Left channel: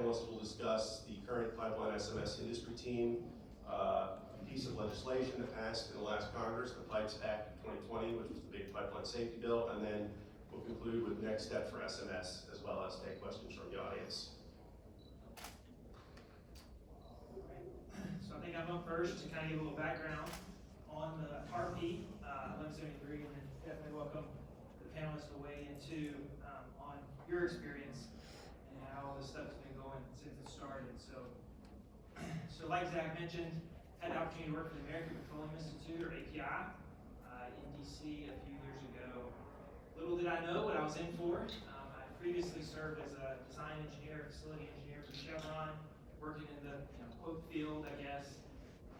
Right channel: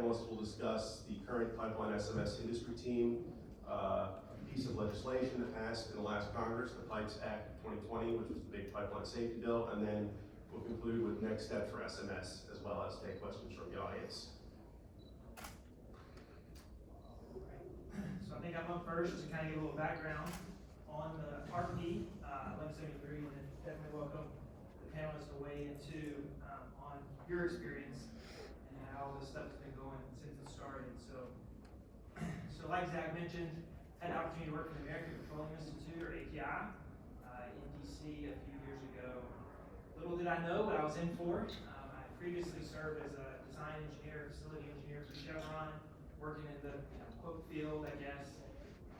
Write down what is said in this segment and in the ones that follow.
panelists will discuss the current pipeline SMS industry team, a piece of legislation that passed in the last Congress, the Pipes Act of 2020, which was the big pipeline safety bill, and then we'll conclude with next steps for SMS, as well as take questions from the audience. So I think I'm up first to kind of give a little background on the RP 1173, and then definitely welcome the panelists to weigh into on your experience and how the stuff's been going since it started. So like Zach mentioned, had the opportunity to work for the American Petroleum Institute, or API, in DC a few years ago. Little did I know what I was in for. I previously served as a design engineer, facility engineer for Chevron, working in the quote field, I guess.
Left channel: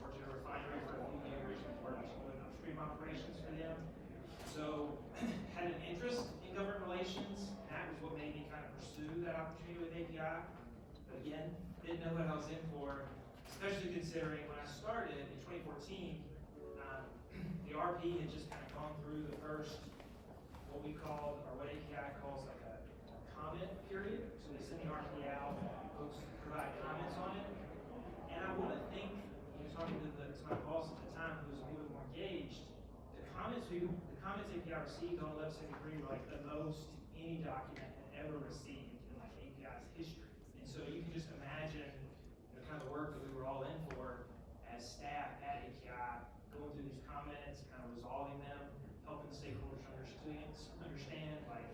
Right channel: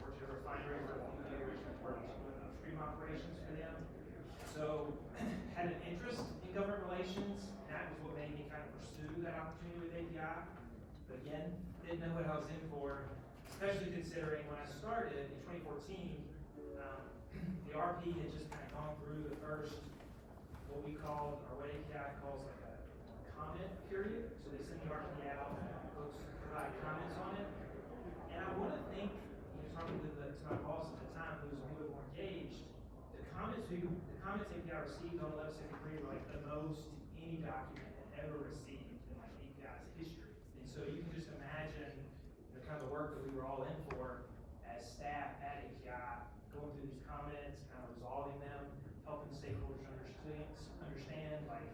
Worked at a refinery for a few years and worked doing upstream operations for them. So had an interest in government relations, and that was what made me kind of pursue that opportunity with API. But again, didn't know what I was in for, especially considering when I started in 2014, the RP had just kind of gone through the first, what we called, or what API calls like a comment period. So they send the RP out, folks provide comments on it. And I want to think, talking to my boss at the time, who was a little bit more engaged, the comments API received on 1173 were like the most any document had ever received in like API's history. And so you can just imagine the kind of work that we were all in for as staff at API, going through these comments, kind of resolving them, helping stakeholders understand like,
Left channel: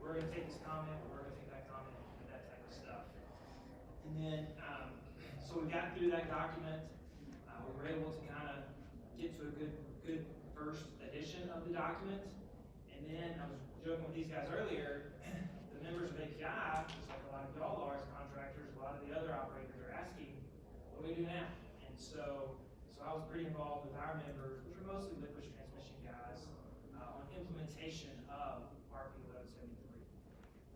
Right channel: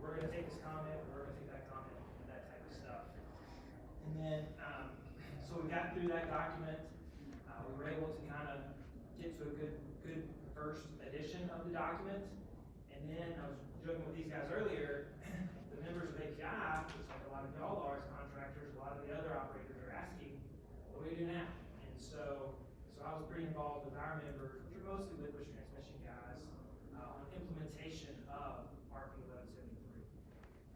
we're going to take this comment, we're going to take that comment, that type of stuff. And then, so we got through that document. We were able to kind of get to a good first edition of the document. And then I was joking with these guys earlier, the members of API, just like a lot of y'all are as contractors, a lot of the other operators are asking, what do we do now? And so I was pretty involved with our members, which are mostly liquids transmission guys, on implementation of RP 1173.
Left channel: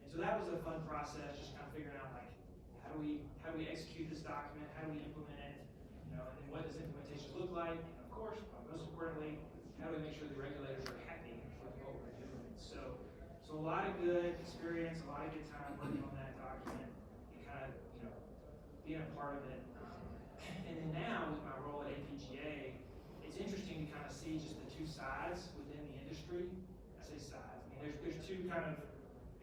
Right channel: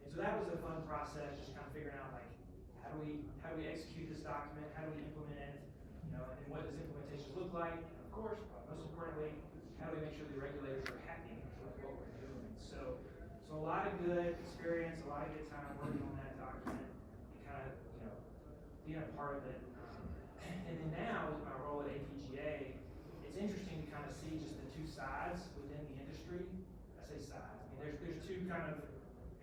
And so that was a fun process, just kind of figuring out like, how do we execute this document? How do we implement it? And then what does implementation look like? And of course, most importantly, how do we make sure the regulators are happy with what we're doing? So a lot of good experience, a lot of good time working on that document, and kind of being a part of it. And then now with my role at APGA, it's interesting to kind of see just the two sides within the industry. I say sides. I mean, there's two kind of,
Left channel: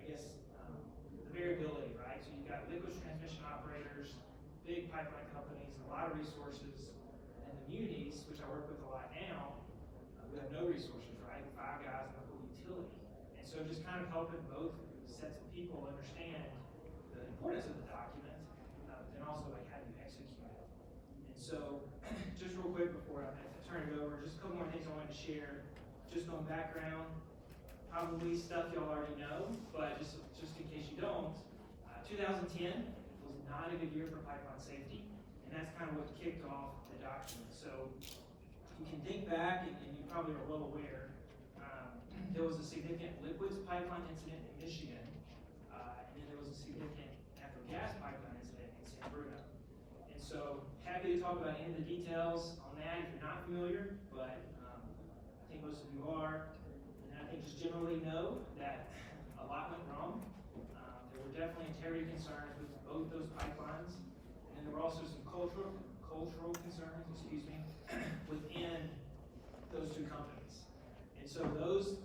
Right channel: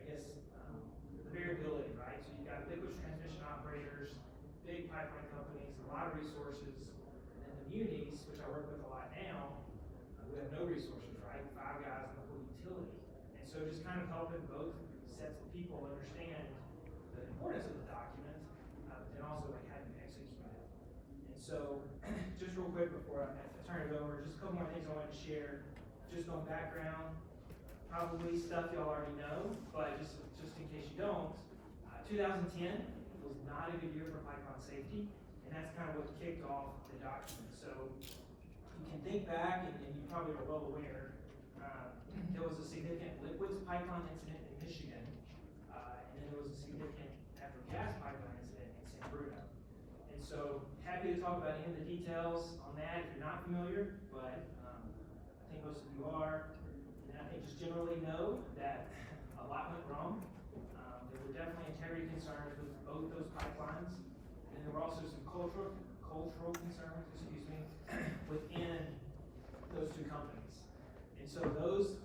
I guess, the variability, right? So you've got liquids transmission operators, big pipeline companies, a lot of resources, and then the munis, which I work with a lot now, who have no resources, right? 5 guys in the whole utility. And so just kind of helping both sets of people understand the importance of the document, but then also like how do you execute it. And so just real quick before I turn it over, just a couple more things I wanted to share, just on background, probably stuff y'all already know, but just in case you don't, 2010 was not a good year for pipeline safety, and that's kind of what kicked off the document. So you can think back, and you probably are well aware, there was a significant liquids pipeline incident in Michigan, and then there was a significant natural gas pipeline incident in San Bruno. And so happy to talk about any of the details on that if you're not familiar, but I think most of you are. And I think just generally know that a lot went wrong. There were definitely integrity concerns with both those pipelines, and then there were also some cultural concerns, within those two companies. And so those,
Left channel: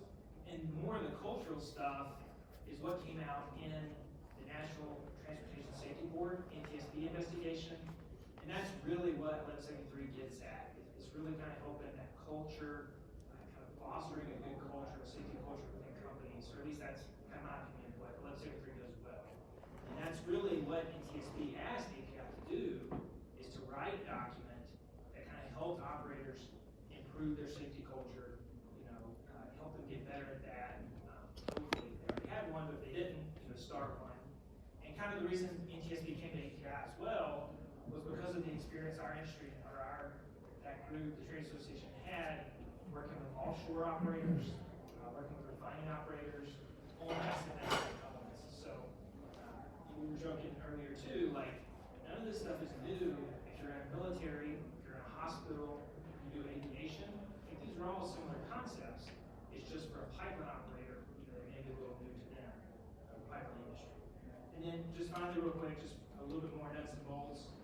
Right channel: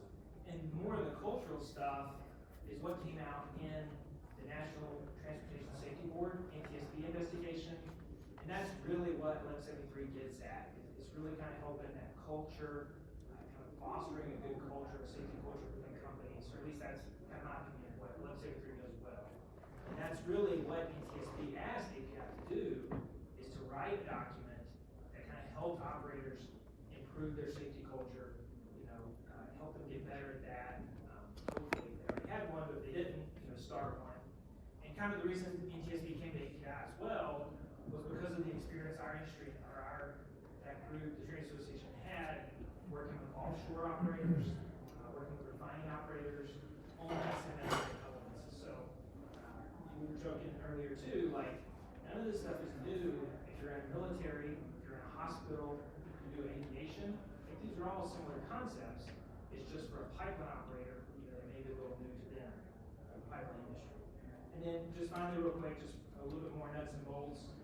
and more of the cultural stuff, is what came out in the National Transportation Safety Board, NTSB investigation, and that's really what 1173 gets at. It's really kind of helping that culture, kind of fostering a good culture, a safety culture within companies, or at least that's kind of my opinion of what 1173 does well. And that's really what NTSB asked API to do, is to write a document that kind of help operators improve their safety culture, help them get better at that. Hopefully they already had one, but if they didn't, start one. And kind of the reason NTSB came to API as well was because of the experience our industry, or that group, the trade association, had working with offshore operators, working with refining operators on SMS elements. So we were joking earlier too, like none of this stuff is new. If you're in the military, if you're in a hospital, you do aviation, like these are all similar concepts. It's just for a pipeline operator, they may be a little new to them, the pipeline industry. And then just finally real quick, just a little bit more nuts and bolts.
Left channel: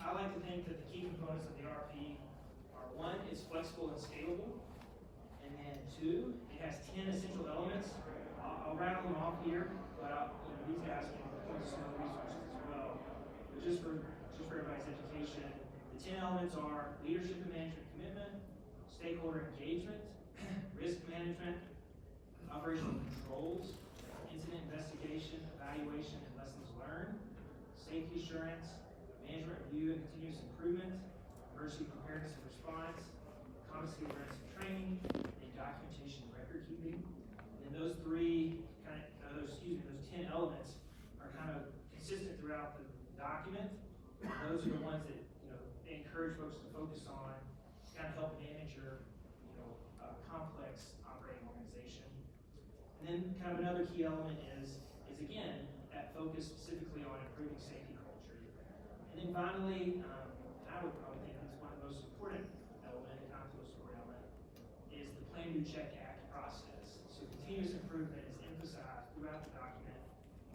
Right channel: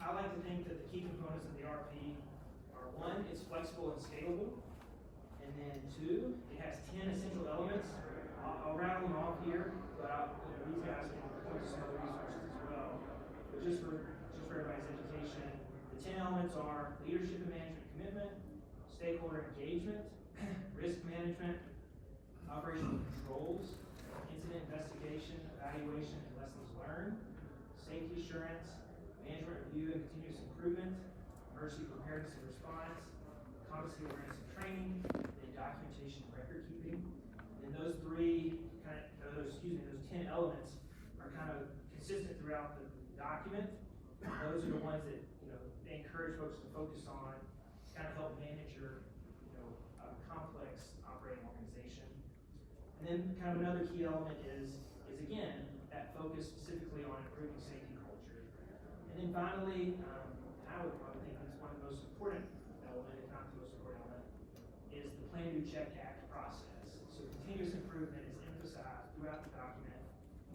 I like to think that the key components of the RP are one, it's flexible and scalable. And then two, it has 10 essential elements. I'll rattle them off here, but these guys can point to some of the resources as well. But just for everybody's education, the 10 elements are leadership and management commitment, stakeholder engagement, risk management, operational controls, incident investigation, evaluation, and lessons learned, safety assurance, management review and continuous improvement, emergency preparedness and response, competency awareness and training, then documentation and record keeping. And those those 10 elements are kind of consistent throughout the document. And those are the ones that they encourage folks to focus on to kind of help manage your complex operating organization. And then kind of another key element is again that focus specifically on improving safety culture. And then finally, I would think it's one of the most important element, if not the most important element, is the Plan, Do, Check, Act process. So continuous improvement is emphasized throughout the document,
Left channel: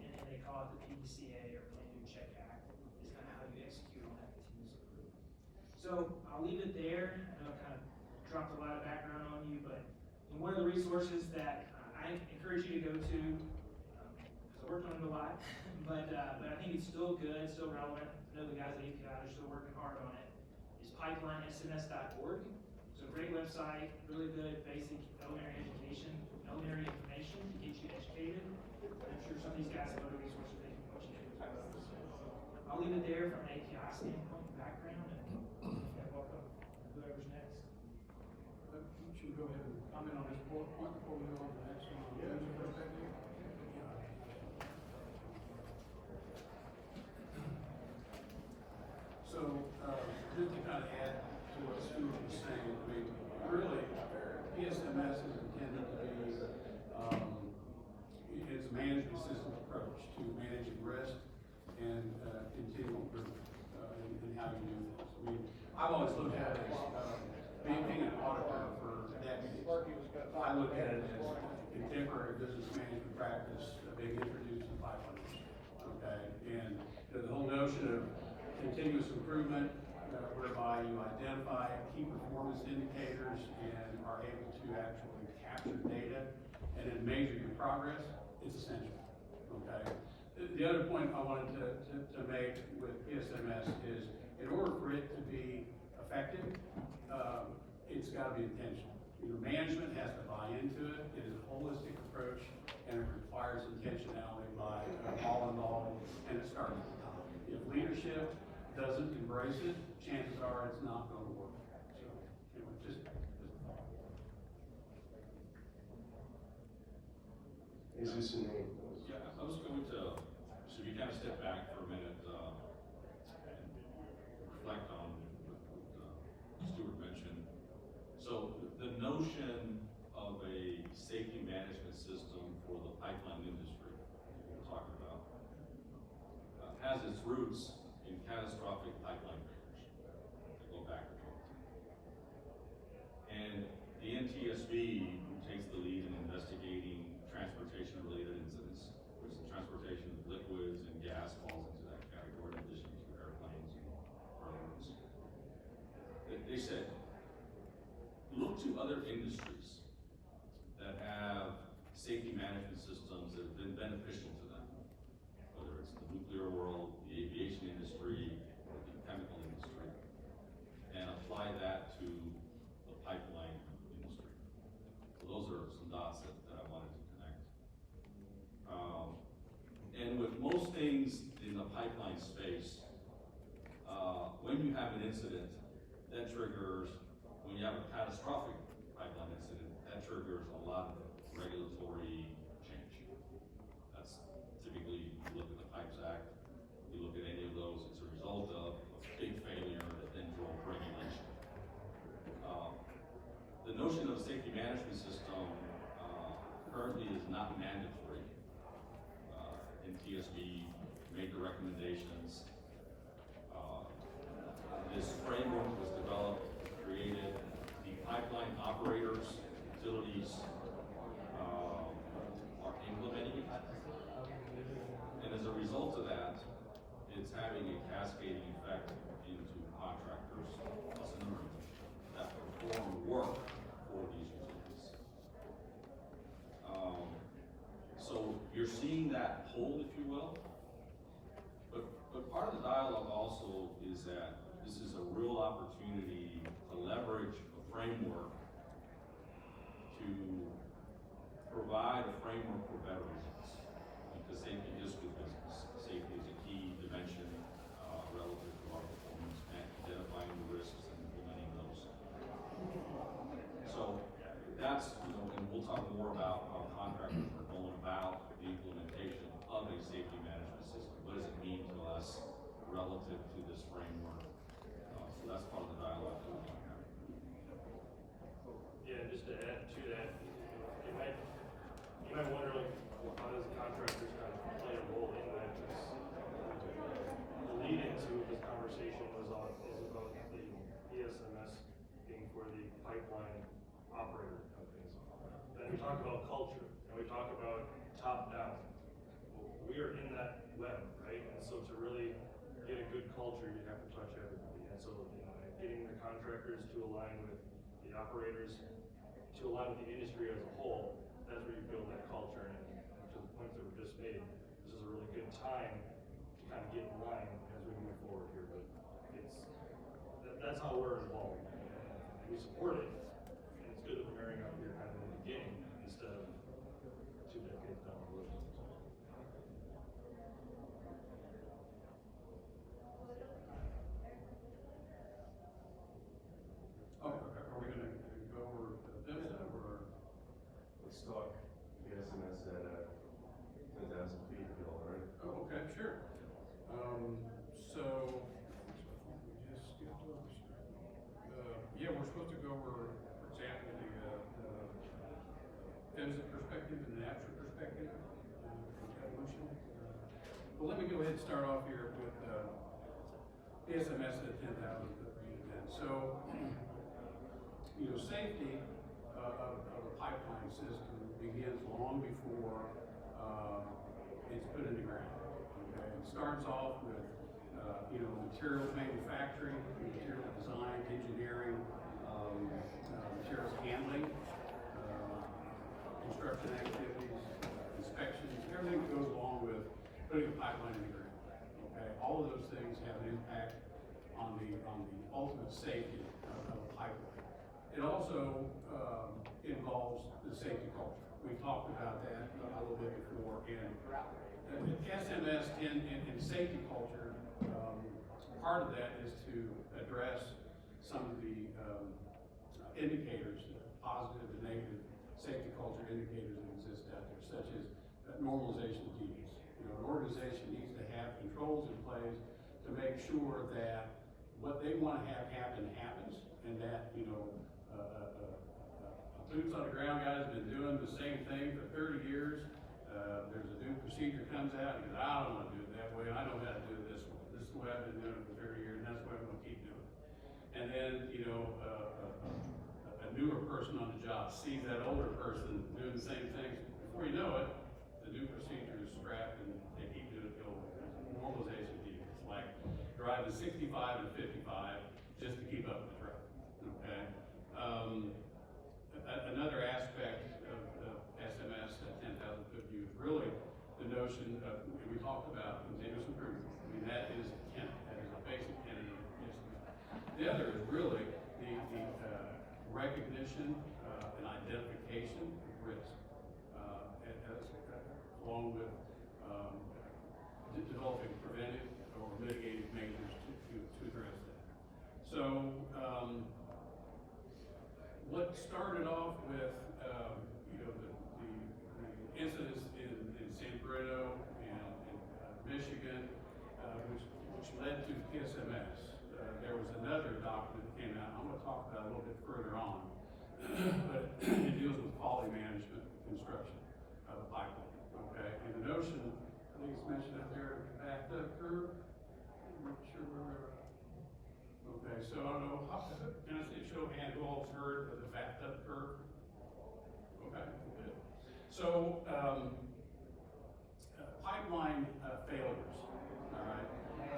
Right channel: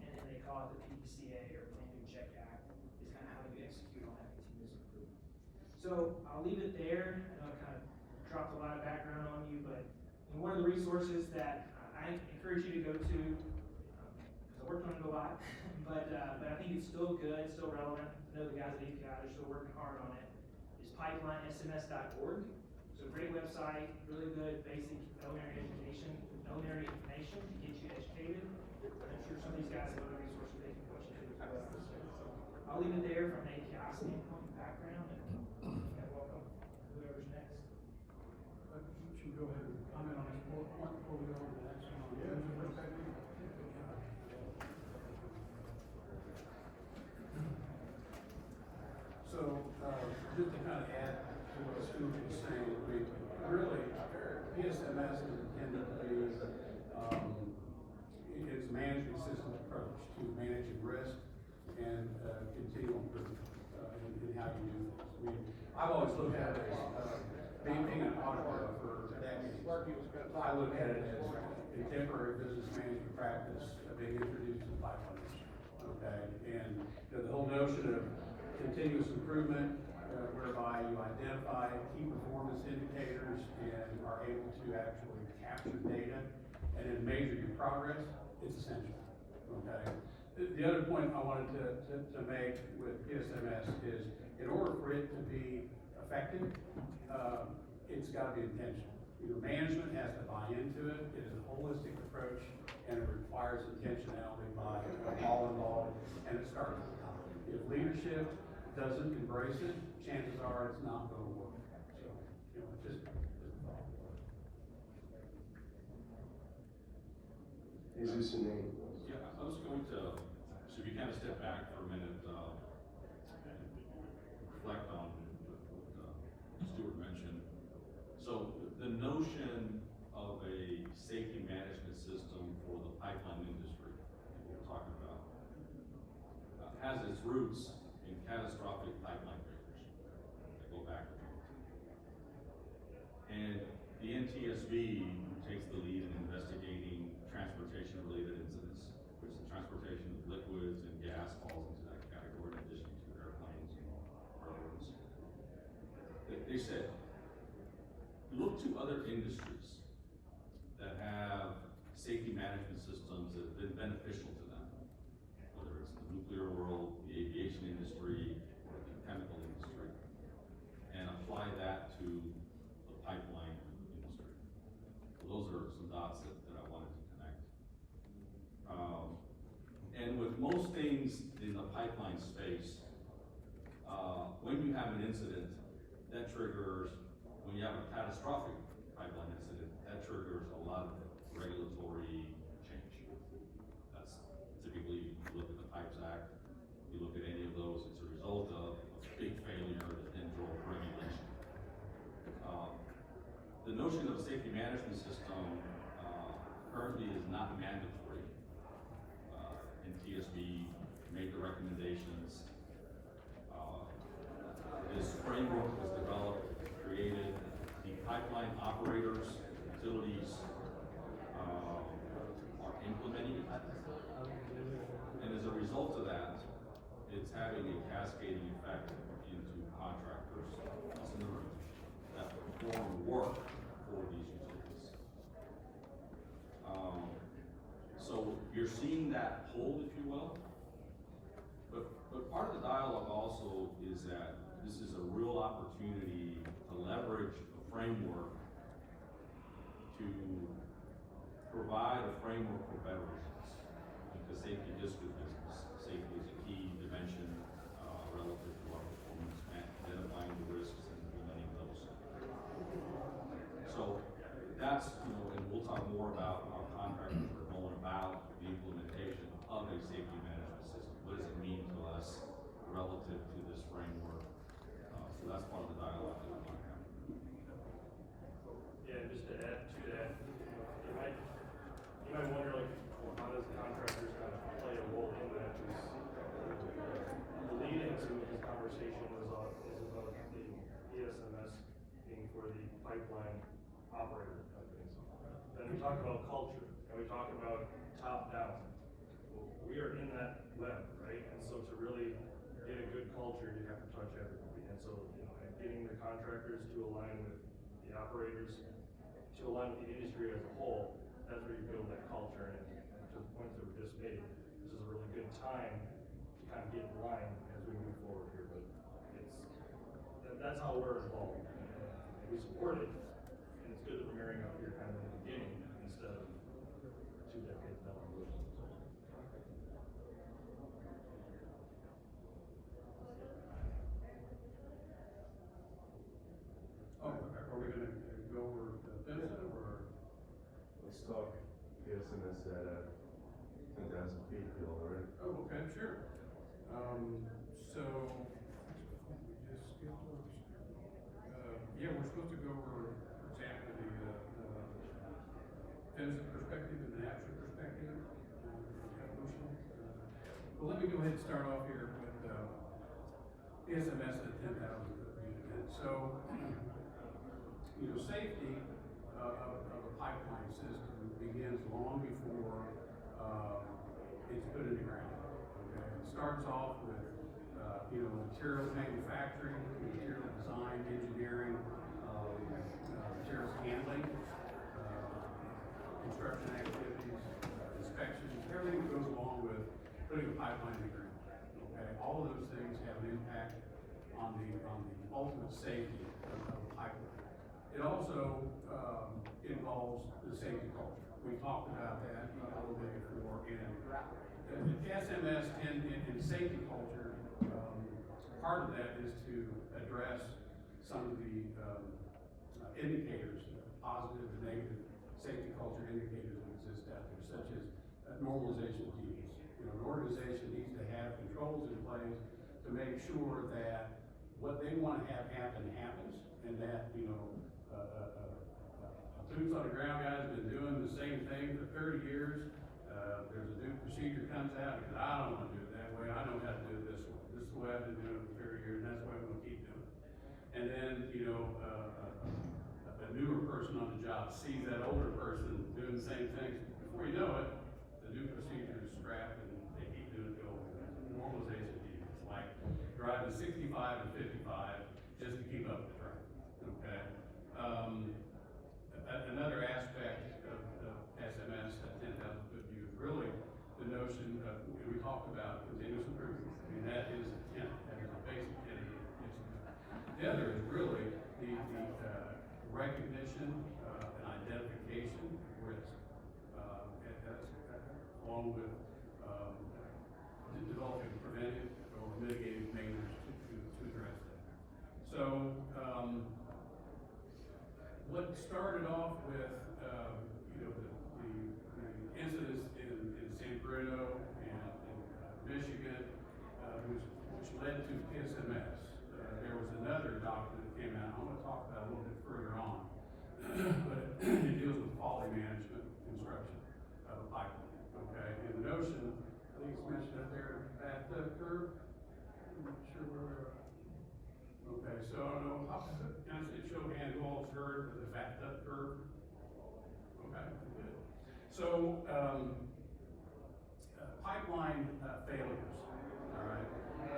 and then they call it the PDCA or Plan, Do, Check, Act is kind of how you execute on that continuous improvement. So I'll leave it there. I know it kind of dropped a lot of background on you, but one of the resources that I encourage you to go to, because I worked on it a lot, but I think it's still good, still relevant. I know the guys at API are still working hard on it, is pipelinesms.org. So great website, really good basic elementary education, elementary information to get you educated. But I'm sure some of these guys have other resources they can point you to as well. So I'll leave it there from an API standpoint and background, and welcome whoever's next. Should we go ahead and comment on this point before we go on to the next one? Yeah. So, just to kind of add to what Stu was saying, I mean, really, PSMS is intended to be, it's a management system approach to managing risk and continual improvement in how you do things. I mean, I've always looked at it as, being an auditor for decades, I look at it as contemporary business management practice being introduced to the pipeline industry, okay? And the whole notion of continuous improvement, whereby you identify key performance indicators and are able to actually capture data and then measure your progress, it's essential, okay? The other point I wanted to make with PSMS is, in order for it to be effective, it's got to be intentional. Management has to buy into it. It is a holistic approach, and it requires intentionality by all involved, and it starts at the top. If leadership doesn't embrace it, chances are it's not going to work. So, just a thought. Jesus and name. Yeah, I was going to, so we kind of step back for a minute and reflect on what Stuart mentioned. So the notion of a safety management system for the pipeline industry, what we're talking about, has its roots in catastrophic pipeline failures that go back to 2010. And the NTSB takes the lead in investigating transportation-related incidents, which the transportation of liquids and gas falls into that category in addition to airplanes and railroads. They said, look to other industries that have safety management systems that have been beneficial to them, whether it's the nuclear world, the aviation industry, or the chemical industry, and apply that to the pipeline industry. So those are some dots that I wanted to connect. And with most things in the pipeline space, when you have an incident, that triggers, when you have a catastrophic pipeline incident, that triggers a lot of regulatory change. That's typically, you look at the Pipes Act, you look at any of those, it's a result of a big failure that then drove regulation. The notion of a safety management system currently is not mandatory. NTSB made the recommendations. This framework was developed, created. The pipeline operators, utilities are implementing it. result of that, it's having a cascading effect into contractors, us in the room, that perform work for these utilities. So you're seeing that pull, if you will. But part of the dialogue also is that this is a real opportunity to leverage a framework to provide a framework for better results. Because safety is good business. Safety is a key dimension relative to our performance, and identifying the risks and implementing those. So that's, and we'll talk more about how contractors are going about the implementation of a safety management system. What does it mean to us relative to this framework? So that's part of the dialogue that we want to have. Yeah, just to add to that, you might wonder, like, well, how does contractors kind of play a role in that? Because the lead into this conversation is about the ESMS being for the pipeline operator companies. Then we talk about culture, and we talk about top down. Well, we are in that web, right? And so to really get a good culture, you have to touch everybody. And so, getting the contractors to align with the operators, to align with the industry as a whole, that's where you build that culture. And to the points that were just made, this is a really good time to kind of get in line as we move forward here. But that's how we're involved. And we support it. And it's good that we're marrying up here kind of in the beginning instead of 2 decades down the road. Oh, okay. Are we gonna go over PHMSA or? Let's talk the SMS at 10,000 feet, if you all right. Oh, okay, sure. So, we just skipped over, yeah, we're supposed to go over, for example, the PHMSA perspective and the NAPSA perspective, evolution. Well, let me go ahead and start off here with, SMS at 10,000 foot unit. And so, safety of a pipeline system begins long before it's put in the ground. Okay, it starts off with materials manufacturing, material design, engineering, materials handling, construction activities, inspection, everything that goes along with putting a pipeline in the ground. Okay, all of those things have an impact on the ultimate safety of a pipeline. It also involves the safety culture. We talked about that a little bit before. And the SMS in safety culture, part of that is to address some of the indicators, positive and negative safety culture indicators that exist out there, such as normalization teams. An organization needs to have controls in place to make sure that what they want to have happen happens, and that boots on the ground guy's been doing the same thing for 30 years. There's a new procedure comes out, and I don't want to do it that way. I know how to do it this way. This is the way I've been doing it for 30 years, and that's the way I'm going to keep doing it. And then, a newer person on the job sees that older person doing the same thing. Before you know it, the new procedure is scrapped, and they keep doing it the old way. Normalization team. It's like driving 65 and 55 just to keep up with the traffic. Okay. Another aspect of SMS at 10,000 foot view is really the notion of, we talked about continuous improvement. I mean, that is a tenet, that is a basic tenet of SMS. The other is really the recognition and identification of risk, along with developing preventive or mitigating measures to address that. So, what started off with, the incidents in San Bruno and Michigan, which led to PSMS. There was another document that came out, I'm going to talk about a little bit further on, but it deals with quality management construction of a pipeline. Okay, and the notion, I think it's mentioned up there, bathtub curve. I'm not sure where we are. Okay, so I don't know, can I say show of hands, who all's heard of the bathtub curve? Okay, good. So, pipeline failure failures, all right,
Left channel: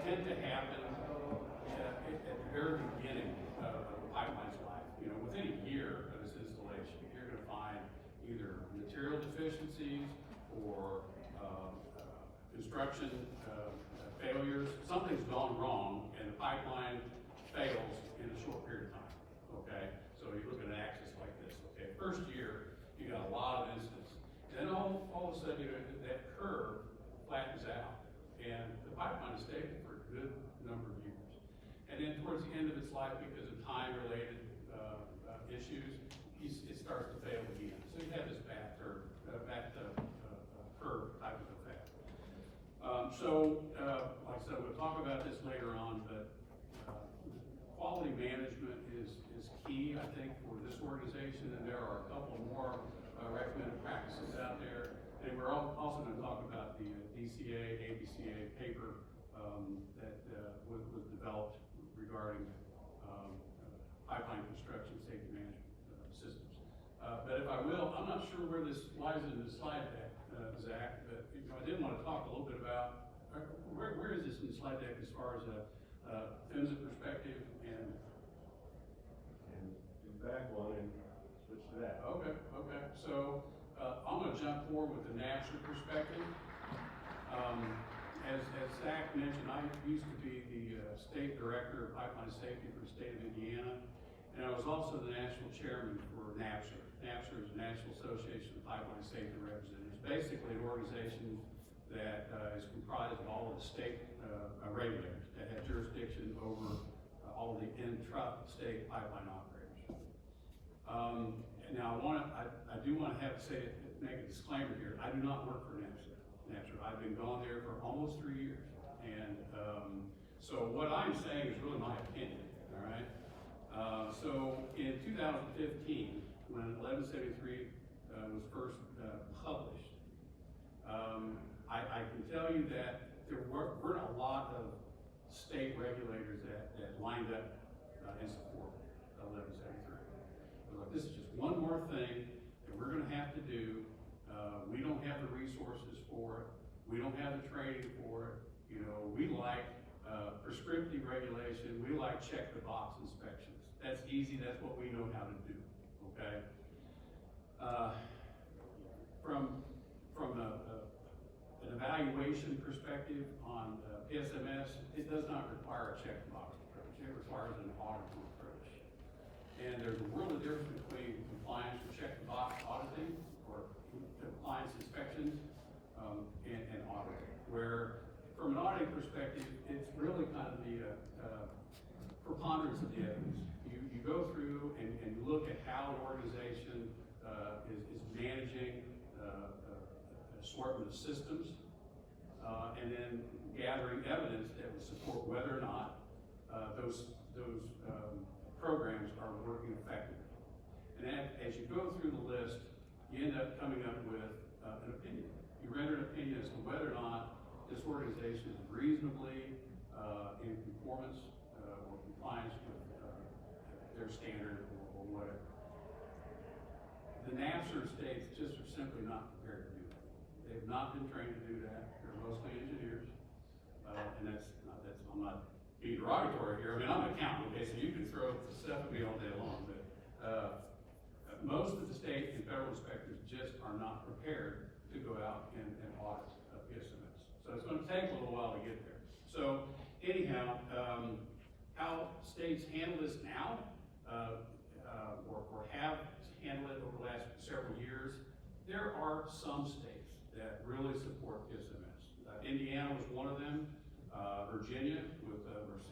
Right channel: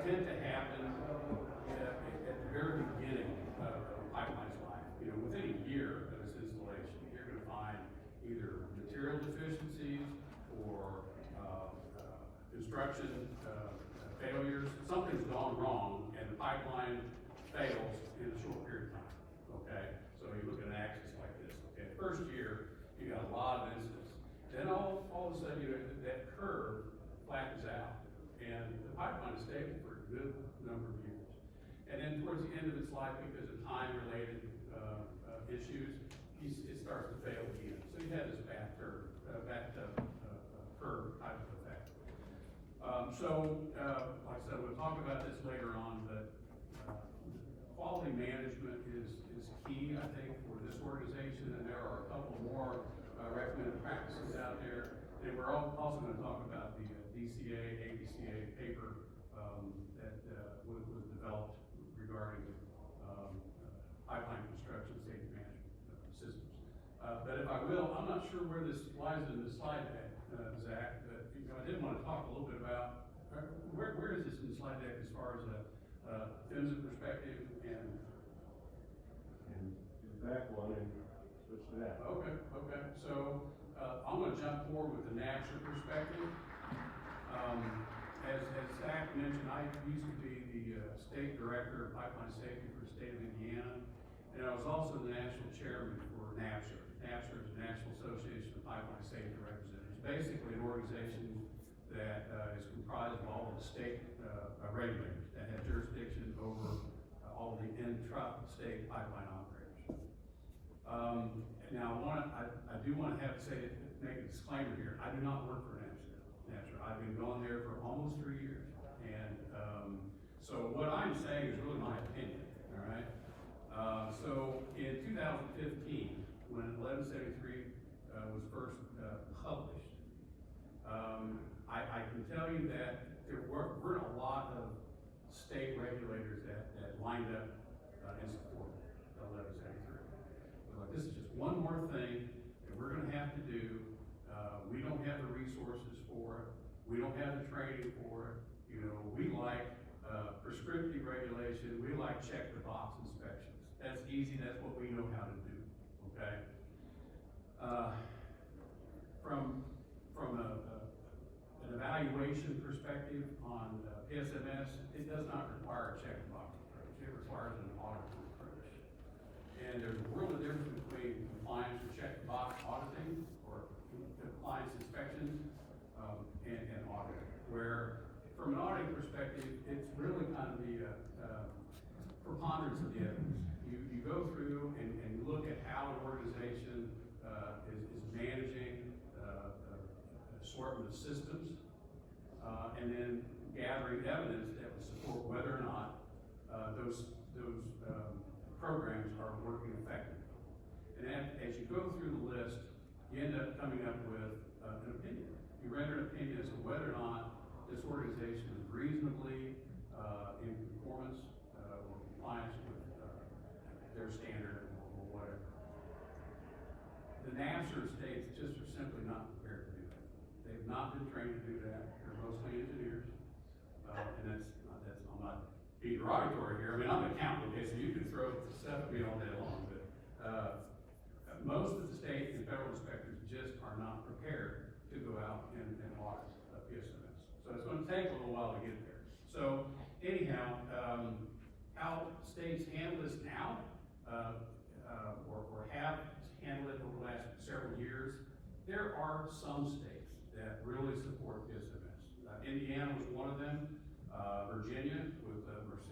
tend to happen at the very beginning of the pipeline's life. You know, within a year of its installation, you're gonna find either material deficiencies or construction failures. Something's gone wrong and the pipeline fails in a short period of time, okay? So you look at an axis like this, okay? First year, you got a lot of instances. Then all of a sudden, that curve flattens out and the pipeline is stable for a good number of years. And then towards the end of its life, because of time-related issues, it starts to fail again. So you have this bathtub curve type of effect. Like I said, we'll talk about this later on, but quality management is key, I think, for this organization, and there are a couple more recommended practices out there. And we're also going to talk about the DCA, ABCA paper that was developed regarding pipeline construction safety management systems. But if I will, I'm not sure where this lies in the slide deck, Zach, but I did want to talk a little bit about where is this in the slide deck as far as PHMSA perspective and do back one and switch to that. Okay. So I'm going to jump forward with the NAPSR perspective. As Zach mentioned, I used to be the state director of pipeline safety for the state of Indiana, and I was also the national chairman for NAPSR. NAPSR is the National Association of Pipeline Safety Representatives. Basically, an organization that is comprised of all of the state regulators that have jurisdiction over all of the intra-state pipeline operators. Now, I do want to make a disclaimer here. I do not work for NAPSR. I've been gone there for almost 3 years, and so what I'm saying is really my opinion. All right. So in 2015, when 1173 was first published, I can tell you that there weren't a lot of state regulators that lined up in support of 1173. Like, this is just one more thing that we're going to have to do. We don't have the resources for it. We don't have the training for it. You know, we like prescriptive regulation. We like check the box inspections. That's easy. That's what we know how to do. Okay. From an evaluation perspective on SMS, it does not require a check the box approach. It requires an auditing approach. And there's a world of difference between compliance or check the box auditing or compliance inspections and auditing, where from an auditing perspective, it's really kind of the preponderance of the evidence. You go through and you look at how an organization is managing assortment of systems, and then gathering evidence that would support whether or not those programs are working effectively. And as you go through the list, you end up coming up with an opinion. You render an opinion as to whether or not this organization is reasonably in conformance or compliance with their standard or whatever. The NAPSR states just are simply not prepared to do that. They have not been trained to do that. They're mostly engineers, and I'm not being derogatory here. I mean, I'm an accountant, okay, so you can throw stuff at me all day long, but most of the state and federal inspectors just are not prepared to go out and audit SMS. So it's going to take a little while to get there. So anyhow, how states handle this now, or have handled it over the last several years, there are some states that really support the SMS. Indiana was one of them. Virginia with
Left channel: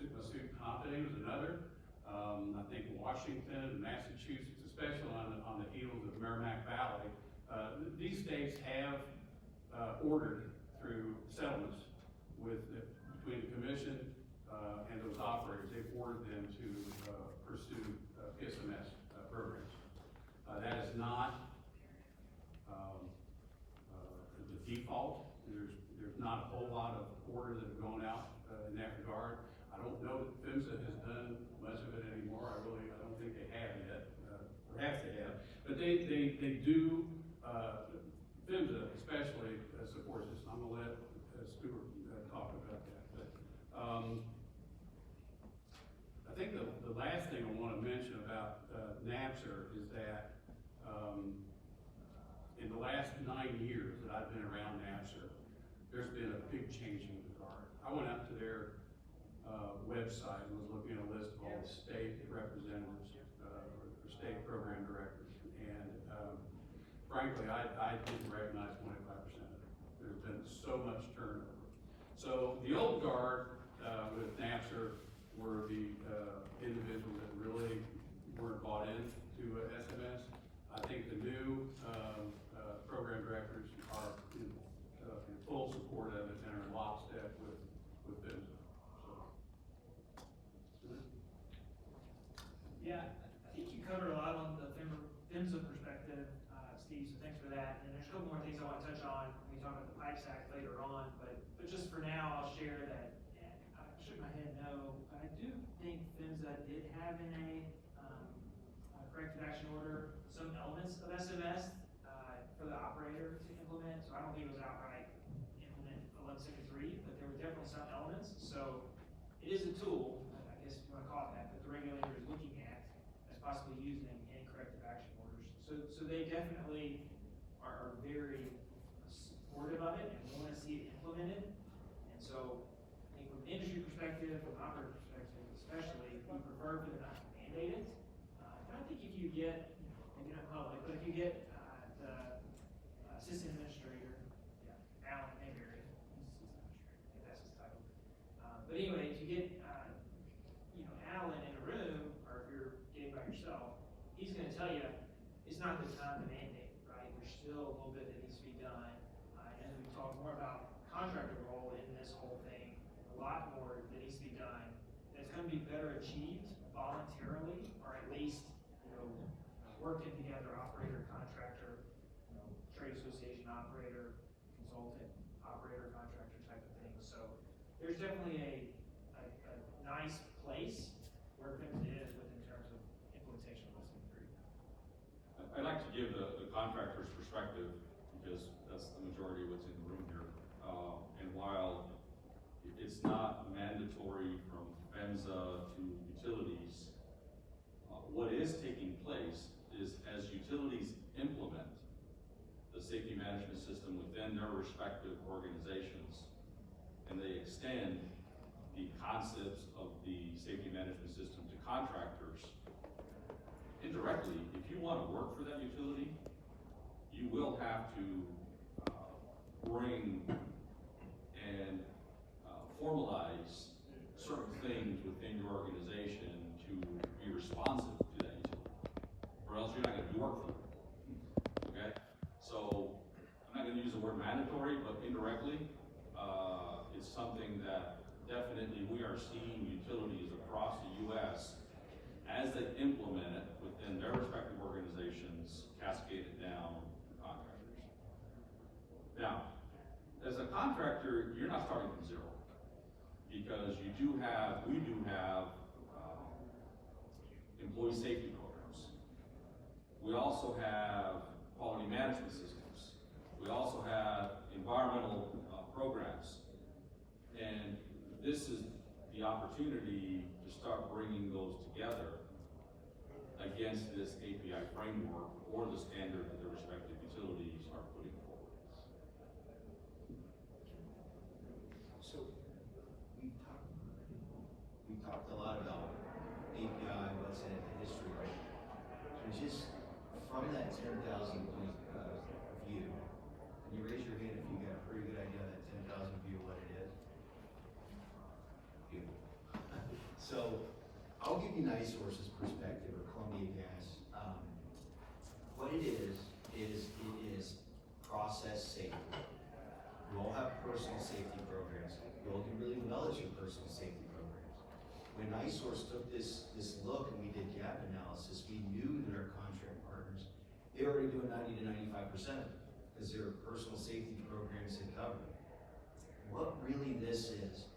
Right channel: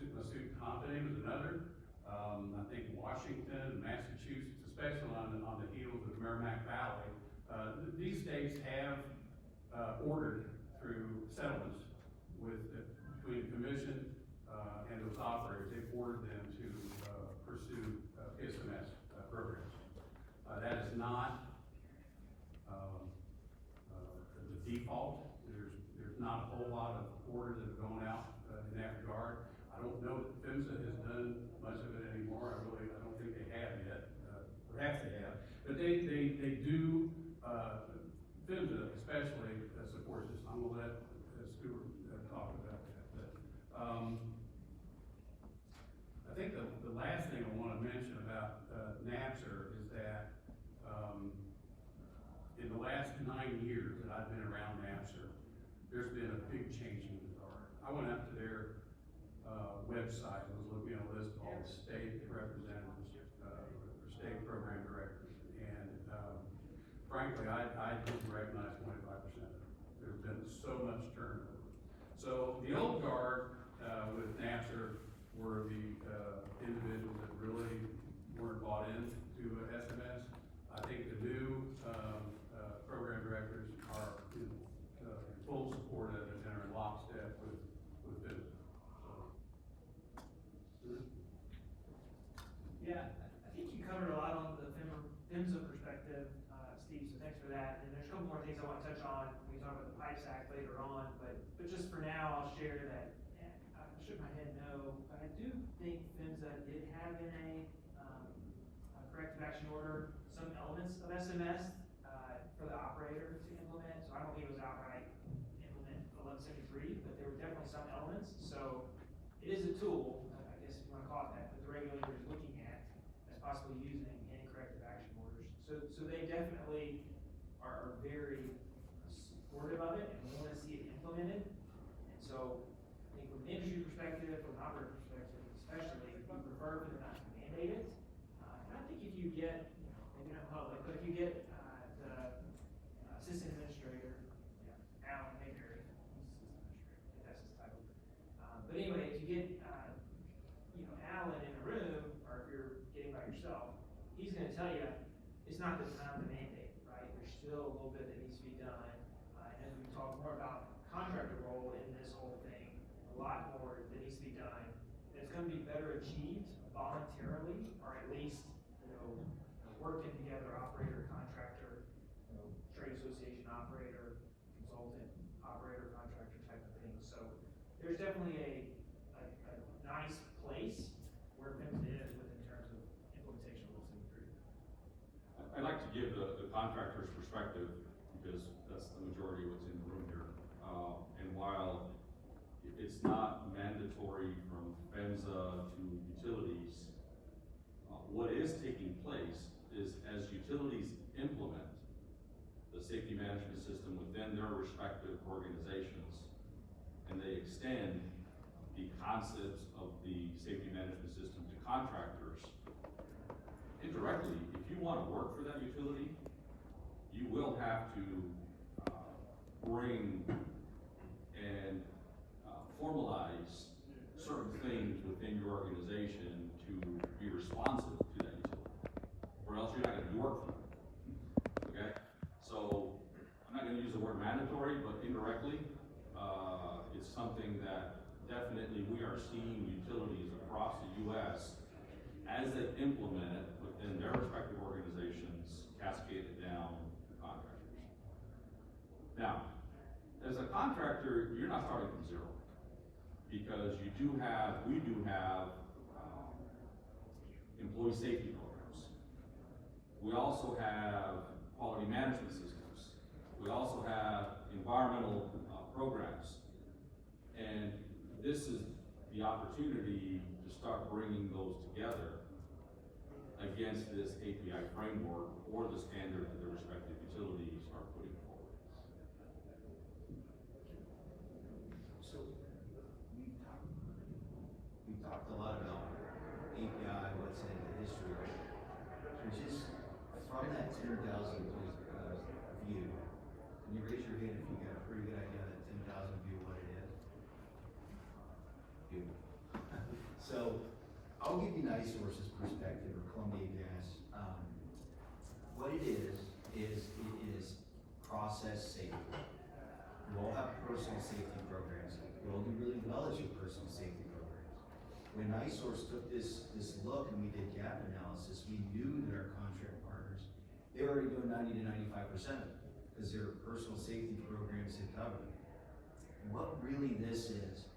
Massachusetts Company was another. I think Washington and Massachusetts, especially on the heels of the Merrimack Valley, these states have ordered through settlements between the commission and those operators. They've ordered them to pursue SMS programs. That is not the default. There's not a whole lot of orders that have gone out in that regard. I don't know that PHMSA has done much of it anymore. I don't think they have yet. Perhaps they have, but they do. PHMSA especially supports this. I'm gonna let Stuart talk be changing the guard. I went out to their, website and was looking at a list of all the state representatives, or state program directors. And, frankly, I didn't recognize 25% of it. There's been so much turnover. So the old guard, with NAPSR were the, individuals that really weren't bought into SMS. I think the new, program directors are in full support of it and are in lockstep with them. So. Yeah, I think you covered a lot on the PHMSA perspective, Steve, so thanks for that. And there's a couple more things I want to touch on. We talk about the PIPES Act later on, but just for now, I'll share that. I shook my head no. I do think PHMSA did have in a corrective action order some elements of SMS for the operator to implement. So I don't think it was outright implement 1173, but there were definitely some elements. So it is a tool, I guess if you want to call it that, that the regulator is looking at as possibly using in corrective action orders. So they definitely are very supportive of it and want to see it implemented. And so I think from an industry perspective, from an operator perspective, especially, we prefer for them not to mandate it. And I think if you get, maybe not public, but if you get the assistant administrator, Alan Mayberry, he's assistant administrator, I think that's his title. But anyway, if you get, Alan in a room, or if you're getting by yourself, he's gonna tell you, it's not the time to mandate, right? There's still a little bit that needs to be done. And as we talk more about contractor role in this whole thing, a lot more that needs to be done. That's gonna be better achieved voluntarily, or at least, working together, operator, contractor, trade association operator, consultant, operator, contractor type of thing. So there's definitely a nice place where PHMSA is in terms of implementation of List 3. I'd like to give the contractor's perspective, because that's the majority of what's in the room here. And while it's not mandatory from PHMSA to utilities, what is taking place is as utilities implement the safety management system within their respective organizations, and they extend the concepts of the safety management system to contractors, indirectly, if you want to work for that utility, you will have to bring and formalize certain things within your organization to be responsive to that utility, or else you're not going to do work for them. Okay? So I'm not going to use the word mandatory, but indirectly, it's something that definitely we are seeing utilities across the U.S. as they implement it within their respective organizations, cascade it down to contractors. Now, as a contractor, you're not starting from zero, because we do have employee safety programs. We also have quality management systems. We also have environmental programs. And this is the opportunity to start bringing those together against this API framework or the standard that the respective utilities are putting forward. So we talked a lot about API, what's in the history. So just from that 10,000 point view, can you raise your hand if you got a pretty good idea of that 10,000 view what it is? Beautiful. So I'll give you NiSource's perspective, or Columbia Gas. What it is process safety. You all have personal safety programs. You all do really well as your personal safety programs. When NiSource took this look and we did gap analysis, we knew that our contract partners, they were already doing 90 to 95% of it, because their personal safety programs had covered it. What really this is,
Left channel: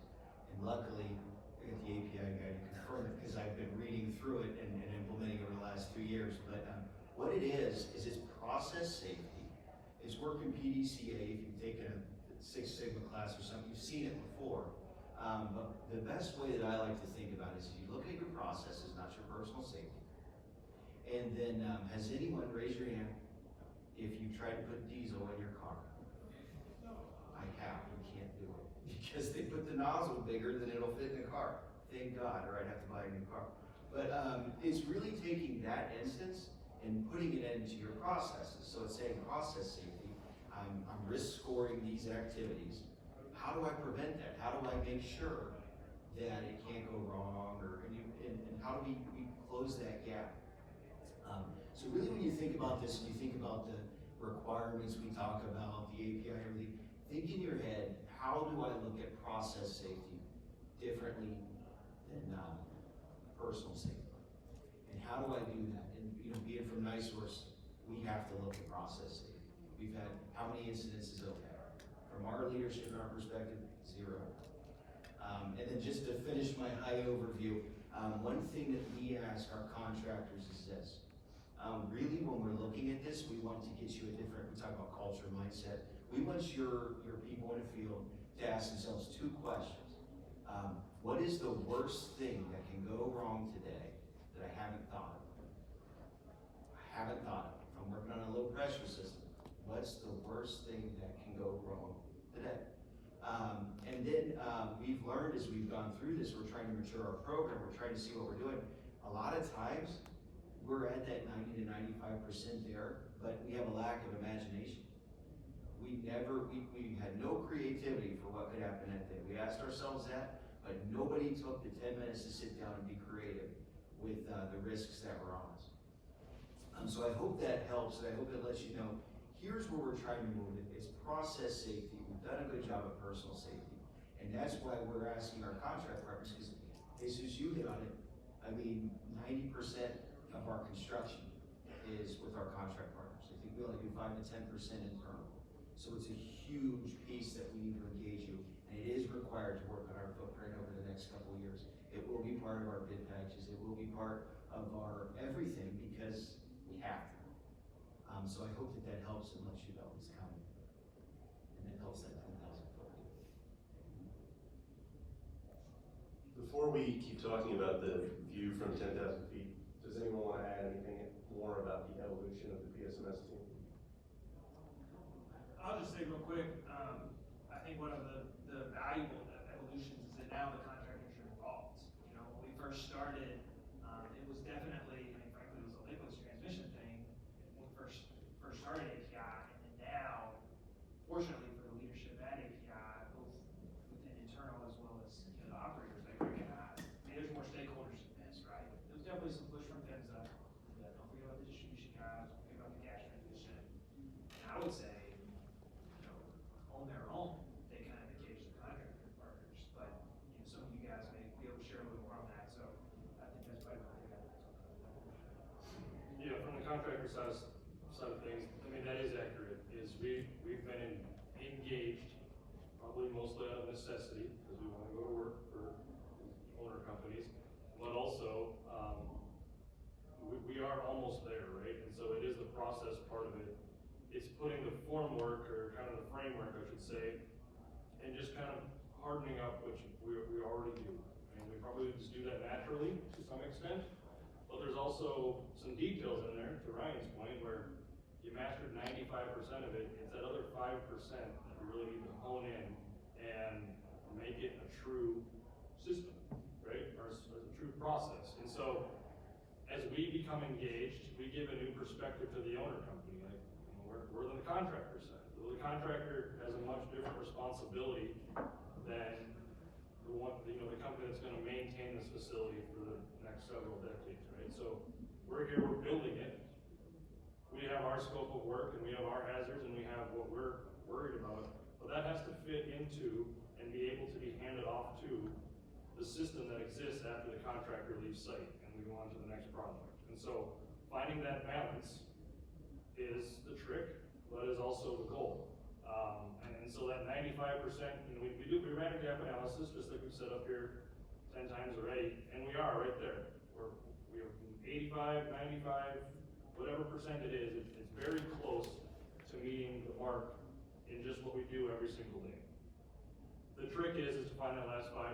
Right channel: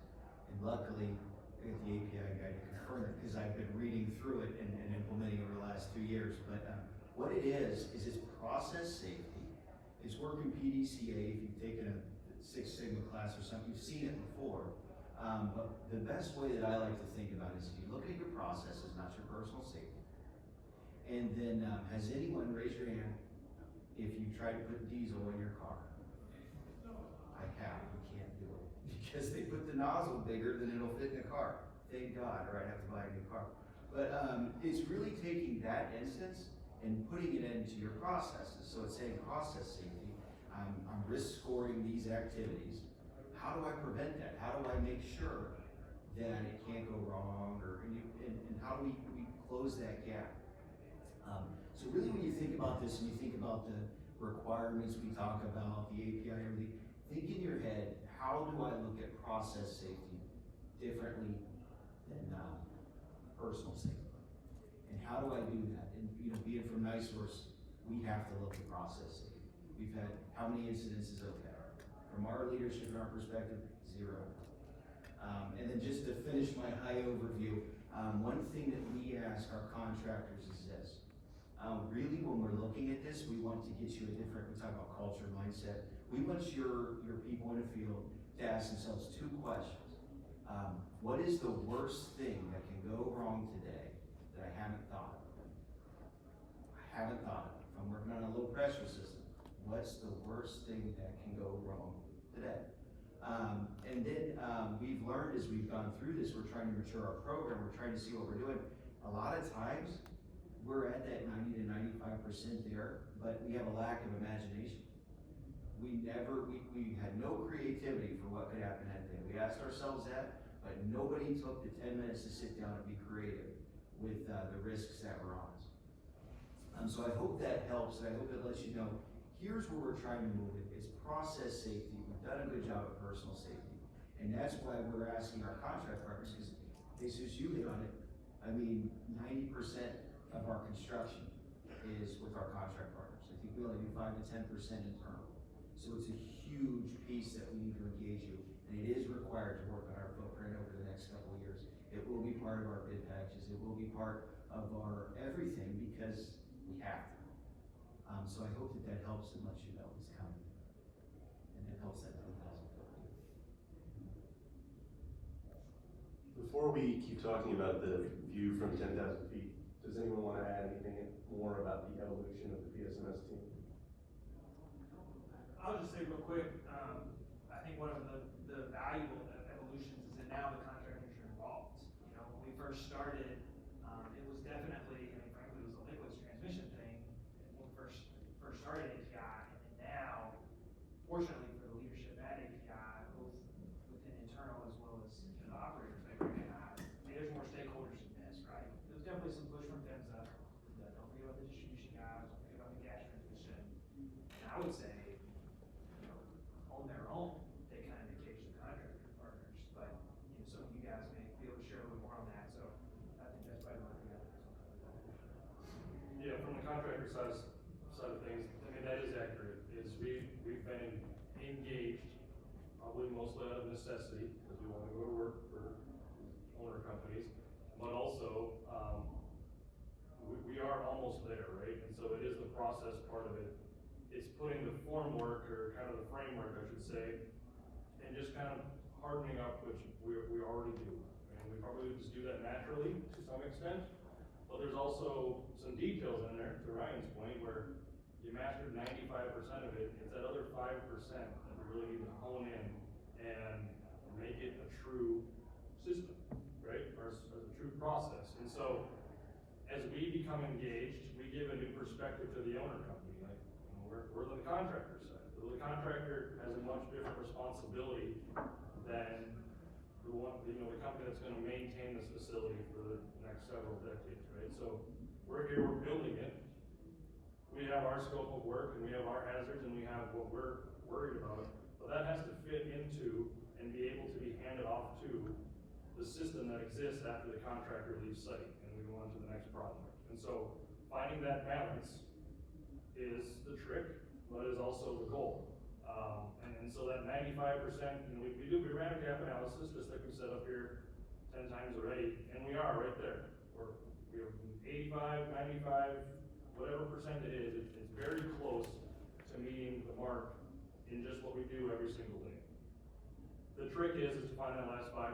and luckily, I got the API guy to confirm it, because I've been reading through it and implementing over the last 2 years, but what it is it's process safety. It's working PDCA. If you've taken a Six Sigma class or something, you've seen it before. But the best way that I like to think about it is you look at your processes, not your personal safety. And then, has anyone raised your hand if you tried to put diesel in your car? I have. You can't do it. nozzle bigger, then it'll fit in the car. Thank God, or I'd have to buy a new car. But it's really taking that instance and putting it into your processes. So it's saying process safety. I'm risk scoring these activities. How do I prevent that? How do I make sure that it can't go wrong, and how do we close that gap? So really, when you think about this and you think about the requirements we talk about, the API, everything, think in your head, how do I look at process safety differently than personal safety? And how do I do that? And being from NiSource, we have to look at process safety. We've had how many incidences of that? From our leadership and our perspective, 0. And then just to finish my high overview, one thing that we ask our contractors is this. Really, when we're looking at this, we want to get you a different, we talk about culture, mindset. We want your people in the field to ask themselves 2 questions. What is the worst thing that can go wrong today that I haven't thought of? I haven't thought of it. If I'm working on a low pressure system, what's the worst thing that can go wrong today? And then we've learned as we've gone through this, we're trying to mature our program, we're trying to see what we're doing. A lot of times, we're at that 90 to 95% there, but we have a lack of imagination. We had no creativity for what could happen that day. We asked ourselves that, but nobody took the 10 minutes to sit down and be creative with the risks that were on us. So I hope that helps, and I hope it lets you know, here's where we're trying to move it. It's process safety. We've done a good job of personal safety. And that's why we're asking our contract partners, because Jesus, you hit on it. I mean, 90% of our construction is with our contract partners. I think we only do 5 to 10% internal. So it's a huge piece that we need to engage you, and it is required to work on our footprint over the next couple of years. It will be part of our bid packages. It will be part of our everything because we have to. So I hope that helps and lets you know it's coming. And that helps that 10,000 foot view. Before we keep talking about the view from 10,000 feet, does anyone want to add anything more about the evolution of the PSMS team? I'll just say real quick, I think one of the valuable evolutions is that now the contractors are involved. When we first started, it was definitely, frankly, it was a liquids transmission thing when we first started API, and then now, fortunately for the leadership at API, both within internal as well as the operators that recognize, there's more stakeholders in this, right? There's definitely some push from PHMSA. Don't forget about the distribution guys, don't forget about the gas transmission. And I would say, on their own, they kind of engage the contractor partners, but some of you guys may be able to share a little more on that, so I think that's probably one thing I'd talk about that. Yeah, from the contractor side of things, that is accurate, is we've been engaged, probably mostly out of necessity, because we want to go to work for owner companies, but also, we are almost there, right? And so it is the process part of it. It's putting the formwork, or kind of the framework, I should say, and just kind of hardening up, which we already do. And we probably just do that naturally to some extent, but there's also some details in there, to Ryan's point, where you mastered 95% of it. It's that other 5% that we really need to hone in and make it a true system, right? Or a true process. And so, as we become engaged, we give a new perspective to the owner company. We're the contractor side. So the contractor has a much different responsibility than the company that's going to maintain this facility for the next several decades, right? So we're here, we're building it. We have our scope of work, and we have our hazards, and we have what we're worried about. But that has to fit into and be able to be handed off to the system that exists after the contractor leaves site and we go on to the next project. And so finding that balance is the trick, but is also the goal. And so that 95%, we ran a gap analysis, just like we set up here 10 times already, and we are right there. We have 85, 95, whatever percent it is, it's very close to meeting the mark in just what we do every single day. The trick is to find that last 5%,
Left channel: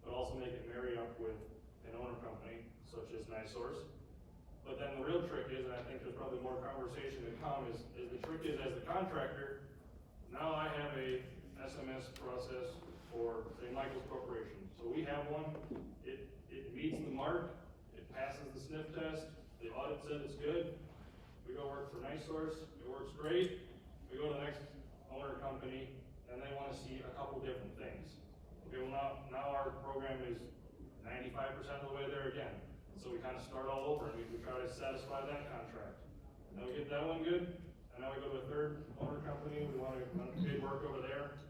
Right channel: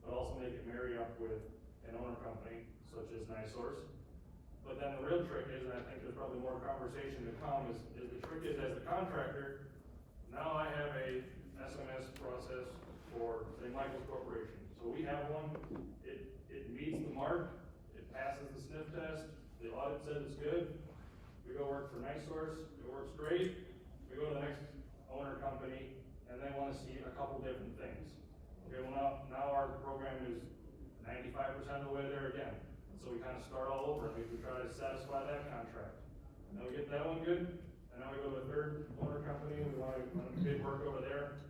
but also make it marry up with an owner company, such as NiSource. But then the real trick is, and I think there's probably more conversation to come, is the trick is, as the contractor, now I have a SMS process for, say, Michael's Corporation. So we have one, it meets the mark, it passes the sniff test, the audit says it's good. We go work for NiSource, it works great. We go to the next owner company, and they wanna see a couple different things. Okay, well now our program is 95% of the way there again. And so we kind of start all over, and we try to satisfy that contract. And then we get that one good, and now we go to a third owner company, we want to bid work over there.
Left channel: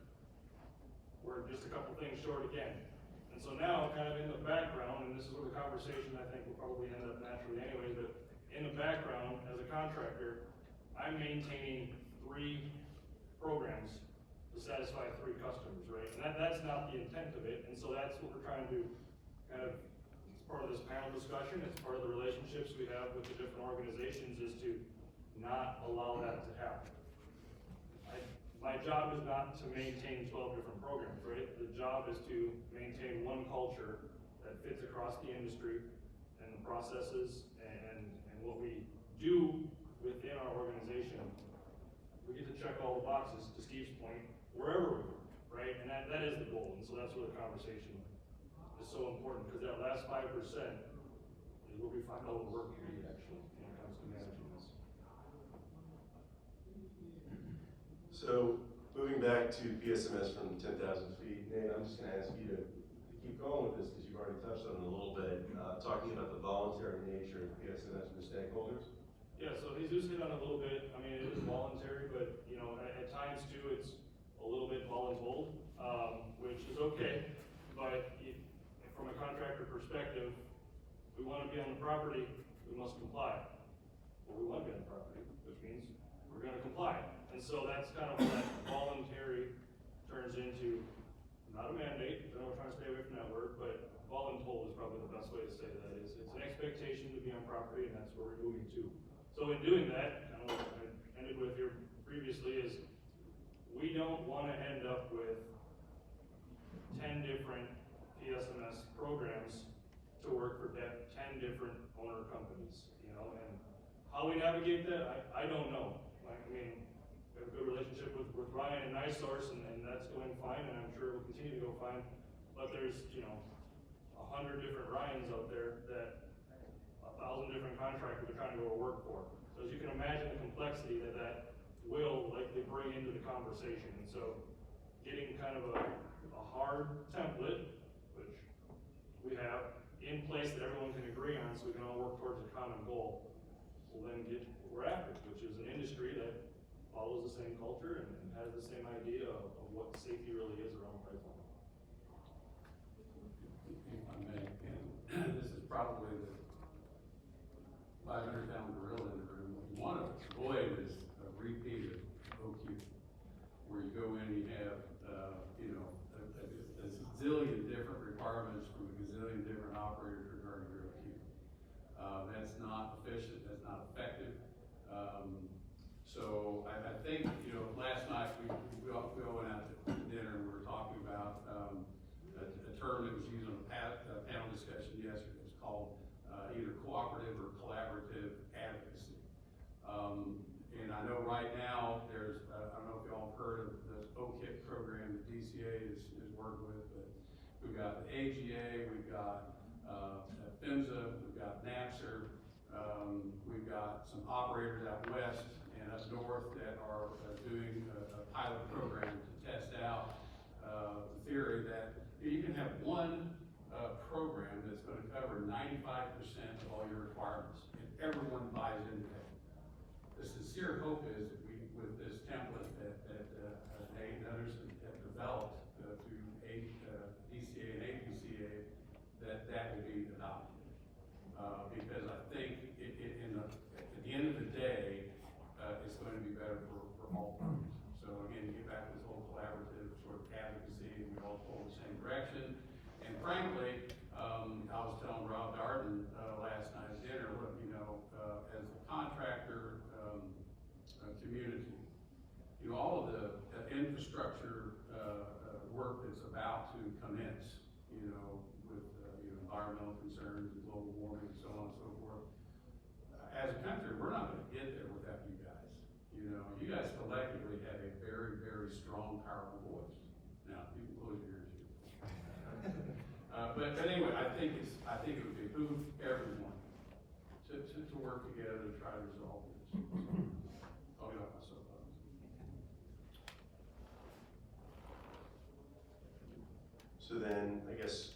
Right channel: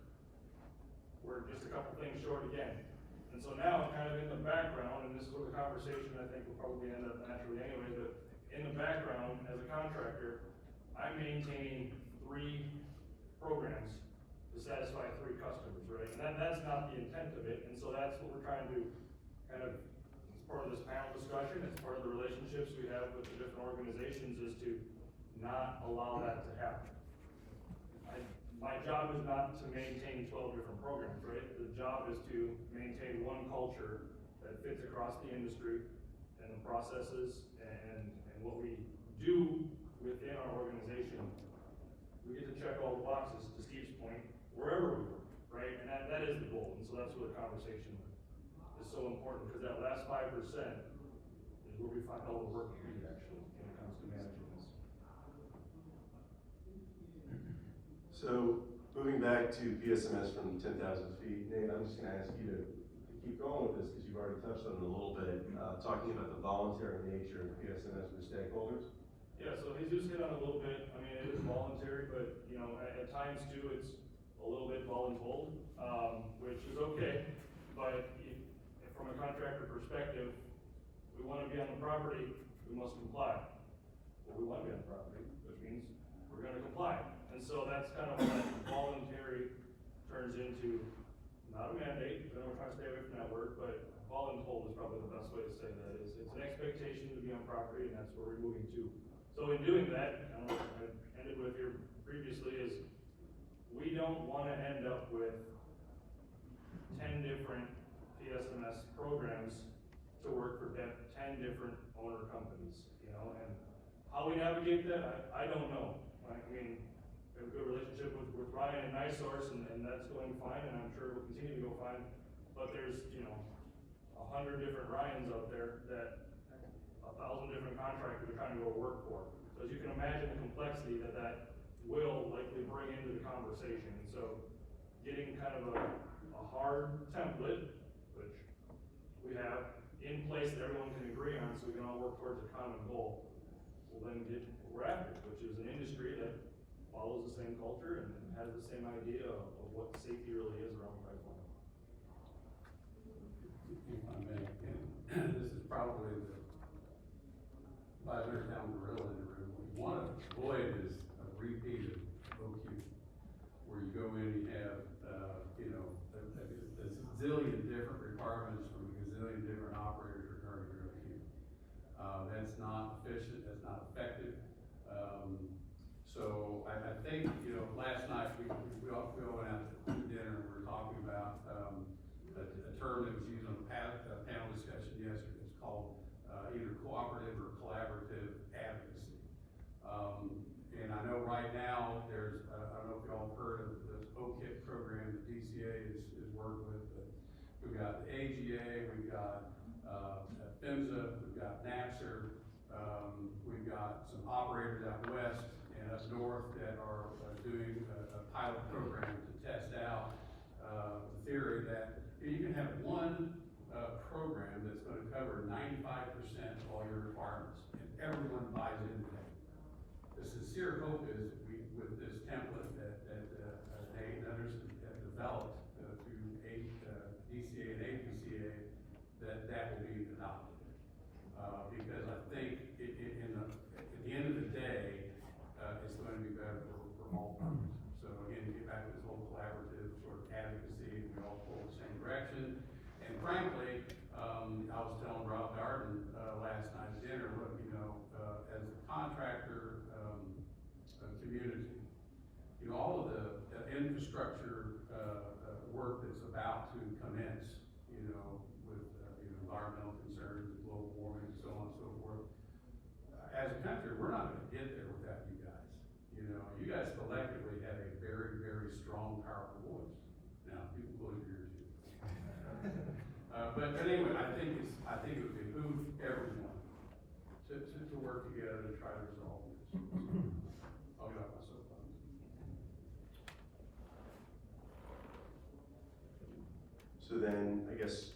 We're just a couple things short again. And so now, kind of in the background, and this is where the conversation I think will probably end up naturally anyway, but in the background, as a contractor, I'm maintaining 3 programs to satisfy 3 customers, right? And that's not the intent of it, and so that's what we're trying to kind of, it's part of this panel discussion, it's part of the relationships we have with the different organizations, is to not allow that to happen. My job is not to maintain 12 different programs, right? The job is to maintain one culture that fits across the industry and the processes and what we do within our organization. We get to check all the boxes, to Steve's point, wherever we work, right? And that is the goal, and so that's where the conversation is so important, because that last 5% is where we find all the work we do actually when it comes to managing this. So, moving back to PSMS from 10,000 feet, Nate, I'm just gonna ask you to keep going with this, because you've already touched on it a little bit, talking about the voluntary nature of PSMS for stakeholders. Yeah, so Jesus hit on it a little bit. I mean, it is voluntary, but, you know, at times too, it's a little bit voluntold, which is okay. But from a contractor perspective, we wanna be on the property, we must comply. Well, we wanna be on the property, which means we're gonna comply. And so that's kind of what that voluntary turns into, not a mandate, because I don't try to stay away from that word, but voluntold is probably the best way to say that. It's an expectation to be on property, and that's where we're moving to. So in doing that, kind of what I ended with here previously, is we don't wanna end up with 10 different PSMS programs to work for 10 different owner companies, you know, and how we navigate that, I don't know. I mean, we have a good relationship with Ryan and NiSource, and that's going fine, and I'm sure it will continue to go fine. But there's, you know, 100 different Ryans out there that 1,000 different contractors are trying to go work for. So as you can imagine, the complexity that will likely bring into the conversation. And so getting kind of a hard template, which we have in place that everyone can agree on, so we can all work towards a common goal, will then get what we're after, which is an industry that follows the same culture and has the same idea of what safety really is around pipeline. If I may, and this is probably the 500-pound gorilla in the room. What you want to avoid is a repeated OQ, where you go in, you have, you know, a zillion different requirements from a gazillion different operators regarding your OQ. That's not efficient, that's not effective. So I think, you know, last night we all went out to dinner and we were talking about a term that was used on the panel discussion yesterday. It's called either cooperative or collaborative advocacy. And I know right now there's, I don't know if y'all have heard of this OKIP program that DCA is working with, but we've got the AGA, we've got PHMSA, we've got NAPSR, we've got some operators out west and up north that are doing a pilot program to test out the theory that you can have one program that's going to cover 95% of all your requirements, and everyone buys into that. The sincere hope is that we, with this template that Nate and others have developed through DCA and APCA, that will be adopted. Because I think at the end of the day, it's going to be better for all parties. So again, get back to this whole collaborative sort of advocacy, and we all pull the same direction. And frankly, I was telling Rob Darden last night at dinner, you know, as a contractor community, you know, all of the infrastructure work that's about to commence, you know, with environmental concerns and global warming and so on and so forth. As a country, we're not going to get there without you guys. You know, you guys collectively have a very, very strong, powerful voice. Now, you can close your ears here. So then, I guess,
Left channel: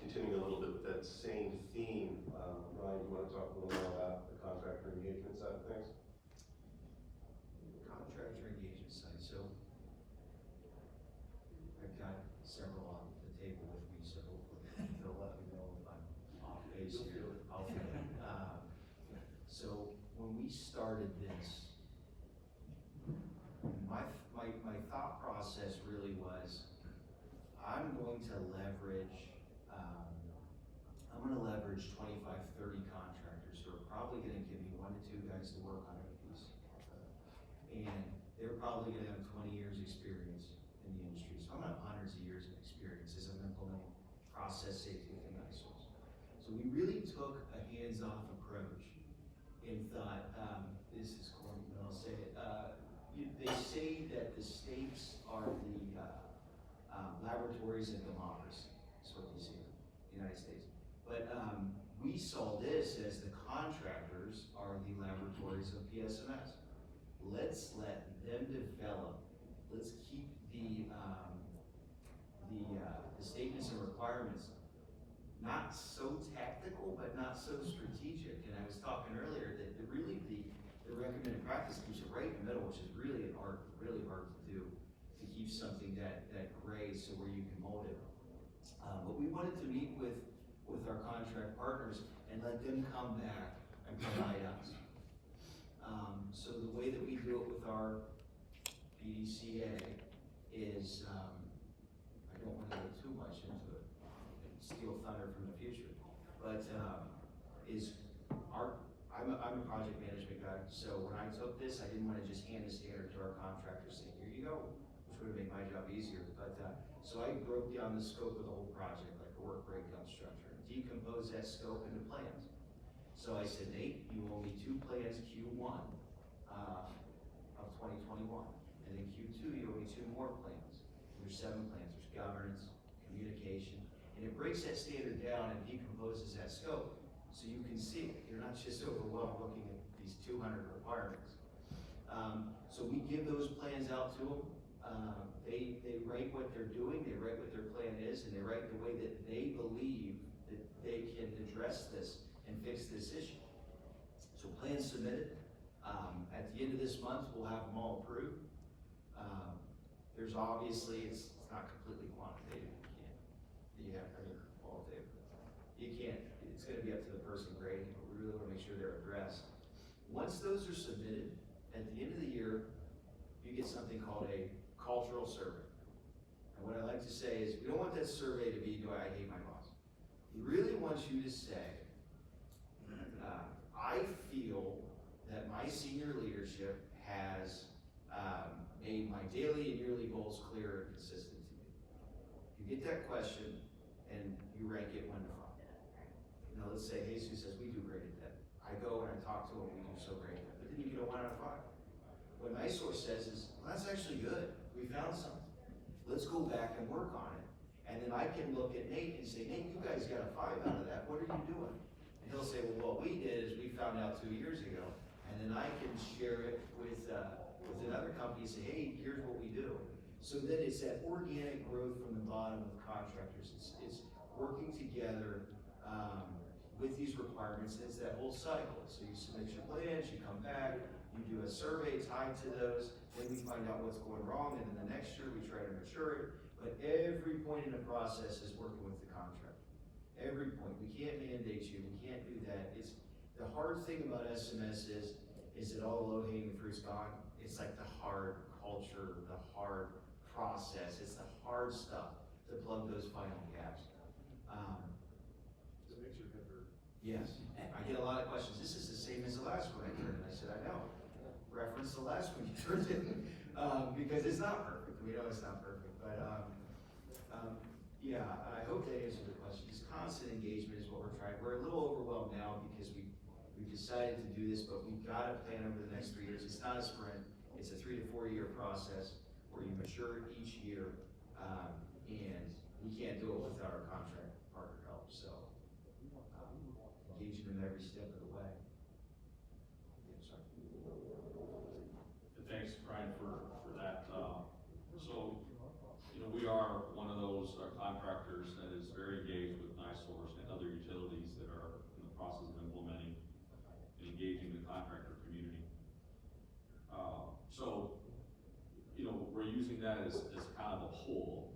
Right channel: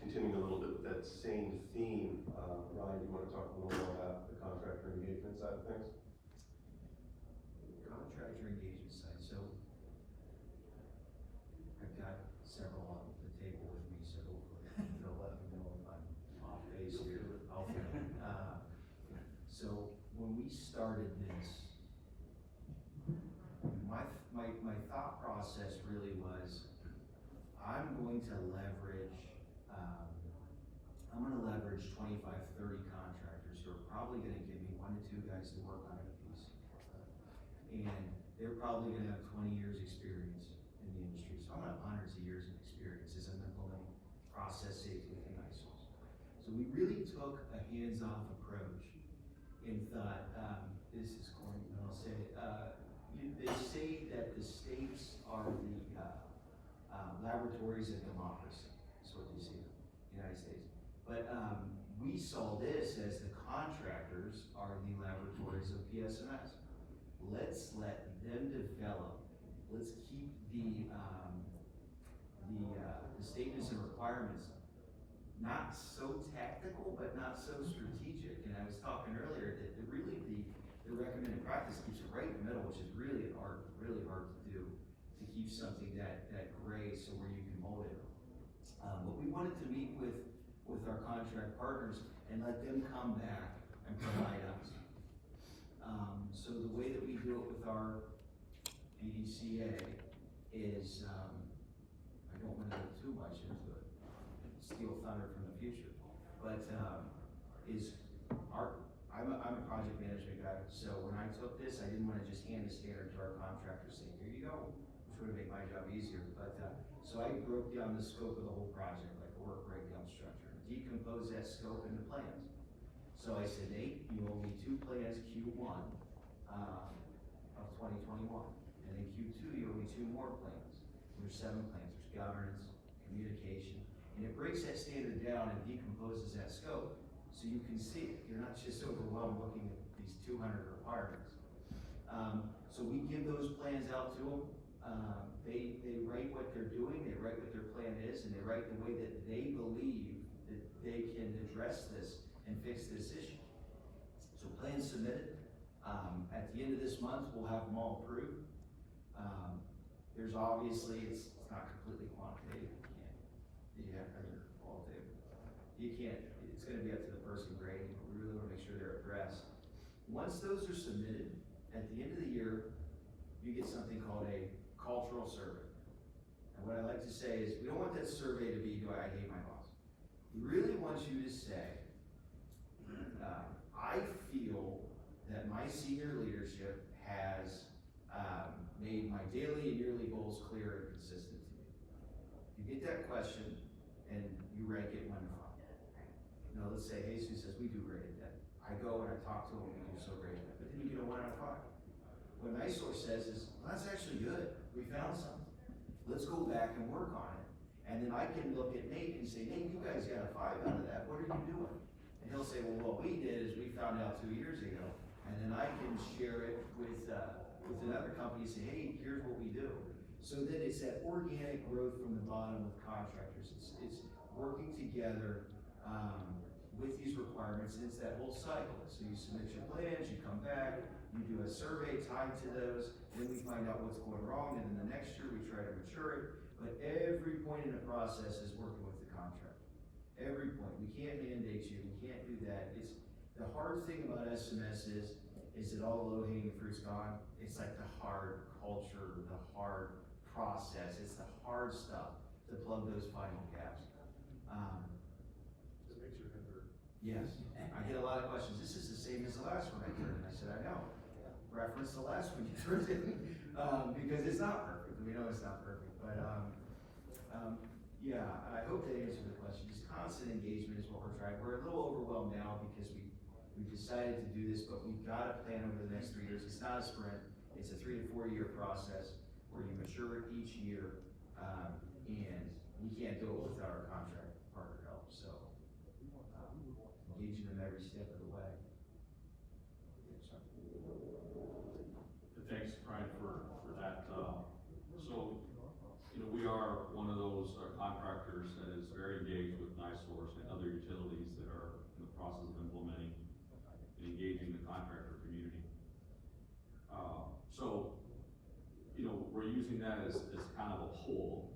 continuing a little bit with that same theme, Ryan, you wanna talk a little more about the contractor engagement side of things? Contractor engagement side, so I've got several on the table with me, so hopefully they'll let me know if I'm off base here. I'll feel it. So when we started this, my thought process really was, I'm going to leverage 25, 30 contractors who are probably gonna give me 1 to 2 guys to work on a piece. And they're probably gonna have 20 years experience in the industry. So I'm gonna have hundreds of years of experience as I'm implementing process safety within ISOs. So we really took a hands-off approach and thought, this is corny, but I'll say it. They say that the states are the laboratories of democracy, is what they say, United States. But we saw this as the contractors are the laboratories of PSMS. Let's let them develop. Let's keep the statements and requirements not so tactical, but not so strategic. And I was talking earlier that the recommended practice keeps it right in the middle, which is really hard to do, to keep something that gray so where you can mold it. But we wanted to meet with our contract partners and let them come back and provide us. So the way that we do it with our BDCA is, I don't want to go too much into it, steal thunder from the future, but I'm a project management guy, so when I took this, I didn't want to just hand the standard to our contractors saying, here you go, which would have made my job easier, but so I broke down the scope of the whole project, like a work breakdown structure, decomposed that scope into plans. So I said, Nate, you owe me 2 plans, Q1 of 2021, and then Q2, you owe me 2 more plans. And there's 7 plans, there's governance, communication, and it breaks that standard down and decomposes that scope so you can see it. You're not just overwhelmed looking at these 200 requirements. So we give those plans out to them. They write what they're doing, they write what their plan is, and they write the way that they believe that they can address this and fix this issue. So plans submitted. At the end of this month, we'll have them all approved. There's obviously, it's not completely quantitative. You can't, it's gonna be up to the person grading, but we really wanna make sure they're addressed. Once those are submitted, at the end of the year, you get something called a cultural survey. And what I like to say is, we don't want that survey to be, do I hate my boss? We really want you to say, I feel that my senior leadership has made my daily and yearly goals clear and consistent to me. You get that question, and you rank it 1 to 5. Now let's say Jesus says, we do great at that. I go and I talk to him, we do so great at that. But then you get a 1 out of 5. What my source says is, well, that's actually good. We found something. Let's go back and work on it. And then I can look at Nate and say, Nate, you guys got a 5 out of that. What are you doing? And he'll say, well, what we did is we found out 2 years ago. And then I can share it with another company and say, hey, here's what we do. So then it's that organic growth from the bottom with contractors. It's working together with these requirements, and it's that whole cycle. So you submit your plans, you come back, you do a survey tied to those, then we find out what's going wrong, and then the next year we try to mature it. But every point in the process is working with the contractor. Every point. We can't mandate you, we can't do that. It's the hard thing about SMS is that all the low-hanging fruit's gone. It's like the hard culture, the hard process, it's the hard stuff to plug those final gaps. Just makes your head hurt. Yes, I get a lot of questions. This is the same as the last one I turned in. I said, I know. Reference the last one you turned in, because it's not perfect. We know it's not perfect, but yeah, I hope that answered the question. Just constant engagement is what we're trying. We're a little overwhelmed now because we've decided to do this, but we've got a plan over the next 3 years. It's not a sprint. It's a 3 to 4 year process where you mature it each year, and we can't do it without our contract partner help. So engaging them every step of the way. Yeah, sorry. Thanks, Brian, for that. So, we are one of those contractors process of implementing and engaging the contractor community. So, we're using that as kind of a pull,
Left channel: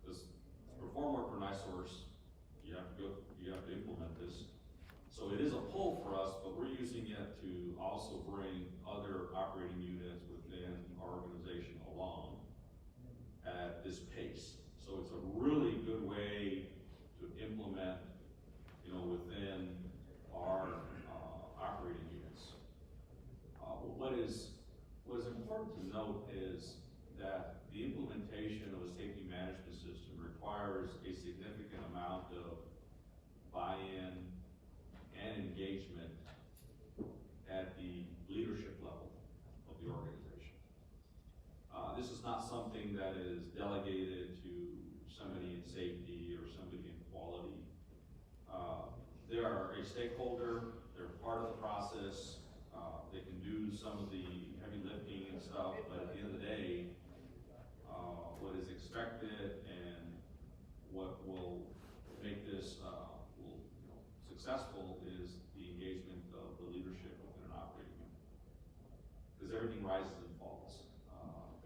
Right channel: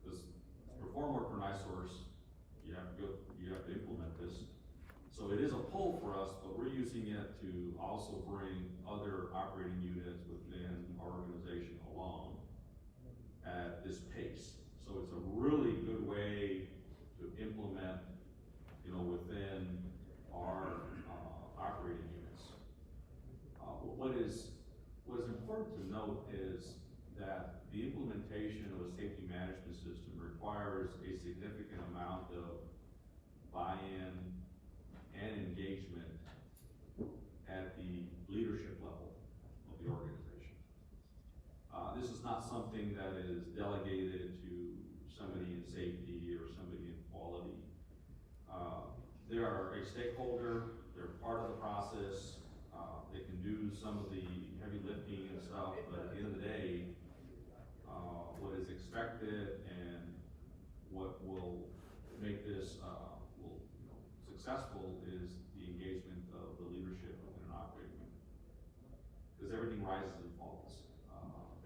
because to perform work for NiSource, you have to implement this. So it is a pull for us, but we're using it to also bring other operating units within our organization along at this pace. So it's a really good way to implement, within our operating units. What is important to note is that the implementation of a safety management system requires a significant amount of buy-in and engagement at the leadership level of the organization. This is not something that is delegated to somebody in safety or somebody in quality. They are a stakeholder, they're part of the process, they can do some of the heavy lifting and stuff, but at the end of the day, what is expected and what will make this successful is the engagement of the leadership within an operating unit. Because everything rises and falls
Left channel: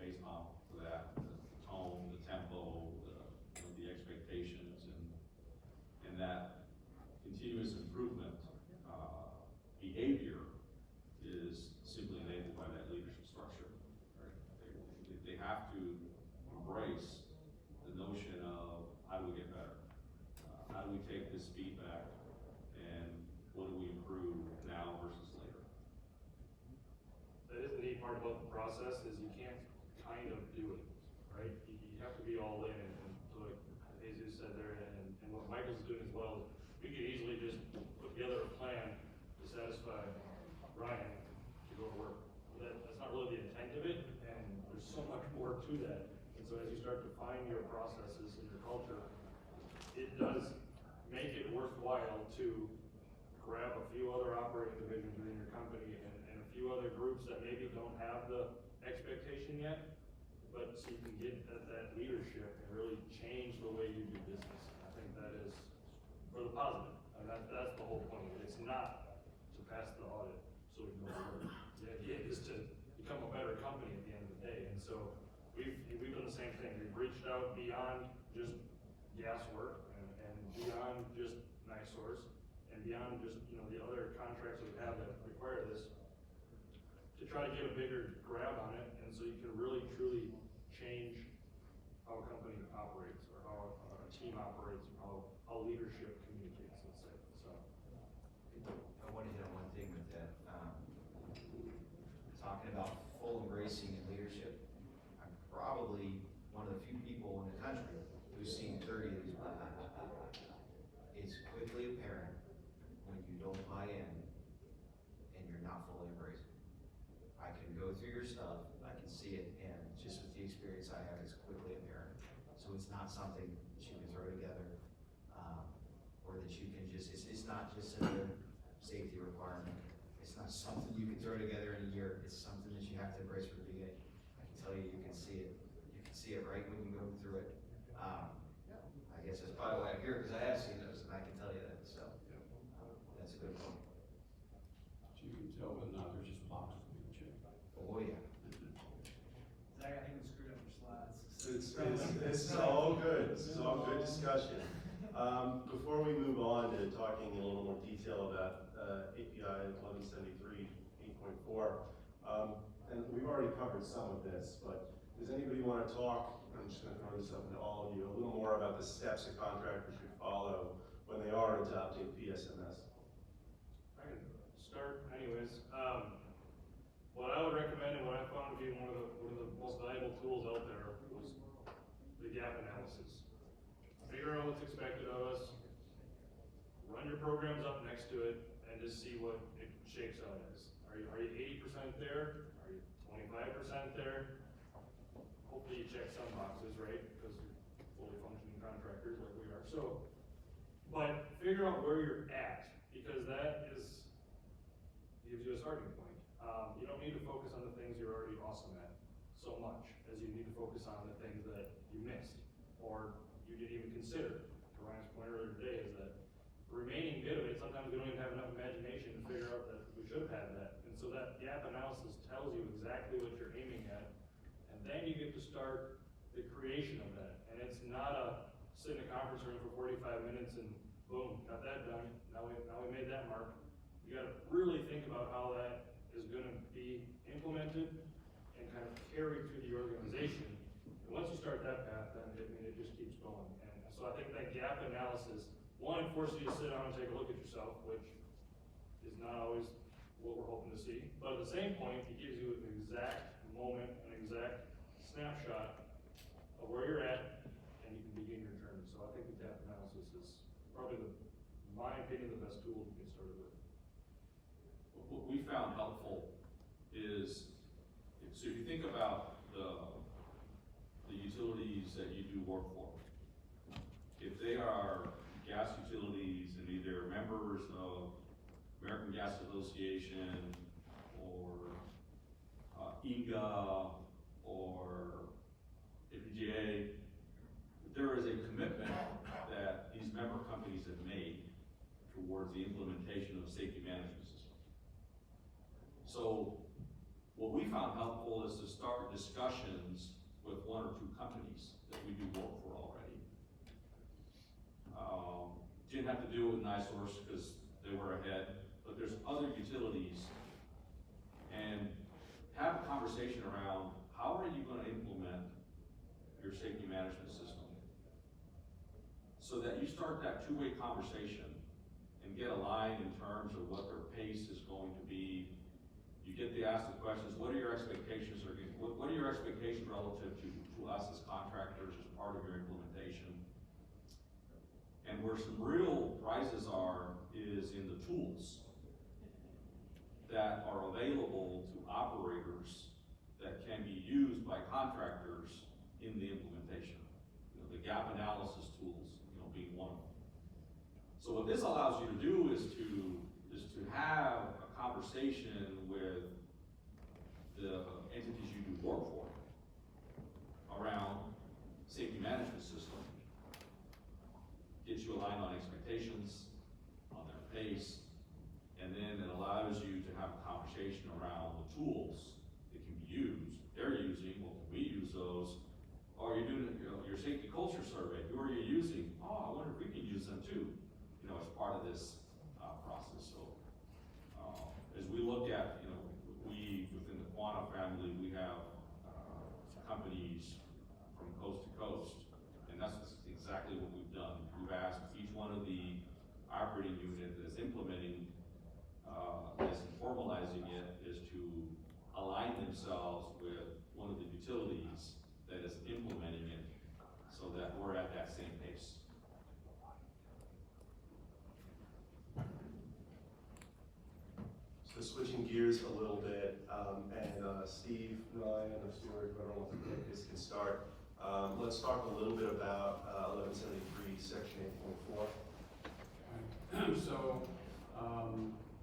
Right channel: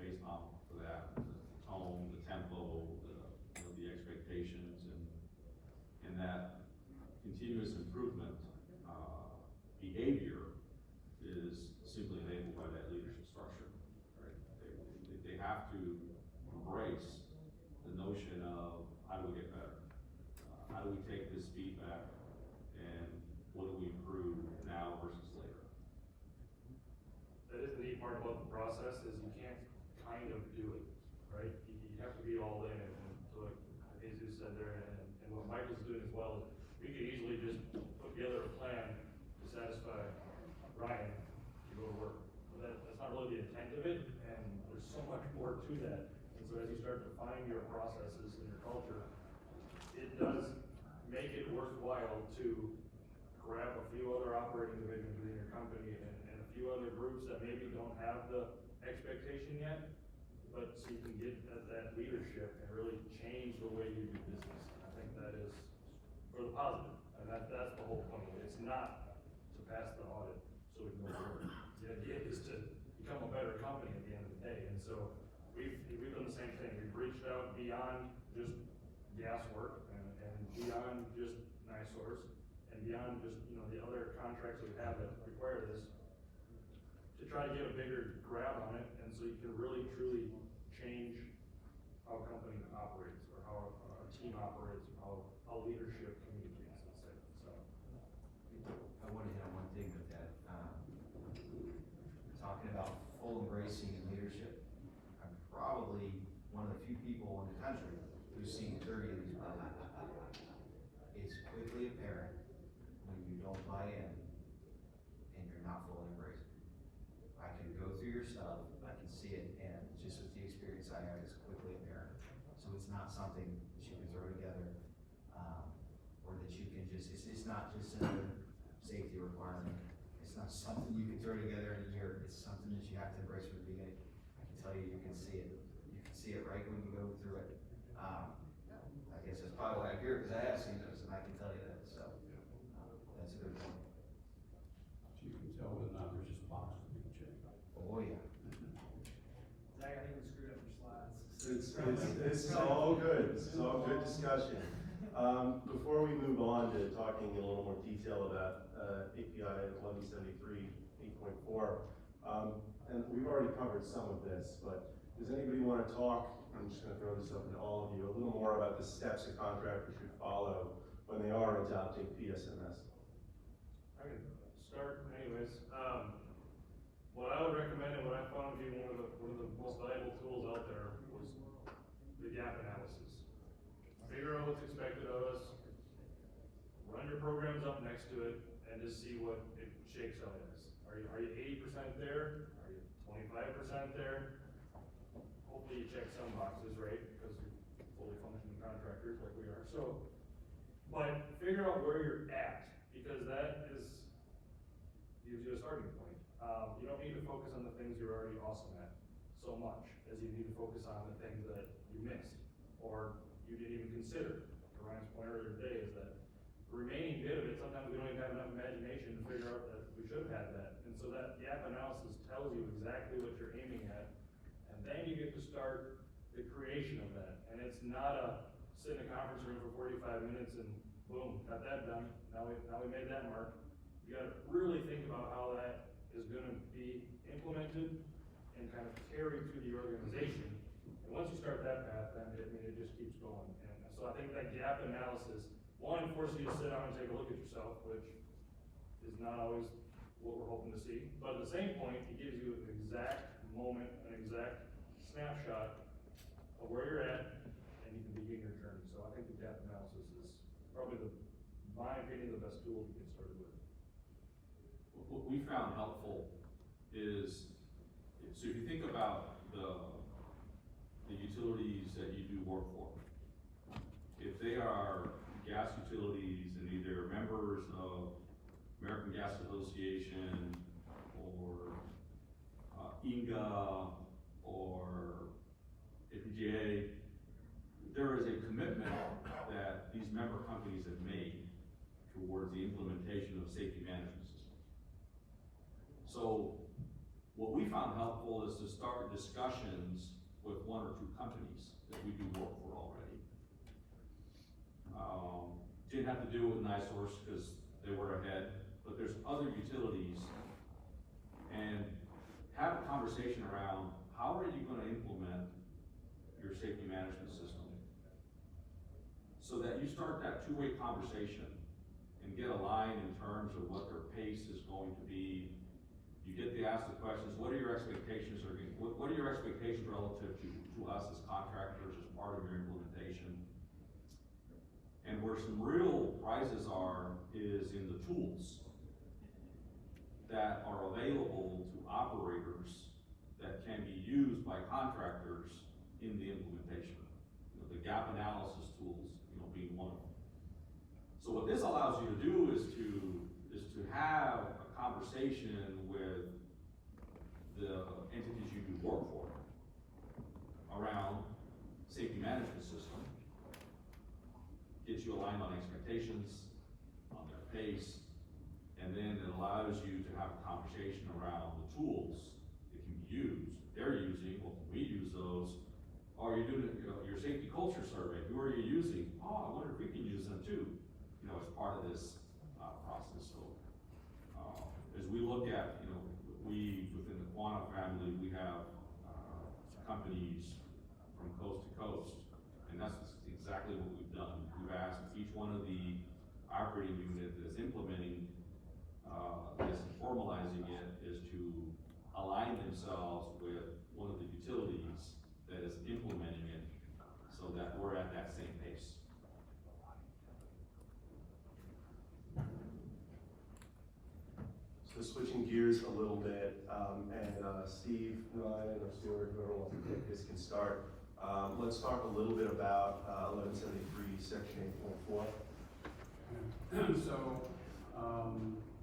based off of that, the tone, the tempo, the expectations, and that continuous improvement behavior is simply enabled by that leadership structure. Right? They have to embrace the notion of how do we get better? How do we take this feedback and what do we improve now versus later? That is the neat part about the process, is you can't kind of do it, right? You have to be all in, and so like Jesus said there, and what Michael's doing as well, is we could easily just put together a plan to satisfy Ryan to go to work. But that's not really the intent of it, and there's so much more to that. And so as you start to define your processes and your culture, it does make it worthwhile to grab a few other operating divisions within your company and a few other groups that maybe don't have the expectation yet, but so you can get at that leadership and really change the way you do business. I think that is for the positive, and that's the whole point of it. It's not to pass the audit so we can go forward. The idea is to become a better company at the end of the day, and so we've done the same thing. We've reached out beyond just gas work and beyond just NiSource and beyond just the other contracts that we have that require this, to try to get a bigger grab on it, and so you can really truly change how a company operates, or how a team operates, or how leadership communicates, let's say. So I want to hit on one thing with that. Talking about full embracing and leadership, I'm probably one of the few people in the country who's seen 30 of these plans. It's quickly apparent when you don't buy in and you're not fully embracing. I can go through your stuff, I can see it, and just with the experience I have, it's quickly apparent. So it's not something that you can throw together, or that you can just, it's not just another safety requirement. It's not something you can throw together in a year. It's something that you have to embrace from the beginning. I can tell you, you can see it. You can see it right when you go through it. I guess that's probably why I'm here, because I have seen those, and I can tell you that. So that's a good point. So you can tell whether or not there's just boxes being checked. Oh yeah. Zach, I think we screwed up your slides. It's all good. This is all good discussion. Before we move on to talking in a little more detail about API 1173 8.4, and we've already covered some of this, but does anybody want to talk? I'm just going to throw this open to all of you, a little more about the steps a contractor should follow when they are adopting PSMS. I can start anyways. What I would recommend, and what I found to be one of the most valuable tools out there, was the gap analysis. Figure out what's expected of us, run your programs up next to it, and just see what it shakes out as. Are you 80% there? Are you 25% there? Hopefully you check some boxes, right? Because you're fully functioning contractors like we are. So, but figure out where you're at, because that gives you a starting point. You don't need to focus on the things you're already awesome at so much as you need to focus on the things that you missed or you didn't even consider. To Ryan's point earlier today is that remaining bit of it, sometimes we don't even have enough imagination to figure out that we should have had that. And so that gap analysis tells you exactly what you're aiming at, and then you get to start the creation of that. And it's not a sit in a conference room for 45 minutes and boom, got that done, now we made that mark. You gotta really think about how that is gonna be implemented and kind of carried through the organization. And once you start that path, then it just keeps going. And so I think that gap analysis, one, it forces you to sit down and take a look at yourself, which is not always what we're hoping to see. But at the same point, it gives you an exact moment, an exact snapshot of where you're at, and you can begin your journey. So I think the gap analysis is probably my opinion, the best tool to get started with. What we found helpful is, so if you think about the utilities that you do work for, if they are gas utilities and either members of American Gas Association or INGA or APGA, there is a commitment that these member companies have made towards the implementation of safety management systems. So what we found helpful is to start discussions with one or two companies that we do work for already. Didn't have to do it with NiSource because they were ahead, but there's other utilities, and have a conversation around how are you gonna implement your safety management system so that you start that two-way conversation and get aligned in terms of what their pace is going to be. You get to ask the questions, what are your expectations, what are your expectations relative to us as contractors as part of your implementation? And where some real prizes are is in the tools that are available to operators that can be used by contractors in the implementation. You know, the gap analysis tools, being one of them. So what this allows you to do is to have a conversation with the entities you do work for around safety management system. Gets you aligned on expectations, on their pace, and then it allows you to have a conversation around the tools that can be used. They're using, well, can we use those? Or you're doing your safety culture survey, who are you using? Oh, I wonder if we can use them too, as part of this process. So as we look at, we, within the Quantum family, we have companies from coast to coast, and that's exactly what we've done. We've asked each one of the operating unit that is implementing this and formalizing it is to align themselves with one of the utilities that is implementing it so that we're at that same pace. So switching gears a little bit, and Steve, Ryan, or Stuart, whoever wants to take this can start. Let's talk a little bit about 1173, section 8.4. So,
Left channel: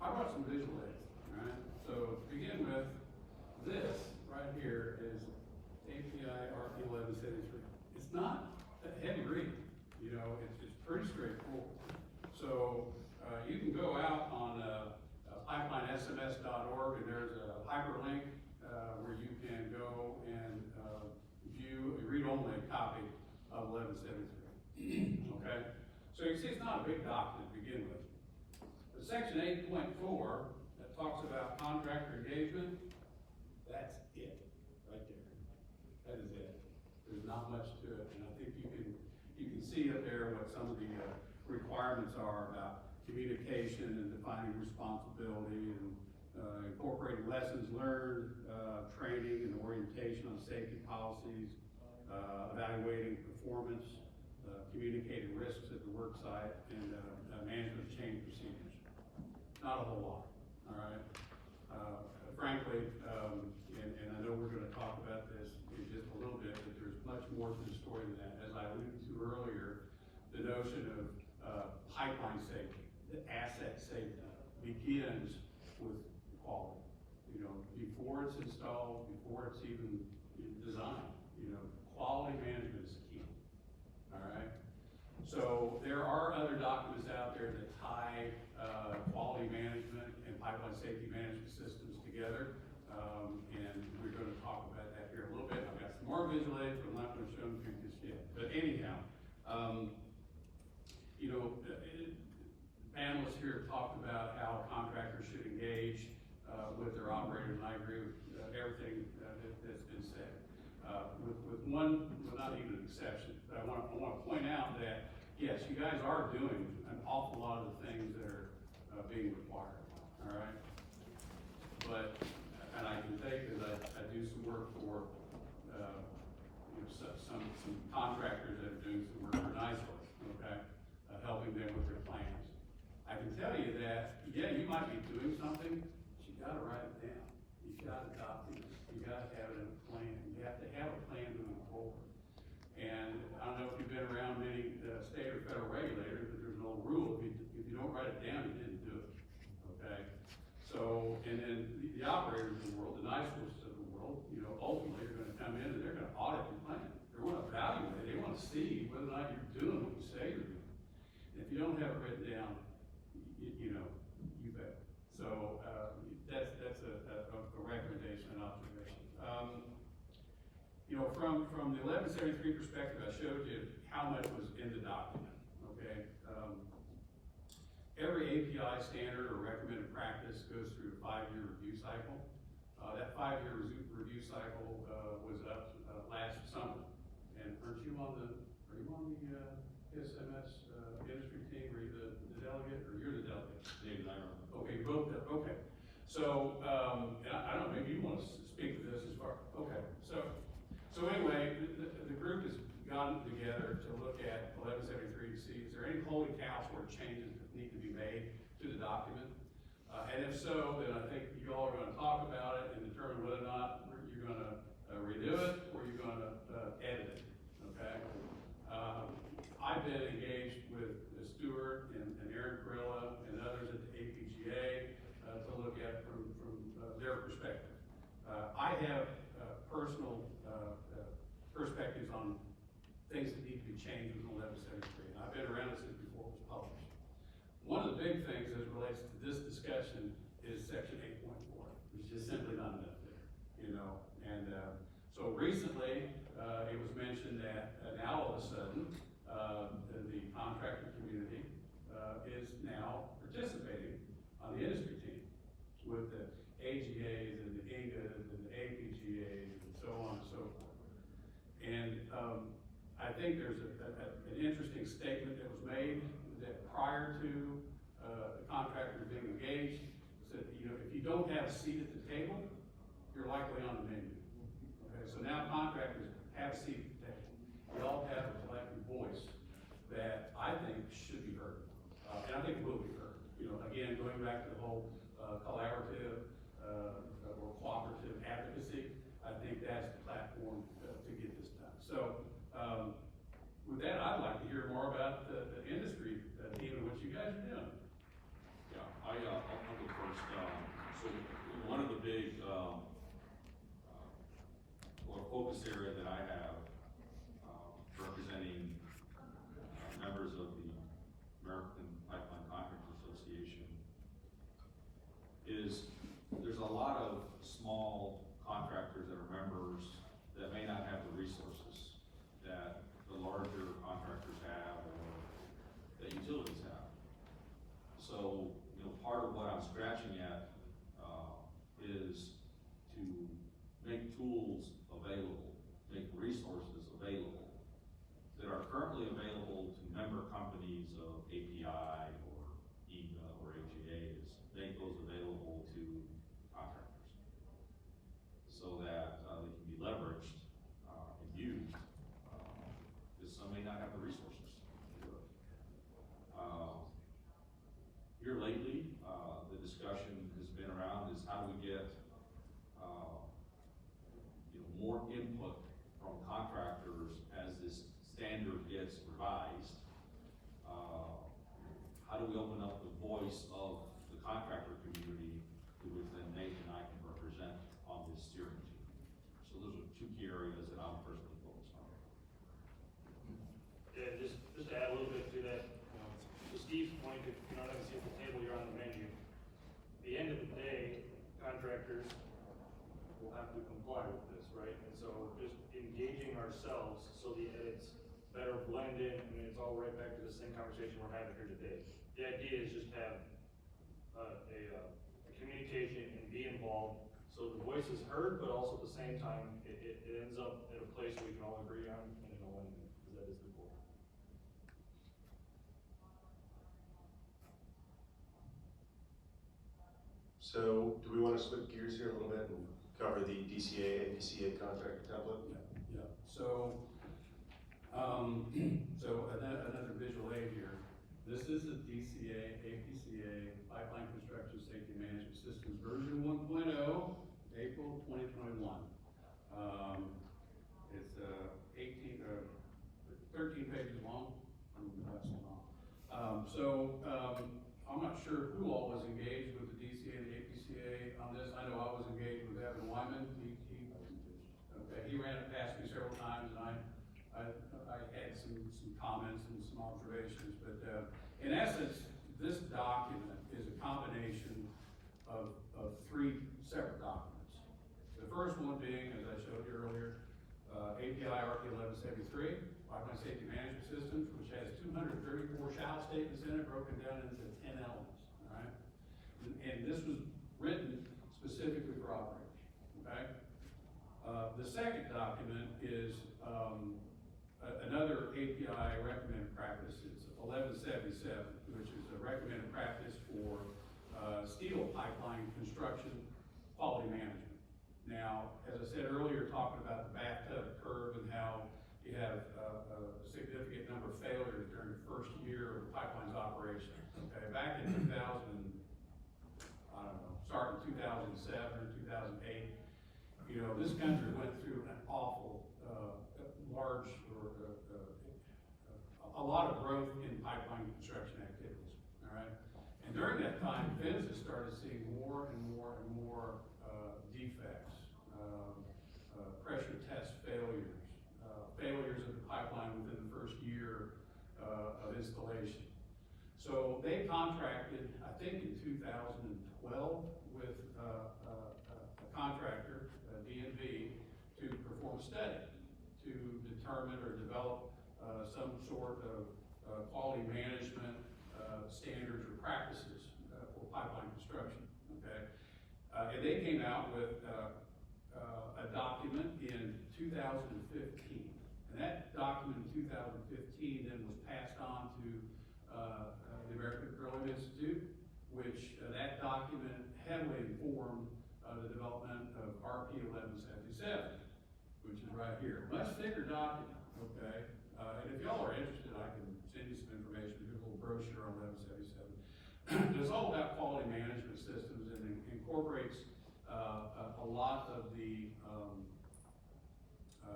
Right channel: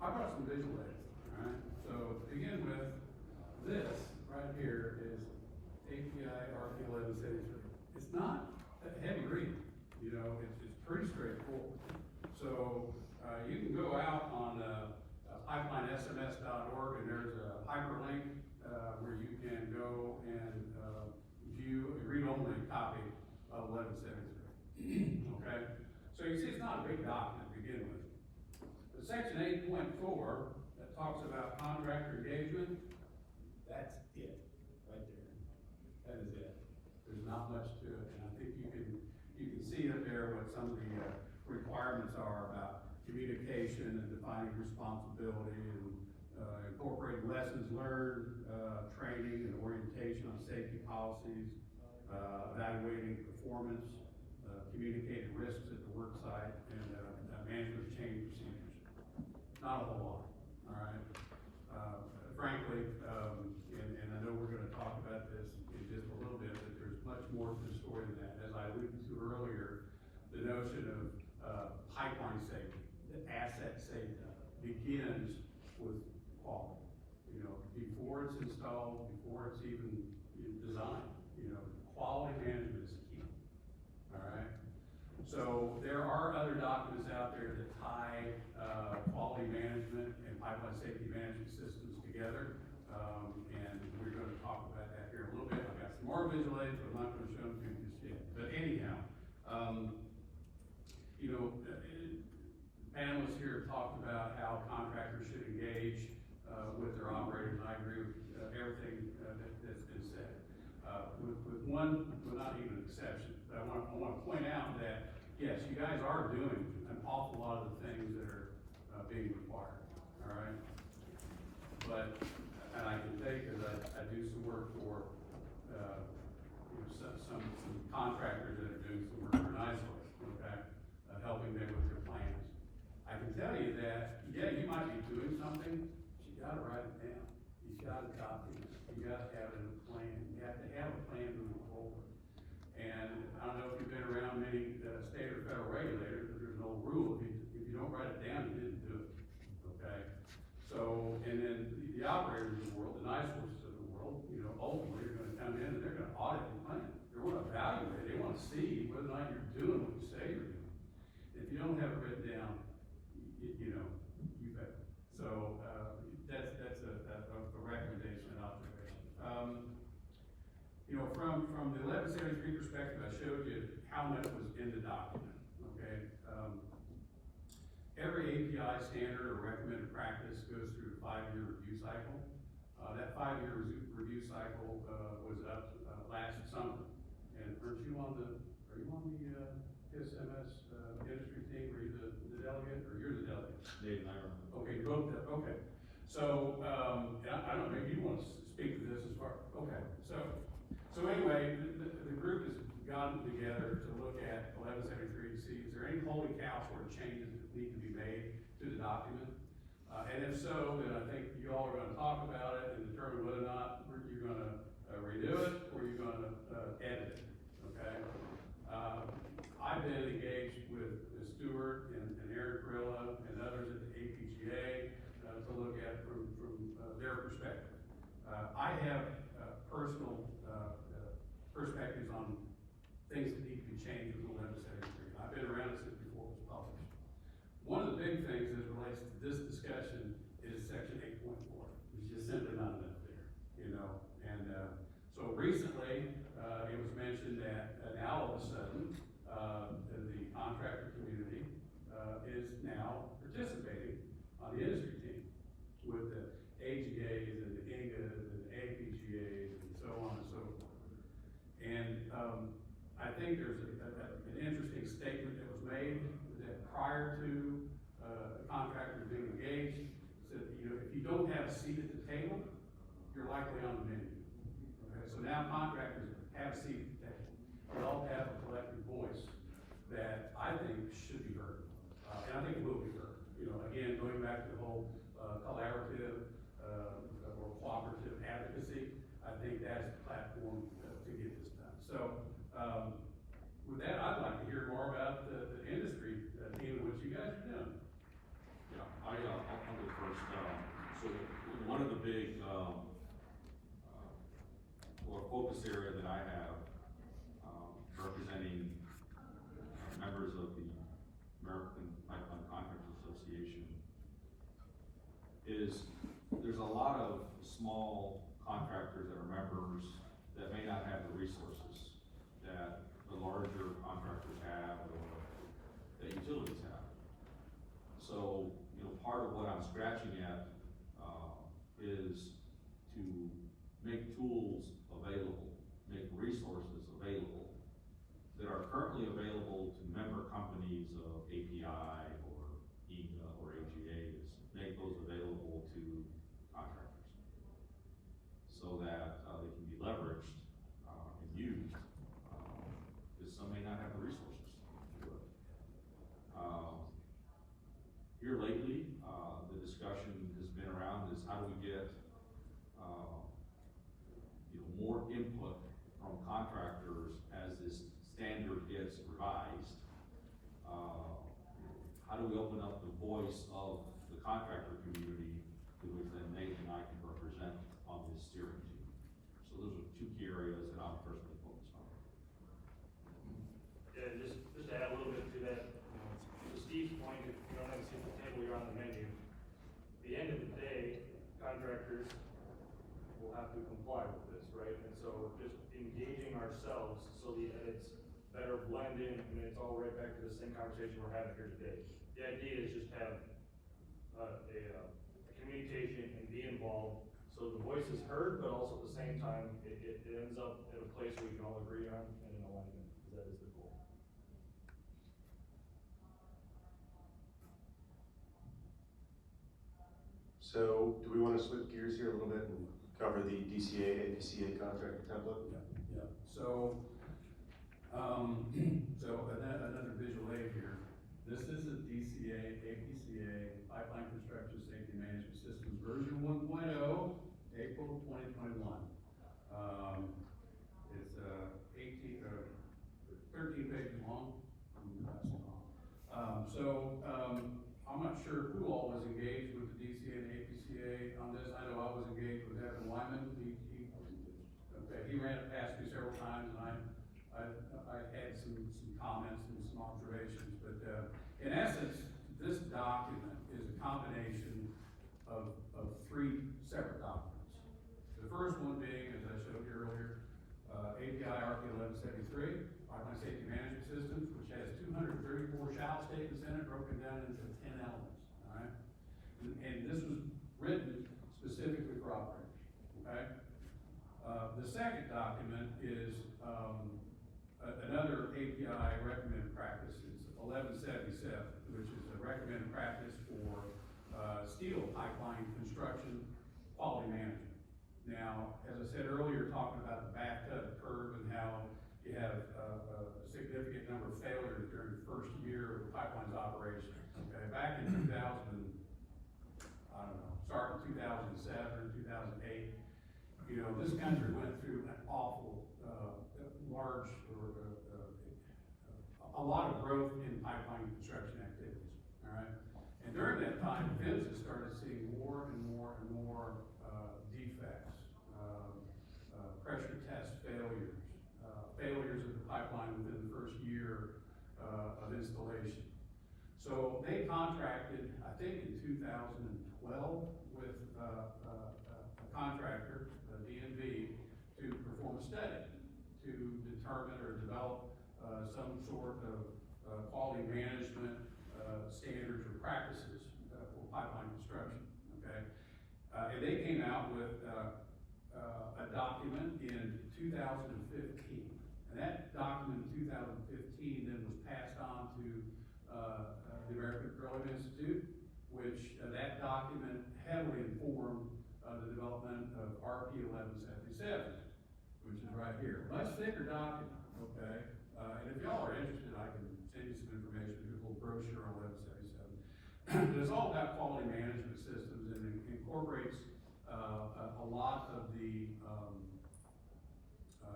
I brought some visual aids, right? So to begin with, this right here is API RP 1173. It's not a heavy read, it's pretty straightforward. So you can go out on pipelinesms.org, and there's a hyperlink where you can go and view a read-only copy of 1173. Okay? So you see it's not a big document to begin with. But section 8.4 that talks about contractor engagement, that's it right there. That is it. There's not much to it, and I think you can see up there what some of the requirements are about communication and defining responsibility and incorporating lessons learned, training and orientation on safety policies, evaluating performance, communicating risks at the work site, and management of change procedures. Not a whole lot, all right? Frankly, and I know we're gonna talk about this in just a little bit, but there's much more to the story than that. As I alluded to earlier, the notion of pipeline safety, the asset safety, begins with quality. Before it's installed, before it's even designed, quality management is key, all right? So there are other documents out there there that tie, quality management and pipeline safety management systems together. And we're gonna talk about that here a little bit. I've got some more visual aids, but I'm not gonna show them to you just yet. But anyhow, you know, panelists here have talked about how contractors should engage, with their operators, and I agree with, everything, that's been said. With one, well, not even an exception, but I wanna point out that, yes, you guys are doing an awful lot of the things that are, being required, all right? But, and I can tell you, because I do some work for, you know, some contractors that are doing some work for NISOR, okay? Helping them with their plans. I can tell you that, yeah, you might be doing something, but you gotta write it down. You gotta document it. You gotta have it in a plan. You have to have a plan moving forward. And I don't know if you've been around many, state or federal regulators, but there's an old rule, if you don't write it down, you didn't do it, okay? So, and then the operators of the world, the NISORs of the world, you know, ultimately are gonna come in and they're gonna audit your plan. They're gonna evaluate, they wanna see whether or not you're doing what you say you're doing. If you don't have it written down, you know, you fail. So, that's a recommendation and observation. You know, from the 1173 perspective, I showed you how much was in the document, okay? Every API standard or recommended practice goes through a 5-year review cycle. That 5-year review cycle, was up, last summer. And are you on the SMS, industry team, are you the delegate, or you're the delegate? Dave and I are. Okay, you both did, okay. So, and I don't know, maybe you want to speak to this as far, okay, so anyway, the group has gotten together to look at 1173 to see, is there any holy cow sort of changes that need to be made to the document? And if so, then I think you all are gonna talk about it and determine whether or not you're gonna redo it, or you're gonna edit it, okay? I've been engaged with Stuart and Eric Perella and others at the APGA to look at it from their perspective. I have personal perspectives on things that need to be changed with 1173. I've been around it since before it was published. One of the big things as it relates to this discussion is section 8.4. There's just simply not enough there, you know. And so recently, it was mentioned that now all of a sudden, the contractor community is now participating on the industry team with the AGAs and the INGAs and the APGAs and so on and so forth. And I think there's an interesting statement that was made that prior to contractors being engaged, said, you know, if you don't have a seat at the table, you're likely on the menu. Okay, so now contractors have a seat at the table. We all have a collective voice that I think should be heard, and I think it will be heard. You know, again, going back to the whole collaborative or cooperative advocacy, I think that's the platform to get this done. So, with that, I'd like to hear more about the industry team and what you guys are doing. Yeah, I'll go first. So one of the big, focus area that I have, representing members of the American Pipeline Contractors Association, is there's a lot of small contractors that are members that may not have the resources that the larger contractors have or that utilities have. So, you know, part of what I'm scratching at is to make tools available, make resources available that are currently available to member companies of API or EGA or AGAs, make those available to contractors so that they can be leveraged and used, because some may not have the resources to do it. Here lately, the discussion has been around is how do we get more input from contractors as this standard gets revised. How do we open up the voice of the contractor community, who then Nate and I can represent on this steering team? So those are two key areas that I'm personally focused on. Yeah, just to add a little bit to that, to Steve's point, the back to the same conversation we're having here today. The idea is just have a communication and be involved, so the voice is heard, but also at the same time, it ends up at a place where we can all agree on and in alignment, because that is the goal. So, do we want to switch gears here a little bit and cover the DCA, APCA contractor template? Yeah. So, another visual aid here. This is the DCA, APCA, Pipeline Construction Safety Management Systems version 1.0, April 2021. It's 13 pages long. I'm not sure who all was engaged with the DCA and the APCA on this. I know I was engaged with Evan Wyman. He ran it past me several times, and I had some comments and some observations. But in essence, this document is a combination of three separate documents. The first one being, as I showed you earlier, API RP 1173, Pipeline Safety Management Systems, which has 234 shall statements in it, broken down into 10 elements, all right? And this was written specifically for operators, okay? The second document is another API recommended practice. It's 1177, which is a recommended practice for steel pipeline construction quality management. Now, as I said earlier, talking about the bathtub curve and how you have a significant number of failures during the first year of the pipeline's operation. Okay, back in 2007, 2008, you know, this country went through an awful, large, a lot of growth in pipeline construction activities, all right? And during that time, PHMSA started seeing more and more and more defects, pressure test failures, failures of the pipeline within the first year of installation. So they contracted, I think in 2012, with a contractor, DNV, to perform a study to determine or develop some sort of quality management standards or practices for pipeline construction, okay? And they came out with a document in 2015. And that document in 2015 then was passed on to the American Petroleum Institute, which that document heavily informed the development of RP 1177, which is right here. Much thicker document, okay? And if y'all are interested, I can send you some information. Here's a little brochure on 1177. It's all about quality management systems and incorporates a lot of the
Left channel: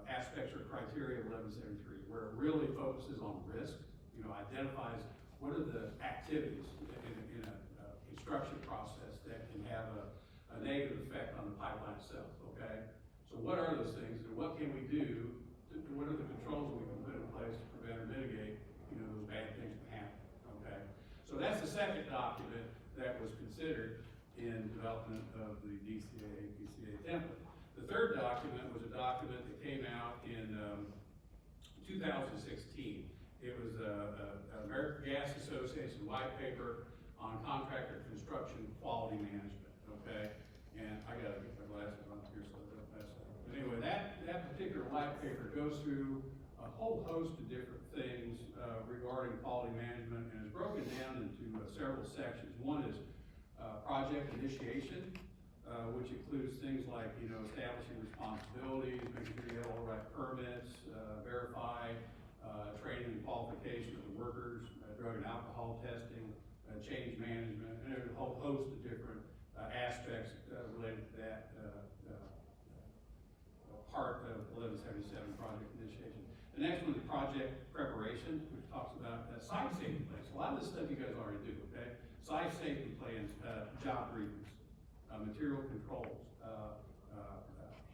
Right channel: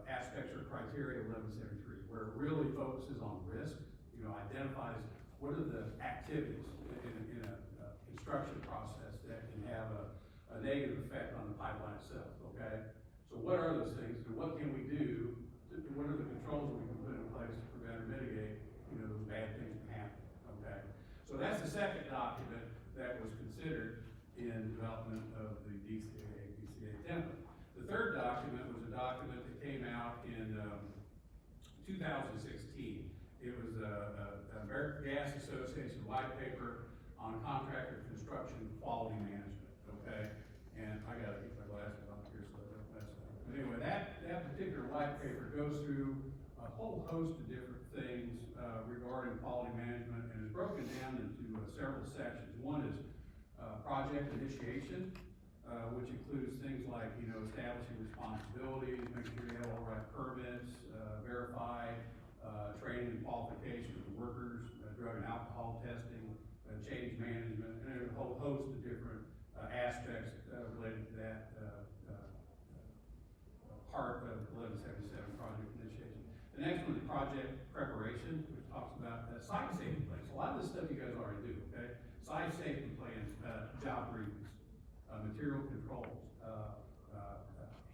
aspects or criteria of 1173, where it really focuses on risk, you know, identifies what are the activities in a construction process that can have a negative effect on the pipeline itself, okay? So what are those things, and what can we do, what are the controls we can put in place to prevent or mitigate, you know, those bad things from happening, okay? So that's the second document that was considered in development of the DCA APCA template. The third document was a document that came out in 2016. It was a American Gas Association white paper on contractor construction quality management, okay? And I gotta get my glasses on here so I don't mess up. But anyway, that particular white paper goes through a whole host of different things regarding quality management, and is broken down into several sections. One is project initiation, which includes things like, you know, establishing responsibilities, making sure you have all the right permits, verify training and qualification of the workers, drug and alcohol testing, change management, and a whole host of different aspects related to that part of 1177 project initiation. The next one is project preparation, which talks about site safety plans. A lot of this stuff you guys already do, okay? Site safety plans, job briefings, material controls,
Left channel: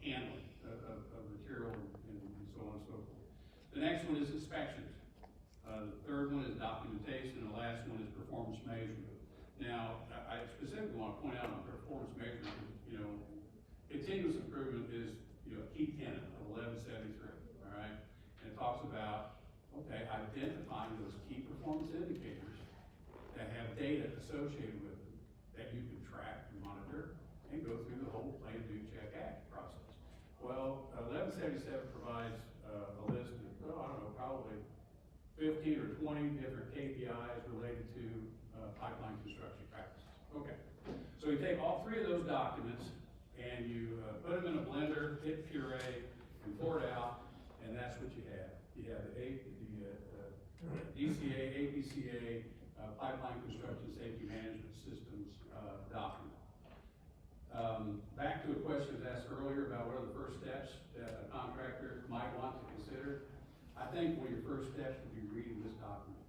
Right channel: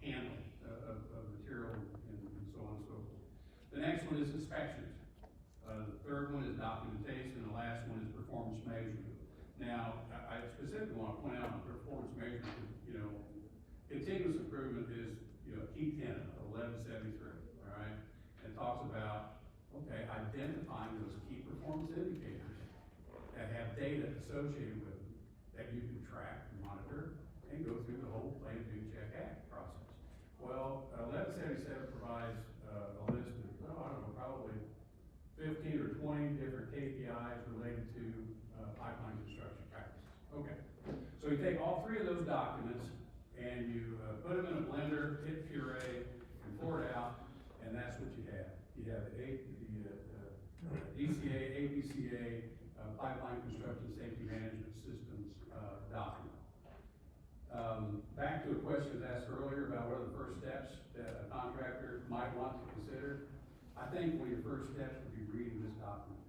handling of material, and so on and so forth. The next one is inspections. The third one is documentation, and the last one is performance measurement. Now, I specifically want to point out on performance measurement, you know, continuous improvement is, you know, a key tenet of 1173, all right? And it talks about, okay, identifying those key performance indicators that have data associated with them that you can track and monitor and go through the whole plan, do, check, act process. Well, 1177 provides a list of, I don't know, probably 15 or 20 different KPIs related to pipeline construction practices. Okay, so you take all three of those documents and you put them in a blender, hit puree, and pour it out, and that's what you have. You have the DCA, APCA, Pipeline Construction Safety Management Systems document. Back to a question asked earlier about what are the first steps that a contractor might want to consider. I think one of your first steps would be reading this document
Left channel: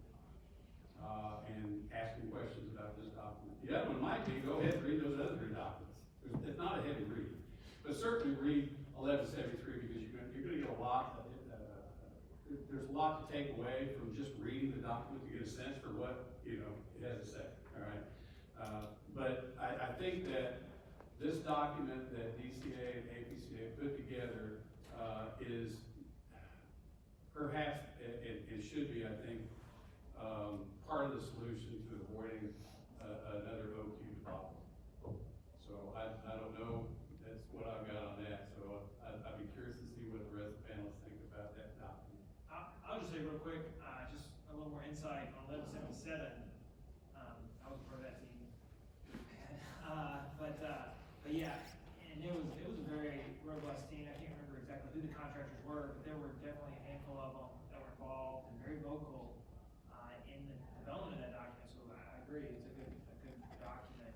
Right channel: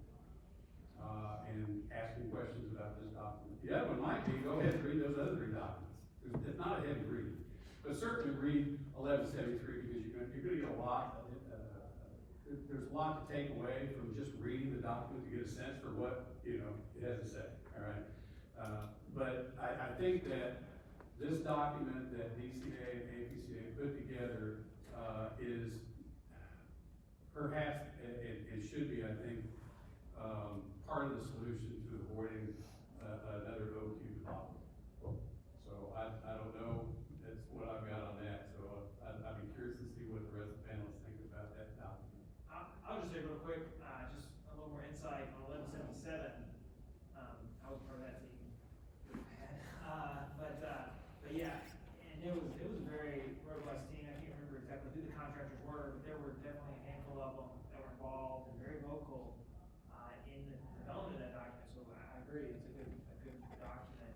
and asking questions about this document. The other one might be go ahead and read those other three documents. It's not a heavy read, but certainly read 1173 because you're going to get a lot of it. There's a lot to take away from just reading the document to get a sense for what it has to say. All right, but I think that this document that DCA and APCA put together is perhaps it should be, I think, part of the solution to avoiding another OQ problem. So I don't know. That's what I've got on that. So I'd be curious to see what the rest of the panelists think about that document. I'll just say real quick, just a little more insight on 1177. I was part of that team. But yeah, and it was a very robust team. I can't remember exactly who the contractors were, but there were definitely a handful of them that were involved and very vocal in the development of that document. So I agree, it's a good document.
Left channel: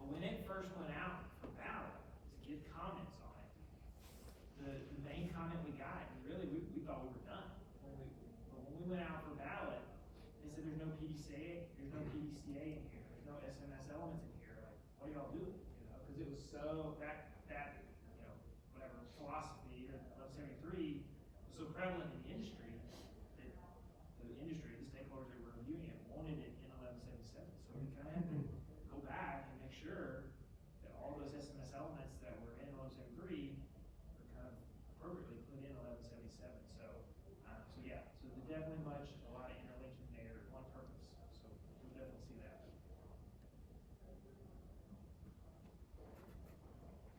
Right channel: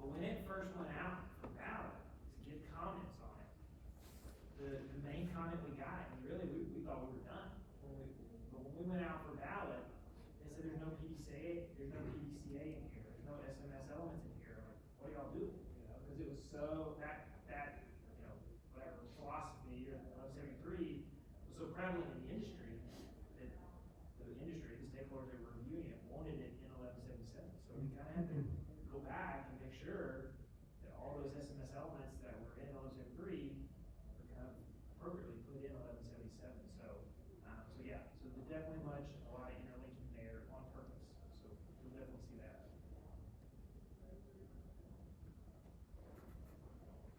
But when it first went out for ballot to get comments on it, the main comment we got, and really we thought we were done. But when we went out for ballot, they said there's no PDCA in here, there's no SMS elements in here. Like, what are y'all doing? Because it was so that whatever philosophy or 1173 was so prevalent in the industry that the stakeholders that were reviewing it wanted it in 1177. So we kind of had to go back and make sure that all those SMS elements that were in 1173 were kind of appropriately put in 1177. So yeah, so there's definitely a lot of interlinking there on purpose. So we'll definitely see that.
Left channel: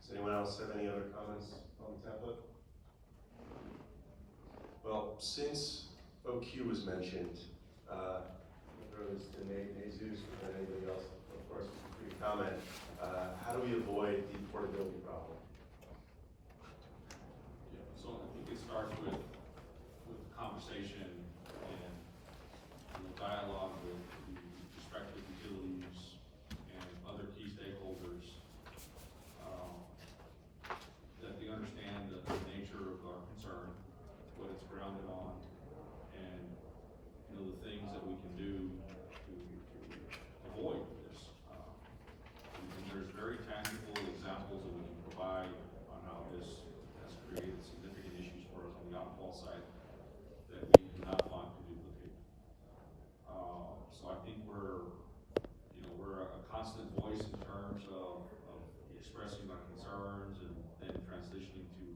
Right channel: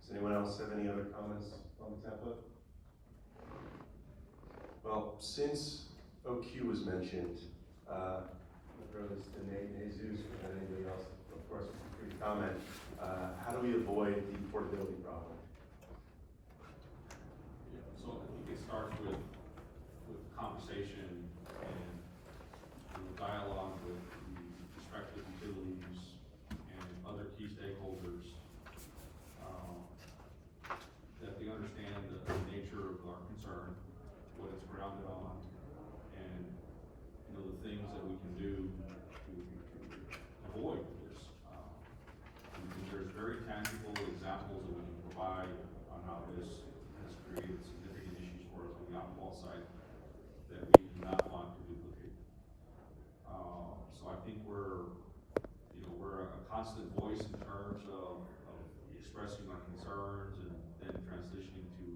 Does anyone else have any other comments on the template? Well, since OQ was mentioned, Rose and Jesus, and anybody else, of course, feel free to comment. How do we avoid the portability problem? Yeah, so I think it starts with conversation and dialogue with the respective utilities and other key stakeholders, that they understand the nature of our concern, what it's grounded on, and the things that we can do to avoid this. And there's very tangible examples that we can provide on how this has created significant issues for us on the outfall site that we do not want to duplicate. So I think we're a constant voice in terms of expressing our concerns and then transitioning to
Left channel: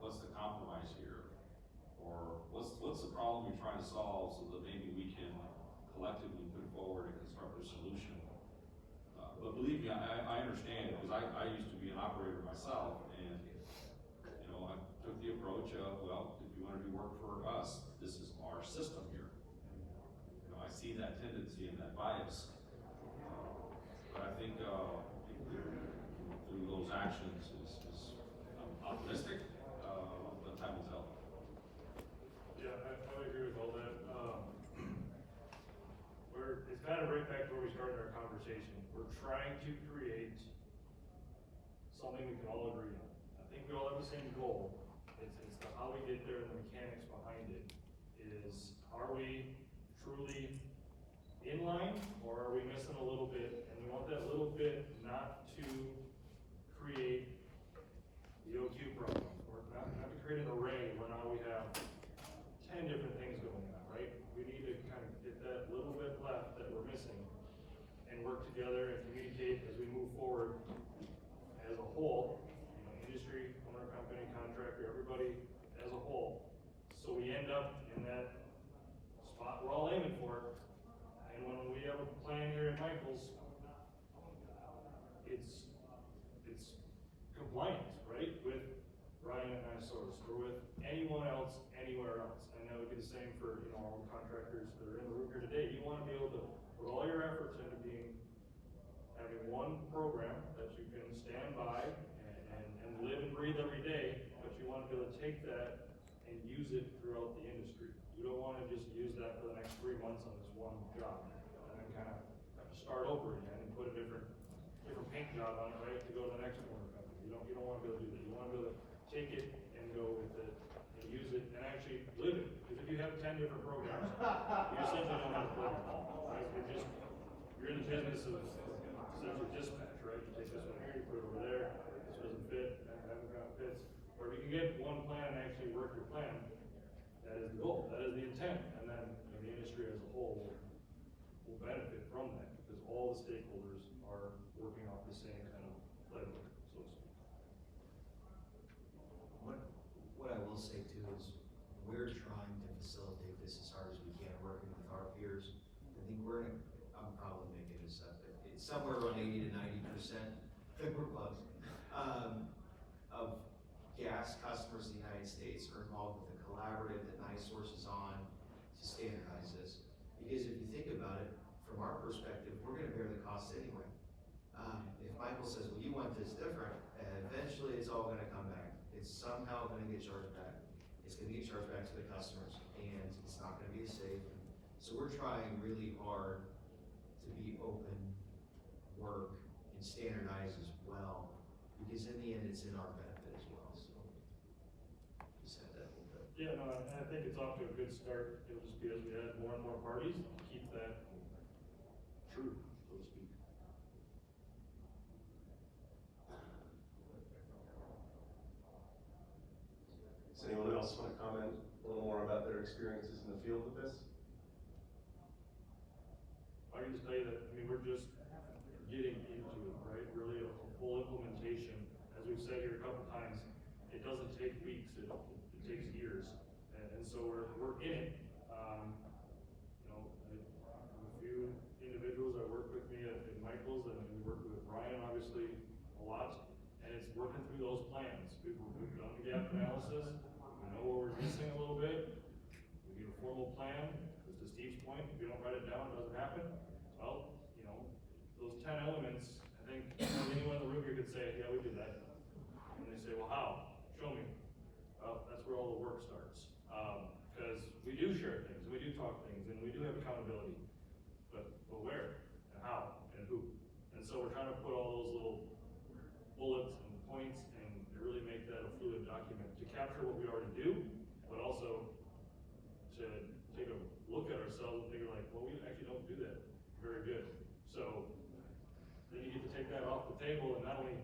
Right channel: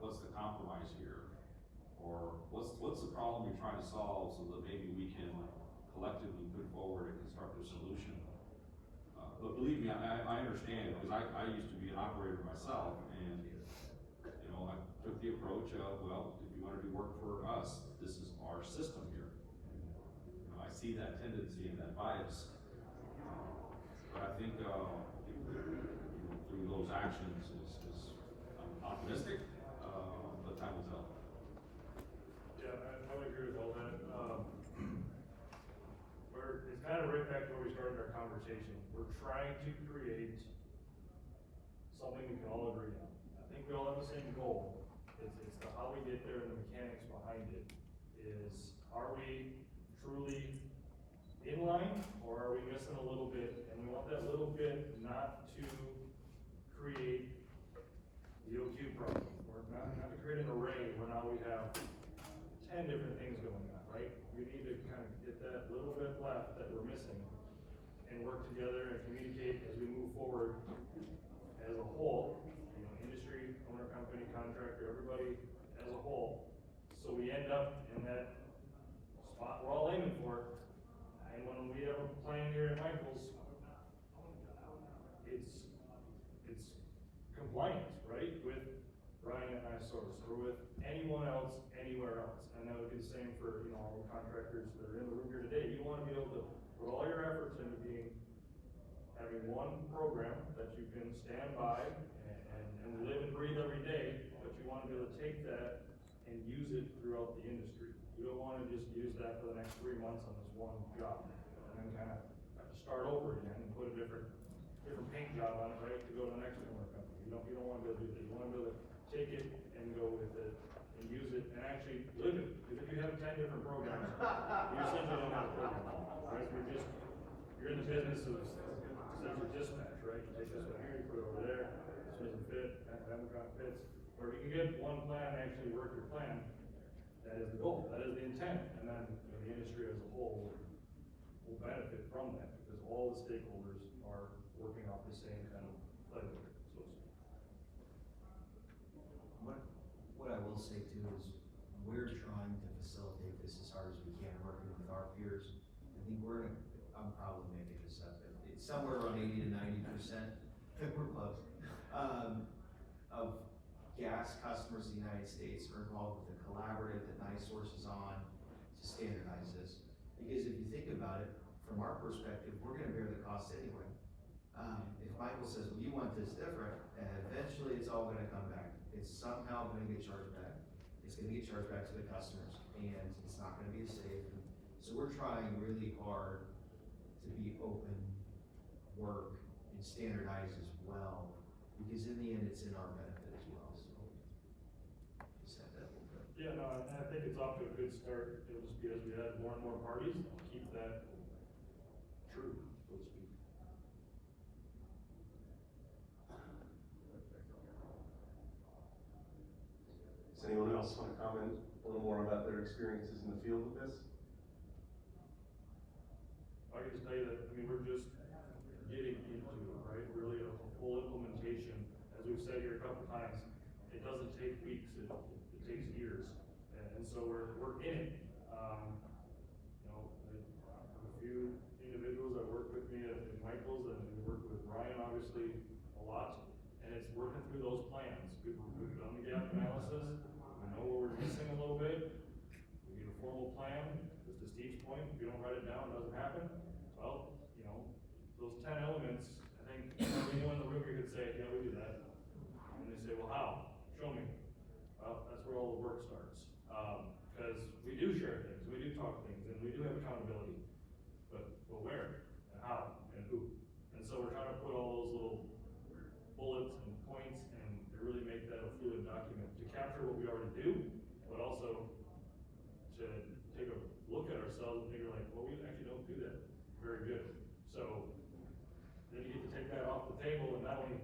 what's the compromise here, or what's the problem you're trying to solve, so that maybe we can collectively put forward a constructive solution. But believe me, I understand, because I used to be an operator myself, and I took the approach of, well, if you want to do work for us, this is our system here. And, I see that tendency and that bias. But I think through those actions I'm optimistic, but time will tell. Yeah, I would agree with all that. It's kind of right back to where we started our conversation. We're trying to create something we can all agree on. I think we all have the same goal. It's the how we get there and the mechanics behind it. Is, are we truly in line, or are we missing a little bit? And we want that little bit not to create the OQ problem, or not to create an array where now we have 10 different things going on, right? We need to kind of get that little bit left that we're missing and work together and communicate as we move forward as a whole, industry, owner company, contractor, everybody as a whole. So we end up in that spot we're all aiming for, having one program that you can stand by and live and breathe every day, but you wanna be able to take that and use it throughout the industry. You don't wanna just use that for the next 3 months on this one job, and then kinda have to start over again and put a different paint job on it, right, to go to the next owner company. You don't wanna be able to do that. You wanna be able to take it and go with it and use it and actually live it. Because if you have 10 different programs, you essentially don't have a program, right? You're in the business of essentially dispatch, right? You take this one here, you put it over there, this doesn't fit, that one kind of fits. Or if you can get one plan and actually work your plan, that is the goal, that is the intent. And then, the industry as a whole will benefit from that because all the stakeholders are working off the same kind of playbook, so to speak. What I will say too is, we're trying to facilitate this as hard as we can, working with our peers. I think I'm probably making this up, but it's somewhere around 80 to 90%, we're close, of gas customers in the United States are involved with a collaborative that NiSource is on to standardize this. Because if you think about it, from our perspective, we're gonna bear the cost anyway. If Michael says, well, you want this different, eventually it's all gonna come back. It's somehow gonna get charged back. It's gonna get charged back to the customers, and it's not gonna be as safe. So we're trying really hard to be open, work, and standardize as well, because in the end, it's in our benefit as well, so. Just had that a little bit. Yeah, no, and I think it's off to a good start. It'll just be as we add more and more parties, keep that true, so to speak. Does anyone else want to comment a little more about their experiences in the field with this? I can just tell you that, we're just getting into it, right? Really a full implementation. As we've said here a couple times, it doesn't take weeks, it takes years. And so we're in it. I have a few individuals that work with me at Michael's, and we work with Ryan, obviously, a lot. And it's working through those plans. We've done the gap analysis. We know where we're missing a little bit. We need a formal plan. Just to Steve's point, if you don't write it down, it doesn't happen. Well, those 10 elements, I think anyone in the room here could say, yeah, we do that. And they say, well, how? Show me. Well, that's where all the work starts. Because we do share things, we do talk things, and we do have accountability. But where, and how, and who? And so we're trying to put all those little bullets and points and really make that a fluid document to capture what we already do, but also to take a look at ourselves and figure like, well, we actually don't do that very good. So then you get to take that off the table and not only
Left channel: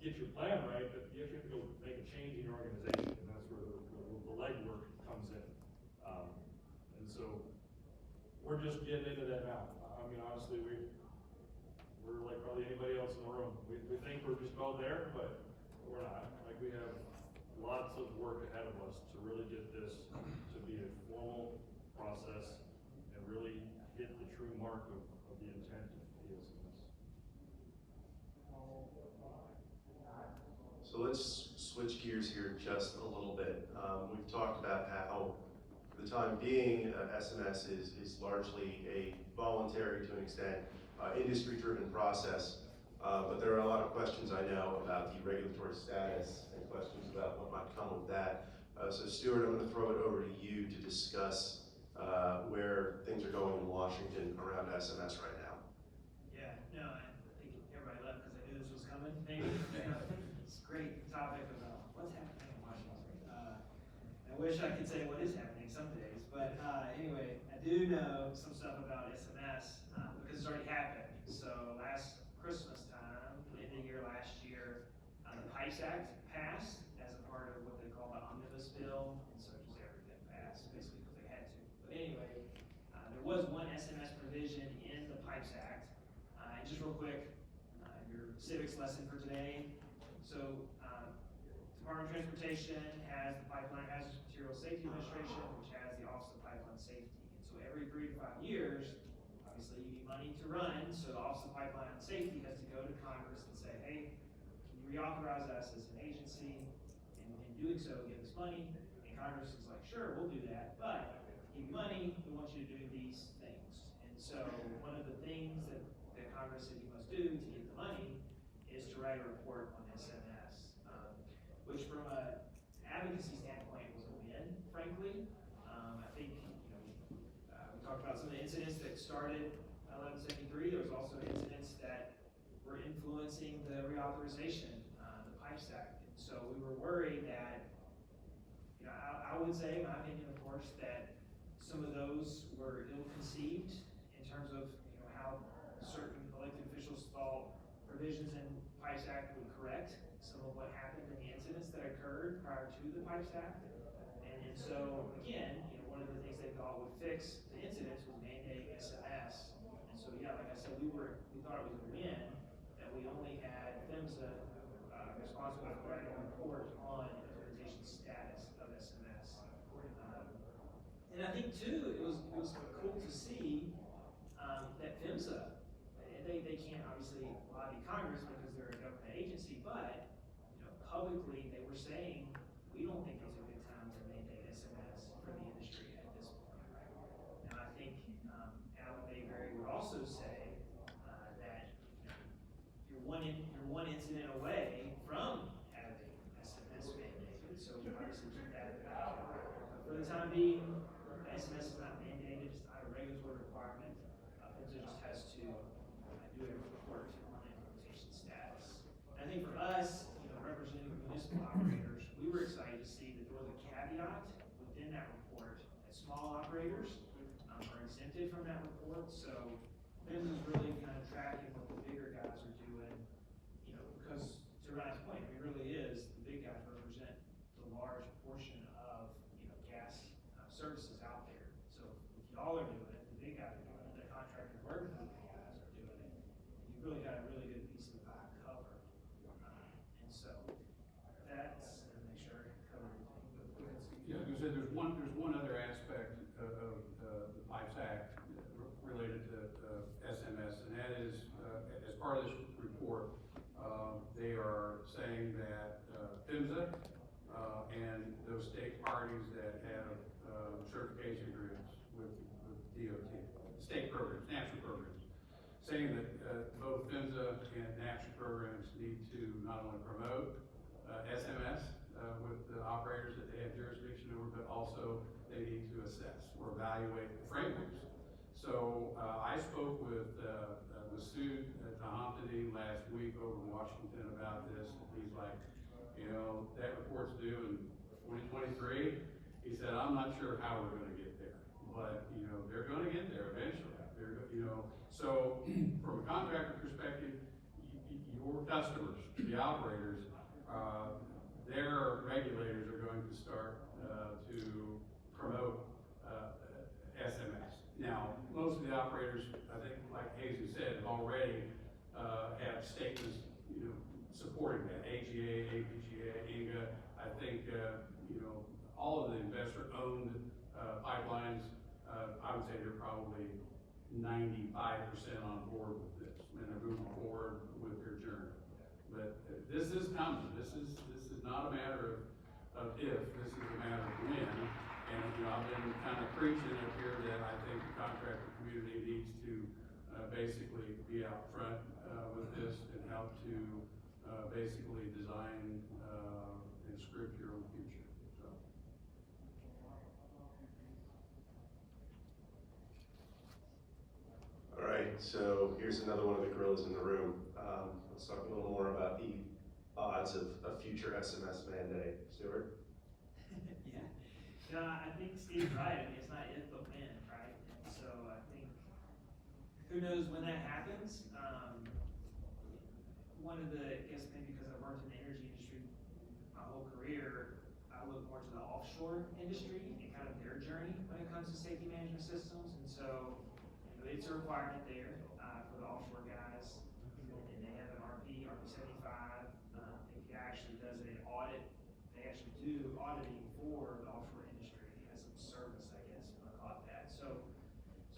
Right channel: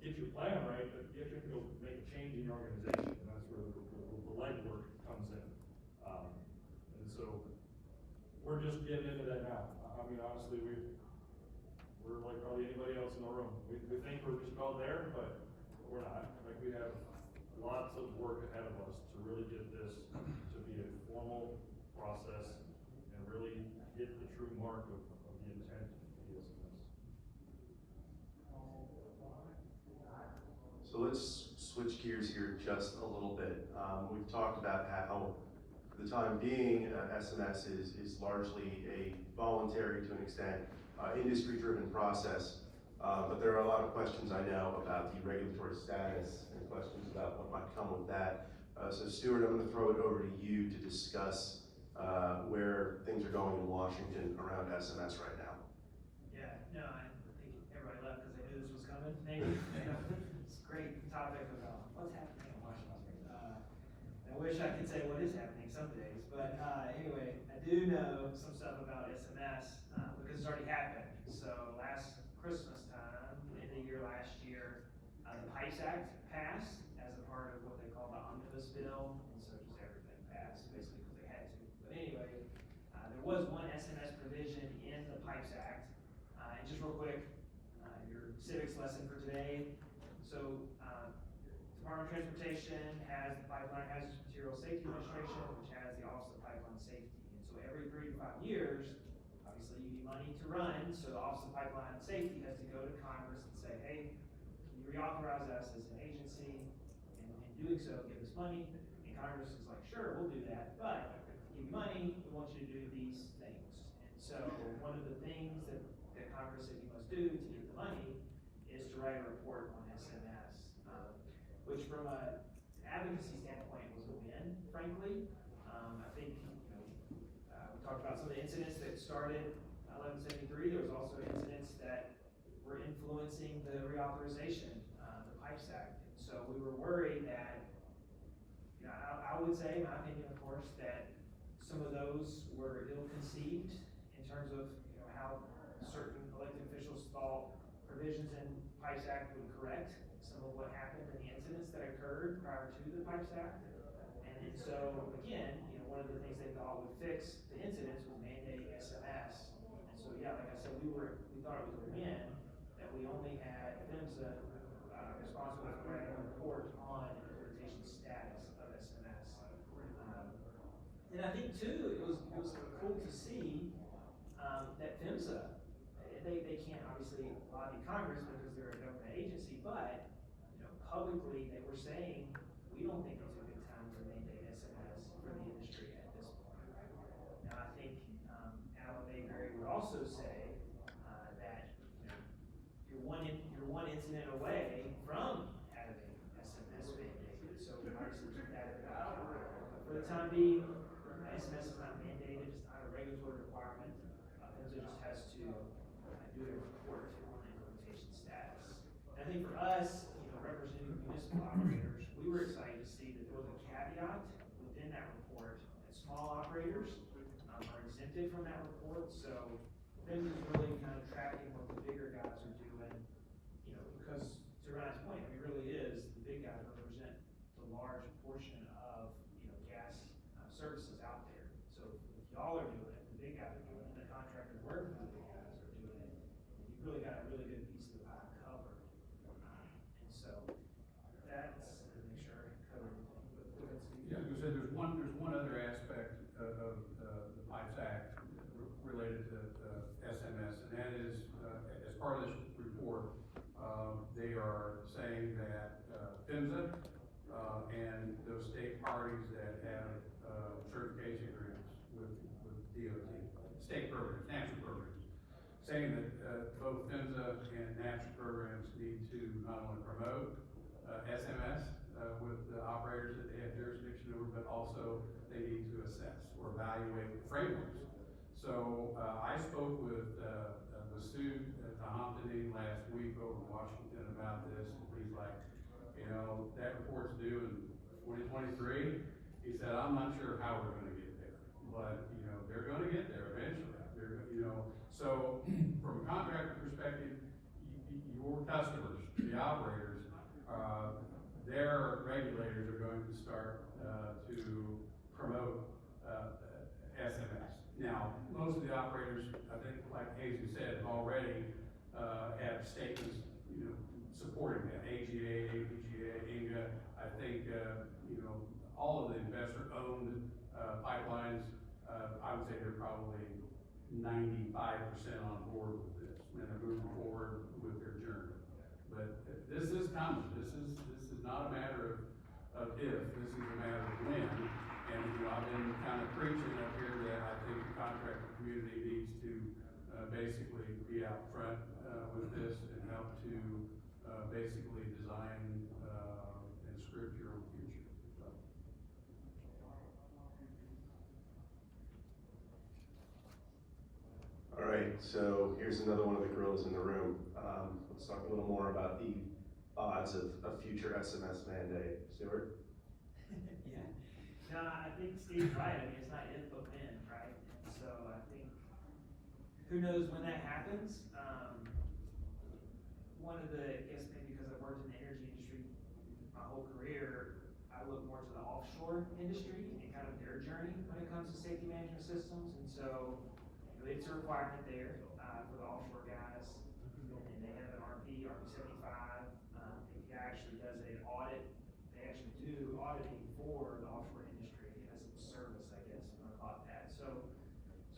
get your plan right, but you have to go make a change in your organization, and that's where the legwork comes in. And so we're just getting into that now. Honestly, we're like probably anybody else in the room. We think we're just about there, but we're not. Like, we have lots of work ahead of us to really get this to be a formal process and really hit the true mark of the intent of the SMS. So let's switch gears here just a little bit. We've talked about how, for the time being, SMS is largely a voluntary, to an extent, industry-driven process. But there are a lot of questions I know about the regulatory status and questions about what might come with that. So Stuart, I'm going to throw it over to you to discuss where things are going in Washington around SMS right now. Yeah, no, I think everybody left because they knew this was coming, maybe. It's a great topic about what's happening in Washington. I wish I could say what is happening some days, but anyway, I do know some stuff about SMS because it's already happened. So last Christmas time, end of the year last year, the PIPES Act passed as a part of what they call the omnibus bill, and so just everything passed, basically because they had to. But anyway, there was one SMS provision in the PIPES Act, and just real quick, your civics lesson for today. So, Department of Transportation has the Pipeline Hazardous Material Safety Administration, which has the Office of Pipeline Safety. And so every 3 to 5 years, obviously you need money to run, so the Office of Pipeline Safety has to go to Congress and say, hey, can you reauthorize us as an agency? And in doing so, give us money. And Congress is like, sure, we'll do that, but give you money, we want you to do these things. And so one of the things that Congress said you must do to get the evaluate report on SMS, which from a advocacy standpoint was a win, frankly. I think, we talked about some of the incidents that started 1173. There was also incidents that were influencing the reauthorization, the PIPES Act. And so we were worried that, I would say, in my opinion, of course, that some of those were ill-conceived in terms of, how certain elected officials thought provisions in PIPES Act would correct some of what happened in the incidents that occurred prior to the PIPES Act. And so, again, one of the things they thought would fix the incidents was mandate SMS. And so, yeah, like I said, we thought it was a win that we only had PHMSA responsible for writing a report on implementation status of SMS. And I think too, it was cool to see that PHMSA, they can't obviously lobby Congress because they're a government agency, but publicly they were saying we don't think it's a good time to mandate SMS for the industry at this point, right? Now I think Alan Mayberry would also say that you're one incident away from having SMS mandated, so obviously keep that in the back of your mind. But for the time being, SMS is not mandated, it's not a regulatory requirement. PHMSA just has to do a report on implementation status. And I think for us, representing municipal operators, we were excited to see that there was a caveat within that report that small operators are exempted from that report. So PHMSA is really kind of tracking what the bigger guys are doing, because to Ryan's point, it really is, the big guys represent the large portion of, gas services out there. So if y'all are doing it, the big guys are doing it, the contractors working for the big guys are doing it, you've really got a really good piece of the pie covered. And so that's, make sure I cover everything, but go ahead, Steve. Yeah, you said there's one other aspect of the PIPES Act related to SMS, and that is, as part of this report, they are saying that PHMSA and those state parties that have certification agreements with DOT, state programs, national programs, saying that both PHMSA and national programs need to not only promote SMS with the operators that they have jurisdiction over, but also they need to assess or evaluate the frameworks. So I spoke with Sue Tahampany last week over in Washington about this, and he's like, that report's due in 2023. He said, I'm not sure how we're gonna get there, but they're gonna get there eventually. So from a contractor perspective, your customers, the operators, their regulators are going to start to promote SMS. Now, most of the operators, I think, like Hazy said, already have statements, supporting that. AGA, APGA, INGA. I think, all of the investor-owned pipelines, I would say they're probably 95% on board with this, and they're moving forward with their journey. But this is coming. This is not a matter of if, this is a matter of when. And I've been kind of preaching up here that I think the contractor community needs to basically be out front with this and help to basically design and script your own future. So. All right, so here's another one of the gorillas in the room. Let's talk a little more about the odds of a future SMS mandate. Stuart? Yeah. No, I think Steve's right. I mean, it's not if, but when, right? And so I think, who knows when that happens? One of the, I guess maybe because I've worked in the energy industry my whole career, I look more to the offshore industry and kind of their journey when it comes to safety management systems. And so, it's a requirement there for the offshore guys, and they have an RP 75. API actually does an audit. They actually do auditing for the offshore industry as a service, I guess, if you want to call it that. So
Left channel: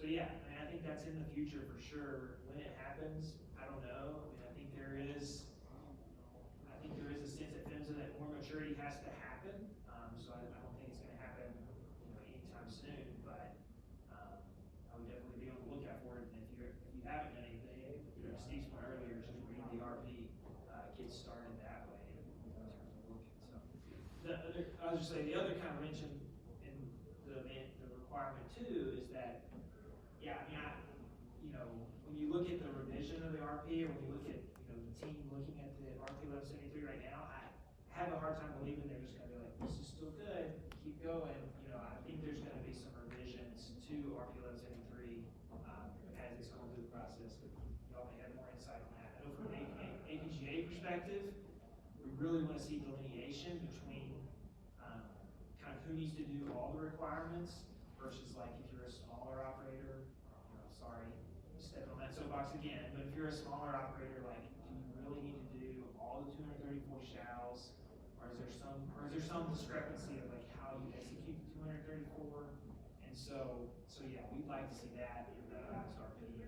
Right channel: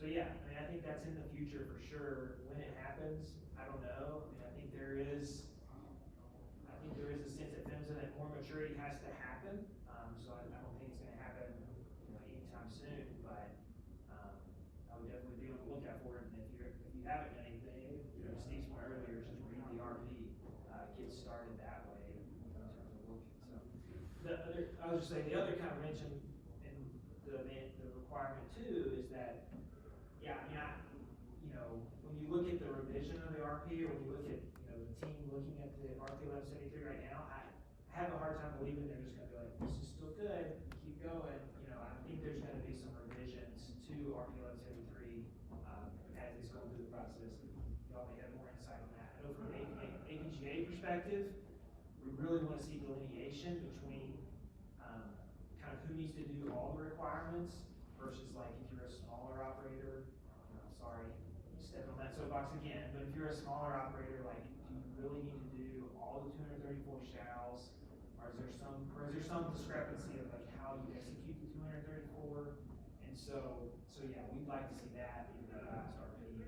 yeah, I mean, I think that's in the future for sure. When it happens, I don't know. I mean, I think there is a sense at PHMSA that more maturity has to happen. So I don't think it's going to happen, anytime soon. But I would definitely be on the lookout for it. And if you haven't done anything, Steve's point earlier, just read the RP. It gets was just saying, the other kind of wrench in the requirement too is that, yeah, I mean, you know, when you look at the revision of the RP, or when you look at, you know, the team looking at the RP 1173 right now, I have a hard time believing they're just gonna be like, this is still good, keep going. You know, I think there's gonna be some revisions to RP 1173, as it's going through the process. Y'all may have more insight on that. I know from an APGA perspective, we really wanna see delineation between, kind of who needs to do all the requirements versus like if you're a smaller operator, you know, sorry, step on that soapbox again, but if you're a smaller operator, like, do you really need to do all the 234 shalls? Or is there some discrepancy of like how you execute the 234? And so yeah, we'd like to see that in the last RP, if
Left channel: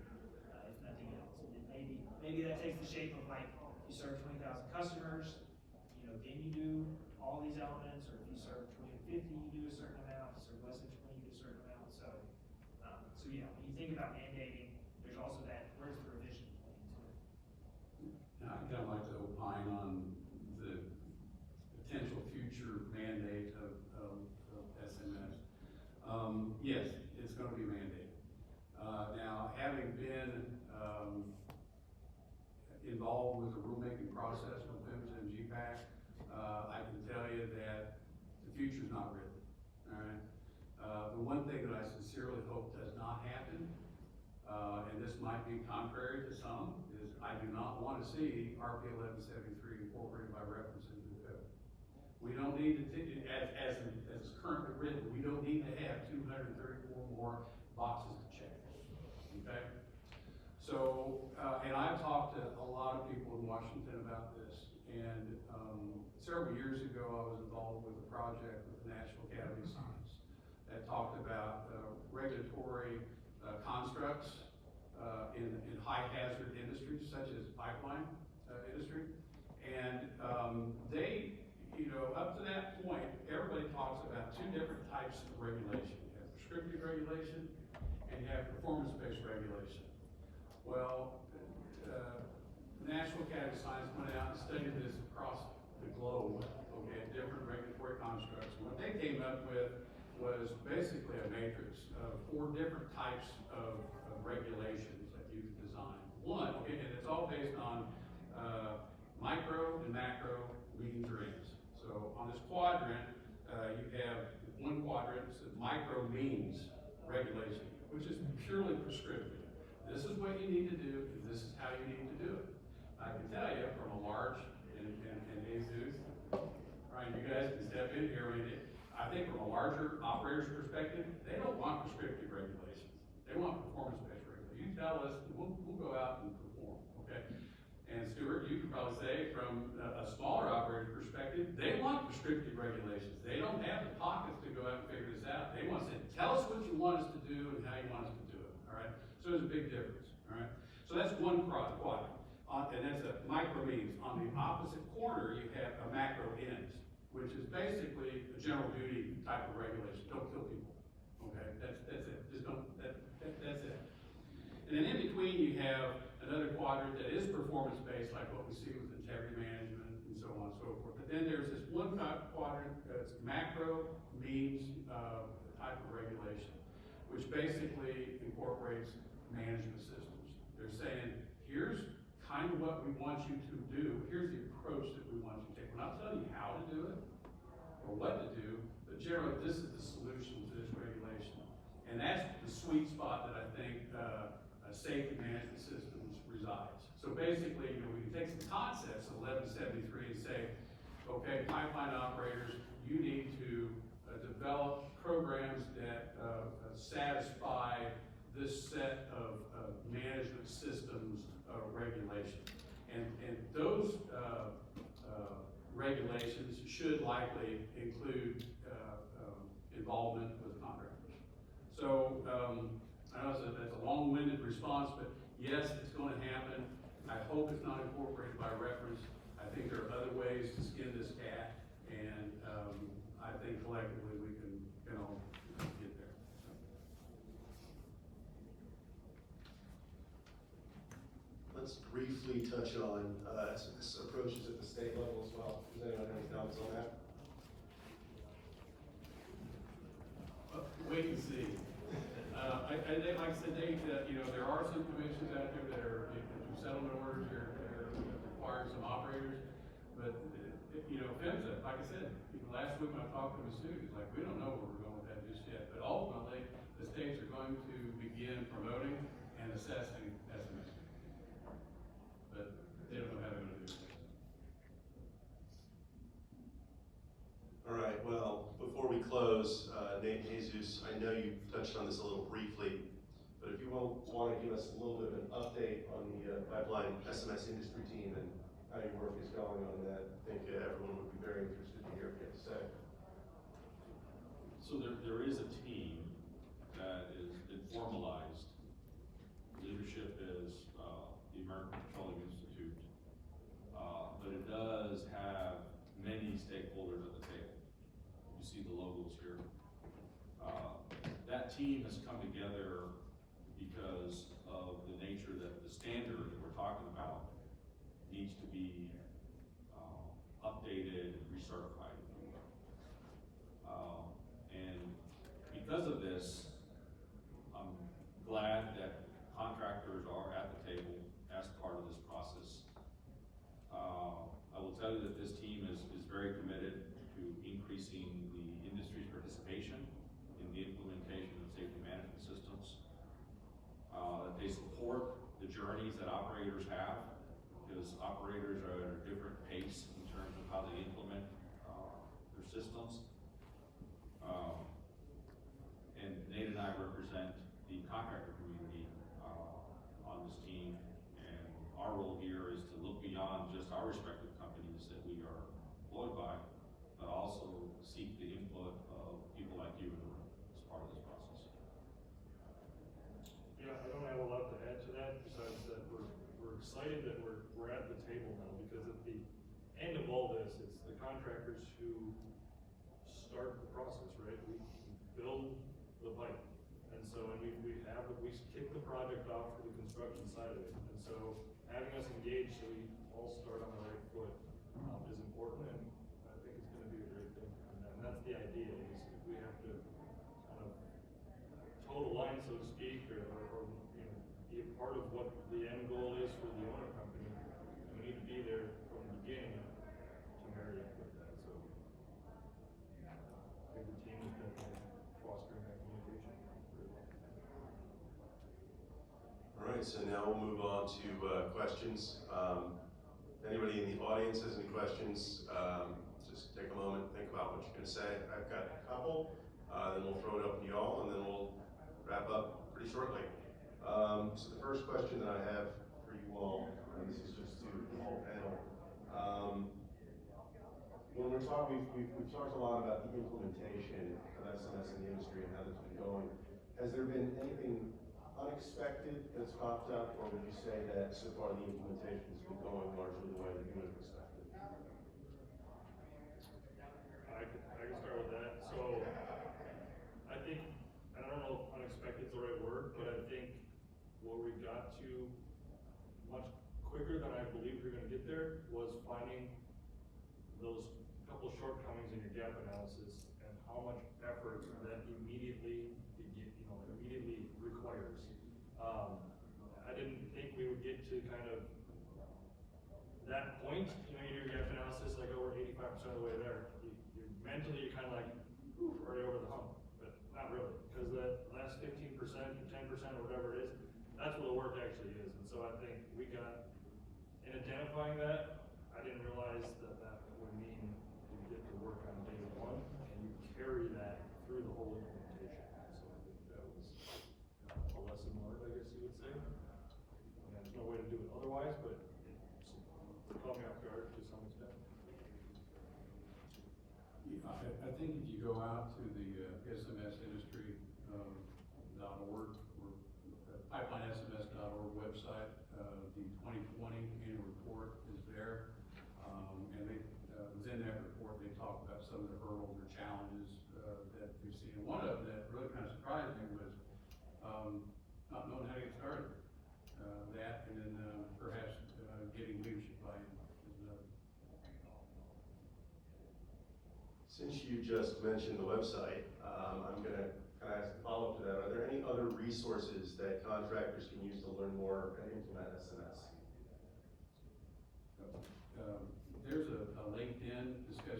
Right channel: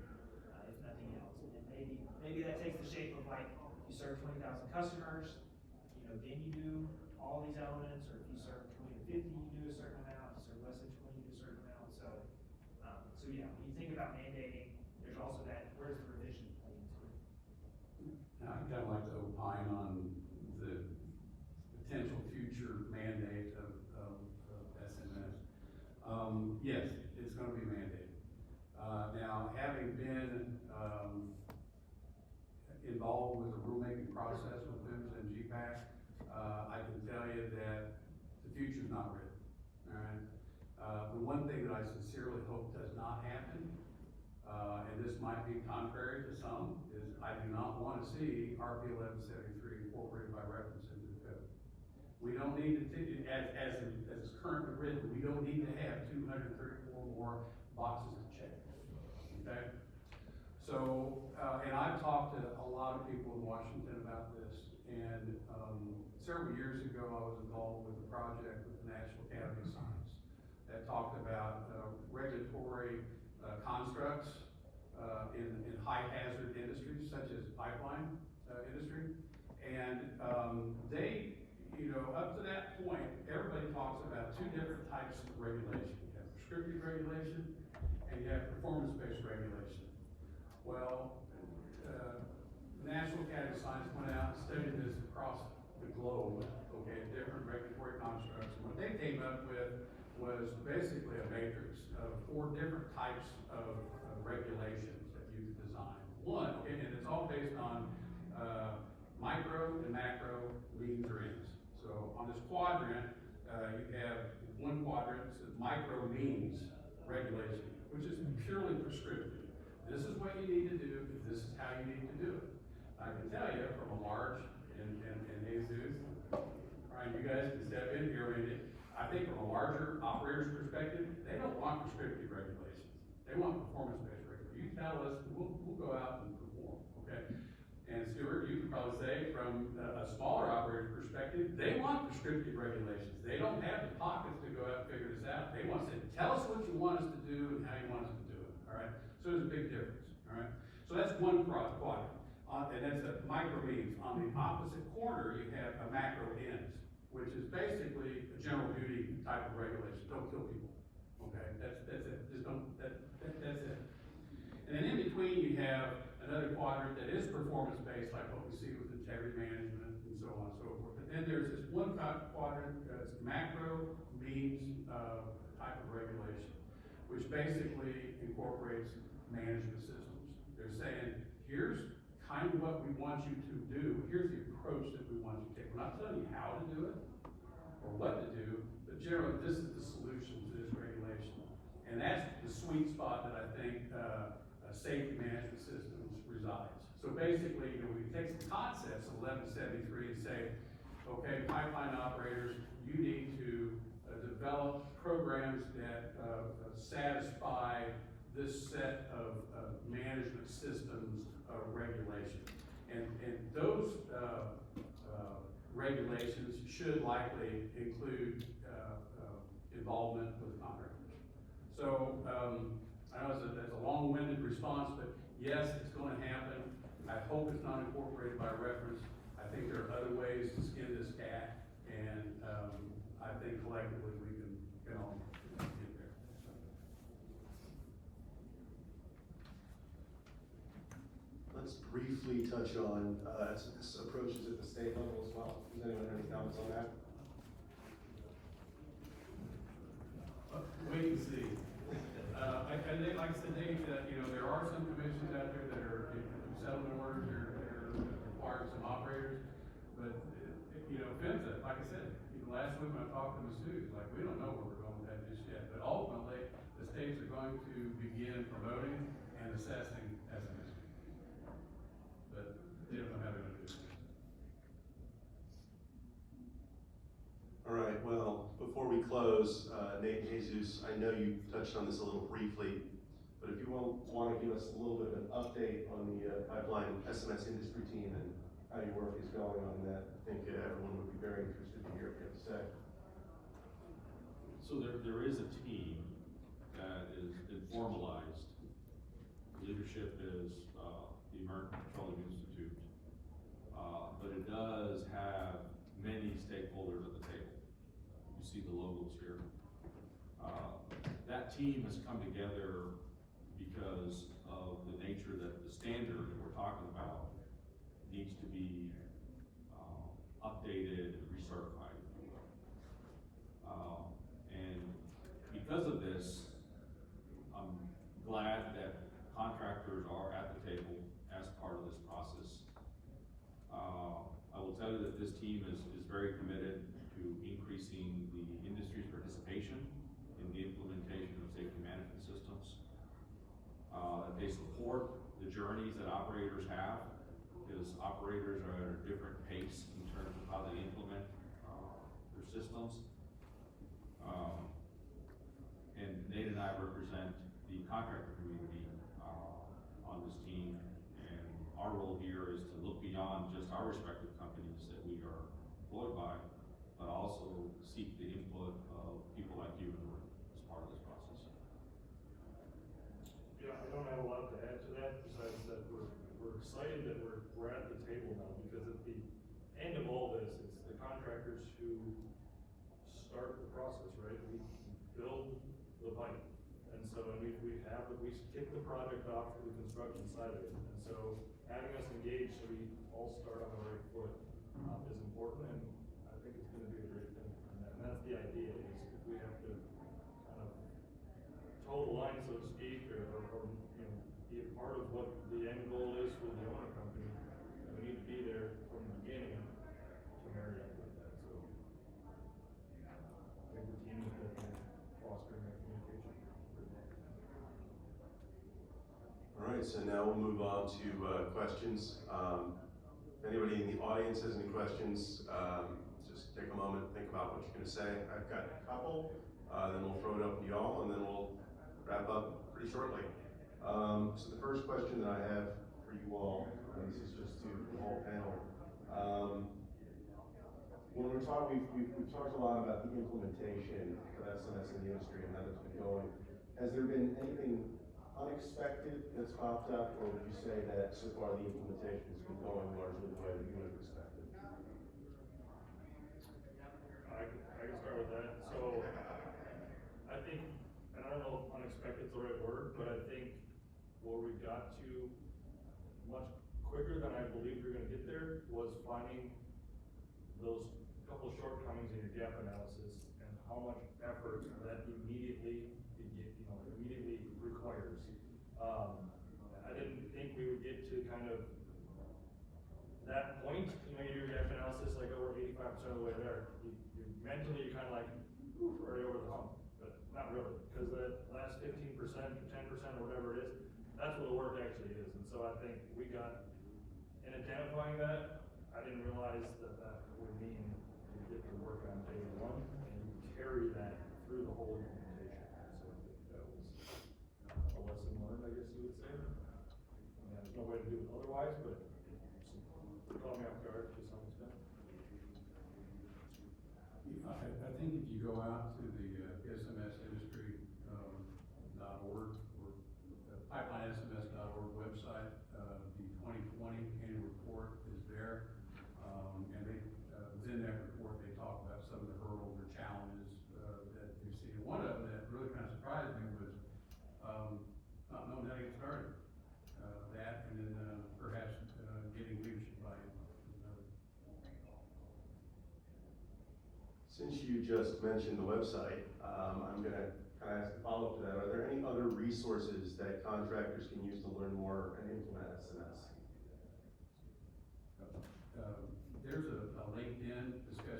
nothing else. And then maybe that takes the shape of like, you serve 20,000 customers, you know, then you do all these elements, or if you serve 20 to 50, you do a certain amount, if you serve less than 20, you do a certain amount. So yeah, when you think about mandating, there's also that, where's the revision play into it? Now, I'd kind of like to opine on the potential future mandate of SMS. Yes, it's gonna be mandated. Now, having been, involved with the rulemaking process with PHMSA and GPAC, I can tell you that the future's not written, all right? The one thing that I sincerely hope does not happen, and this might be contrary to some, is I do not want to see RP 1173 incorporated by reference into the code. We don't need to, as it's currently written, we don't need to have 234 more boxes to check, okay? So, and I've talked to a lot of people in Washington about this, and several years ago, I was involved with a project with the National Academy of Science that talked about regulatory constructs in high hazard industries such as pipeline industry. And they, you know, up to that point, everybody talks about two different types of regulation. You have prescriptive regulation and you have performance-based regulation. Well, the National Academy of Science went out and studied this across the globe, okay, different regulatory constructs. And what they came up with was basically a matrix of 4 different types of regulations that you could design. One, okay, and it's all based on micro and macro means or ends. So on this quadrant, you have one quadrant that says micro means regulation, which is purely prescriptive. This is what you need to do, this is how you need to do it. I can tell you from a large, and Jesus, Ryan, you guys can step in here, I think from a larger operator's perspective, they don't want prescriptive regulations. They want performance-based regulations. You tell us, we'll go out and perform, okay? And Stuart, you could probably say from a smaller operator's perspective, they want prescriptive regulations. They don't have the pockets to go out and figure this out. They want to say, tell us what you want us to do and how you want us to do it, all right? So there's a big difference, all right? So that's one quadrant, and that's a micro means. On the opposite corner, you have a macro ends, which is basically a general duty type of regulation. Don't kill people, okay? That's it. Just don't, that's it. And then in between, you have another quadrant that is performance-based, like what we see with integrity management and so on and so forth. But then there's this one quadrant that's macro means type of regulation, which basically incorporates management systems. They're saying, here's kind of what we want you to do. Here's the approach that we want you to take. We're not telling you how to do it or what to do, but generally this is the solution to this regulation. And that's the sweet spot that I think safety management systems resides. So basically, you know, we can take some concepts of 1173 and say, okay, pipeline operators, you need to develop programs that satisfy this set of management systems regulation. And those regulations should likely include involvement with contractors. So I know that's a long-winded response, but yes, it's going to happen. I hope it's not incorporated by reference. I think there are other ways to skin this cat, and I think collectively we can all get there. Let's briefly touch on approaches at the state level as well. Does anyone have any comments on that? finish that, like I said, last week when I talked to the students, like, we don't know where we're going with that just yet, but ultimately, the states are going to begin promoting and assessing SMS. But they don't know how they're gonna do it. All right, well, before we close, Nate and Jesus, I know you touched on this a little briefly, but if you want to give us a little bit of an update on the pipeline SMS industry team and how your work is going on that, I think everyone would be very interested to hear what you have to say. So there is a team that is been formalized. Leadership is, the American Petroleum Institute. But it does have many stakeholders at the table. You see the logos here. That team has come together because of the nature that the standard that we're talking about needs to be, updated and recertified. And because of this, I'm glad that contractors are at the table as part of this process. I will tell you that this team is very committed to increasing the industry's participation in the implementation of safety management systems. That they support the journeys that operators have, because operators are at a different pace in terms of how they implement their systems. And Nate and I represent the contractor community on this team, and our role here is to look beyond just our respective companies that we are employed by, but also seek the input of people like you in the room as part of this process. Yeah, I don't have a lot to add to that, besides that we're excited that we're at the table now, because at the end of all this, it's the contractors who start the process, right? We build the pipe, and so, and we kick the project off to the construction side of it, and so having us engaged so we all start on the right foot, is important, and I think it's gonna be a great thing, and that's the idea, is if we have to kind of toe the line, so to speak, or, you know, be a part of what the end goal is for the owner company, and we need to be there from the beginning to marry up with that, so. I think the team is definitely fostering that communication very well. All right, so now we'll move on to questions. If anybody in the audience has any questions, just take a moment, think about what you're going to say. I've got a couple, then we'll throw it open to y'all, and then we'll wrap up pretty shortly. So the first question that I have for you all, and this is just to the whole panel. When we're talking, we've talked a lot about the implementation of SMS in the industry and how that's been going. Has there been anything unexpected that's popped up, or would you say that so far the implementation has been going largely the way that you would have expected? I can start with that. So I think, and I don't know if unexpected is the right word, but I think where we got to much quicker than I believed we were gonna get there was finding those couple shortcomings in your gap analysis and how much effort that immediately requires. I didn't think we would get to kind of that point. You know, you do your gap analysis, like, oh, we're 85% of the way there. Mentally, you're kind of like, ooh, already over the hump, but not really, because that last 15% or 10% or whatever it is, that's where the work actually is. And so I think we got, in identifying that, I didn't realize that that would mean you get to work on day one and you carry that through the whole implementation. So I think that was a lesson learned, I guess you would say. And there's no way to do it otherwise, but it caught me off guard to some extent. I think if you go out to the smsindustry.org or pipelinessms.org website, the 2020 annual report is there. And they, within that report, they talk about some of the hurdles or challenges that they've seen. And one of them that really kind of surprised me was not knowing how to get started. That, and then perhaps getting leadership buy-in is another. Since you just mentioned the website, I'm going to kind of ask a follow-up to that. Are there any other resources that contractors can use to learn more and implement SMS? There's a LinkedIn discussion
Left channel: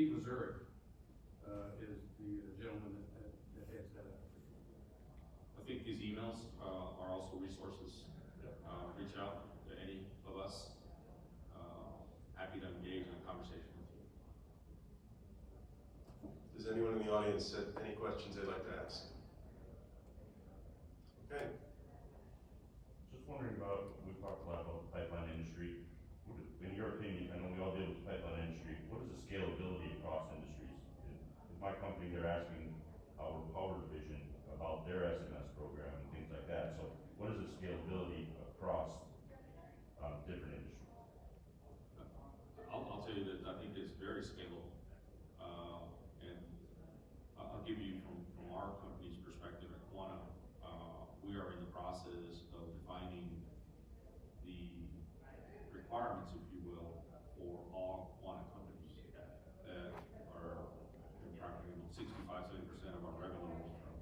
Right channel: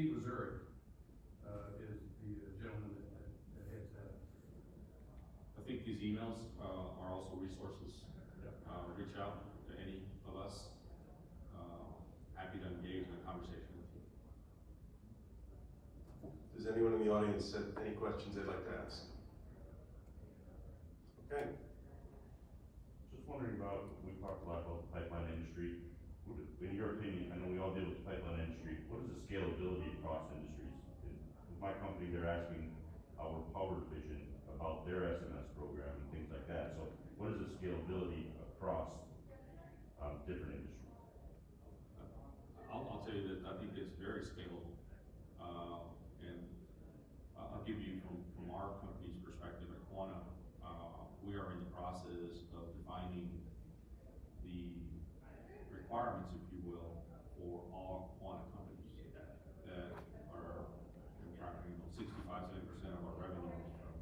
Steve Missouri, is the gentleman that heads that up. I think these emails, are also resources. Reach out to any of us. Happy to engage in a conversation with you. Does anyone in the audience have any questions they'd like to ask? Okay. Just wondering about, we talked a lot about the pipeline industry. In your opinion, I know we all deal with the pipeline industry, what is the scalability across industries? With my company, they're asking our power division about their SMS program and things like that. So what is the scalability across different industries? I'll tell you that I think it's very scalable. And I'll give you from our company's perspective at Quanta, we are in the process of defining the requirements, if you will, for all Quanta companies that are, 65–70% of our revenue is from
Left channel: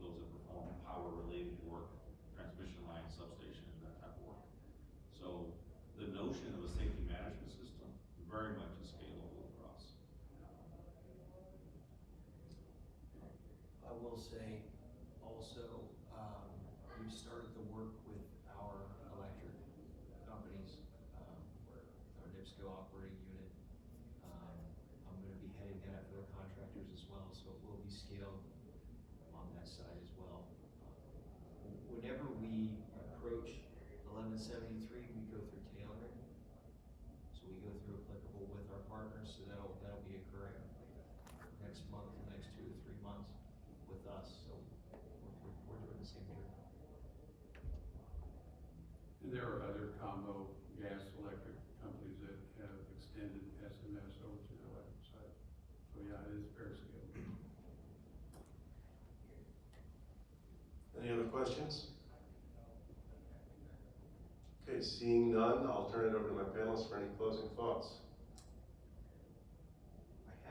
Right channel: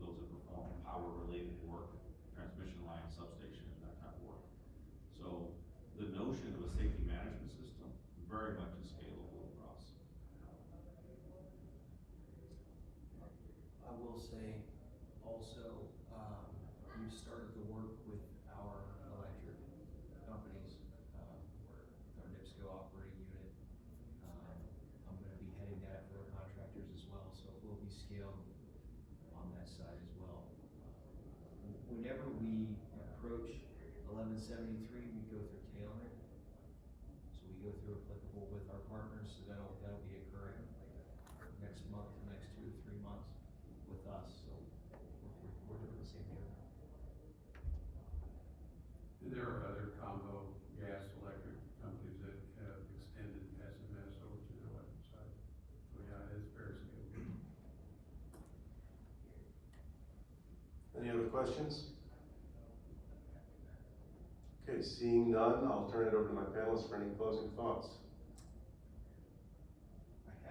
those that perform power-related work, transmission lines, substations, that type of work. So the notion of a safety management system very much is scalable across. I will say also, we've started the work with our electric companies, our NIPSCO operating unit. I'm gonna be heading that for the contractors as well, so it will be scaled on that side as well. Whenever we approach 1173, we go through tailoring. So we go through applicable with our partners, so that'll be occurring next month, the next 2 to 3 months with us, so we're doing the same here. And there are other combo gas electric companies that have extended SMS over to their electric side. So yeah, it is very scalable. Any other questions? Okay, seeing none, I'll turn it over to my panelists for any closing thoughts. I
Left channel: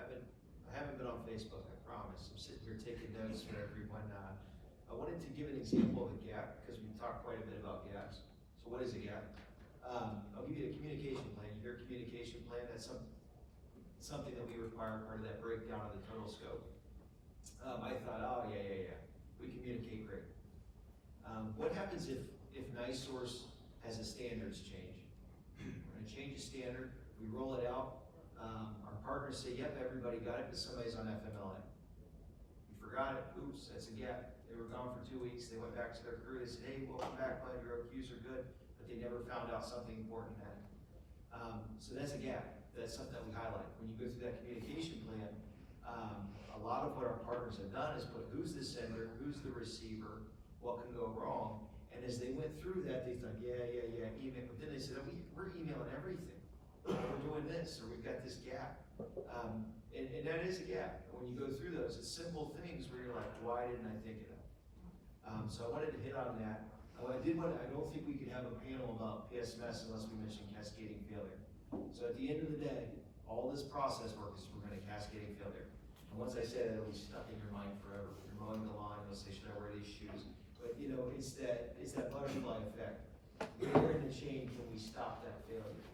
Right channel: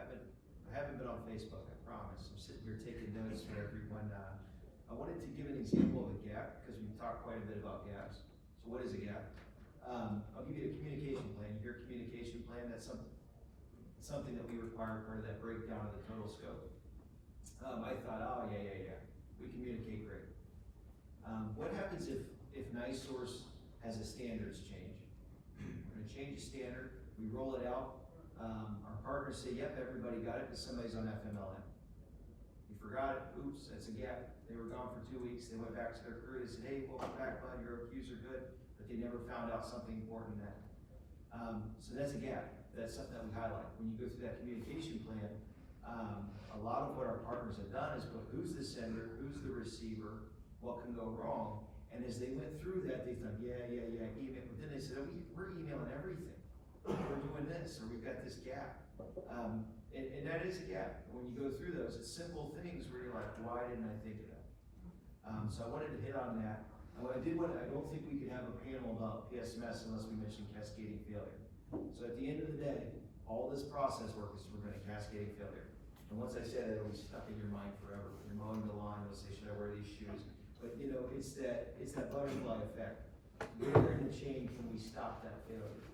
haven't been on Facebook, I promise. I'm sitting here taking notes for everyone. I wanted to give an example of a gap, because we talked quite a bit about gaps. So what is a gap? I'll give you a communication plan. You hear communication plan, that's something that we require, part of that breakdown of the total scope. I thought, oh, yeah, we communicate great. What happens if NiSource has a standards change? We're gonna change the standard, we roll it out, our partners say, yep, everybody got it, but somebody's on FMLA. We forgot it, oops, that's a gap. They were gone for 2 weeks, they went back to their crew, they said, hey, welcome back, bud, your OQs are good, but they never found out something important then. So that's a gap, that's something that we highlight. When you go through that communication plan, a lot of what our partners have done is put who's the sender, who's the receiver, what can go wrong, and as they went through that, they thought, yeah, email, but then they said, oh, we're emailing everything. We're doing this, or we've got this gap. And that is a gap. When you go through those, it's simple things where you're like, why didn't I think of that? So I wanted to hit on that. I don't think we could have a panel about PSMS unless we mention cascading failure. So at the end of the day, all this process work is we're gonna cascading failure. And once I said it, it'll be stuck in your mind forever. When you're mowing the lawn, you'll say, should I wear these shoes? But you know, it's that butterfly effect. Where in the chain can we stop that failure?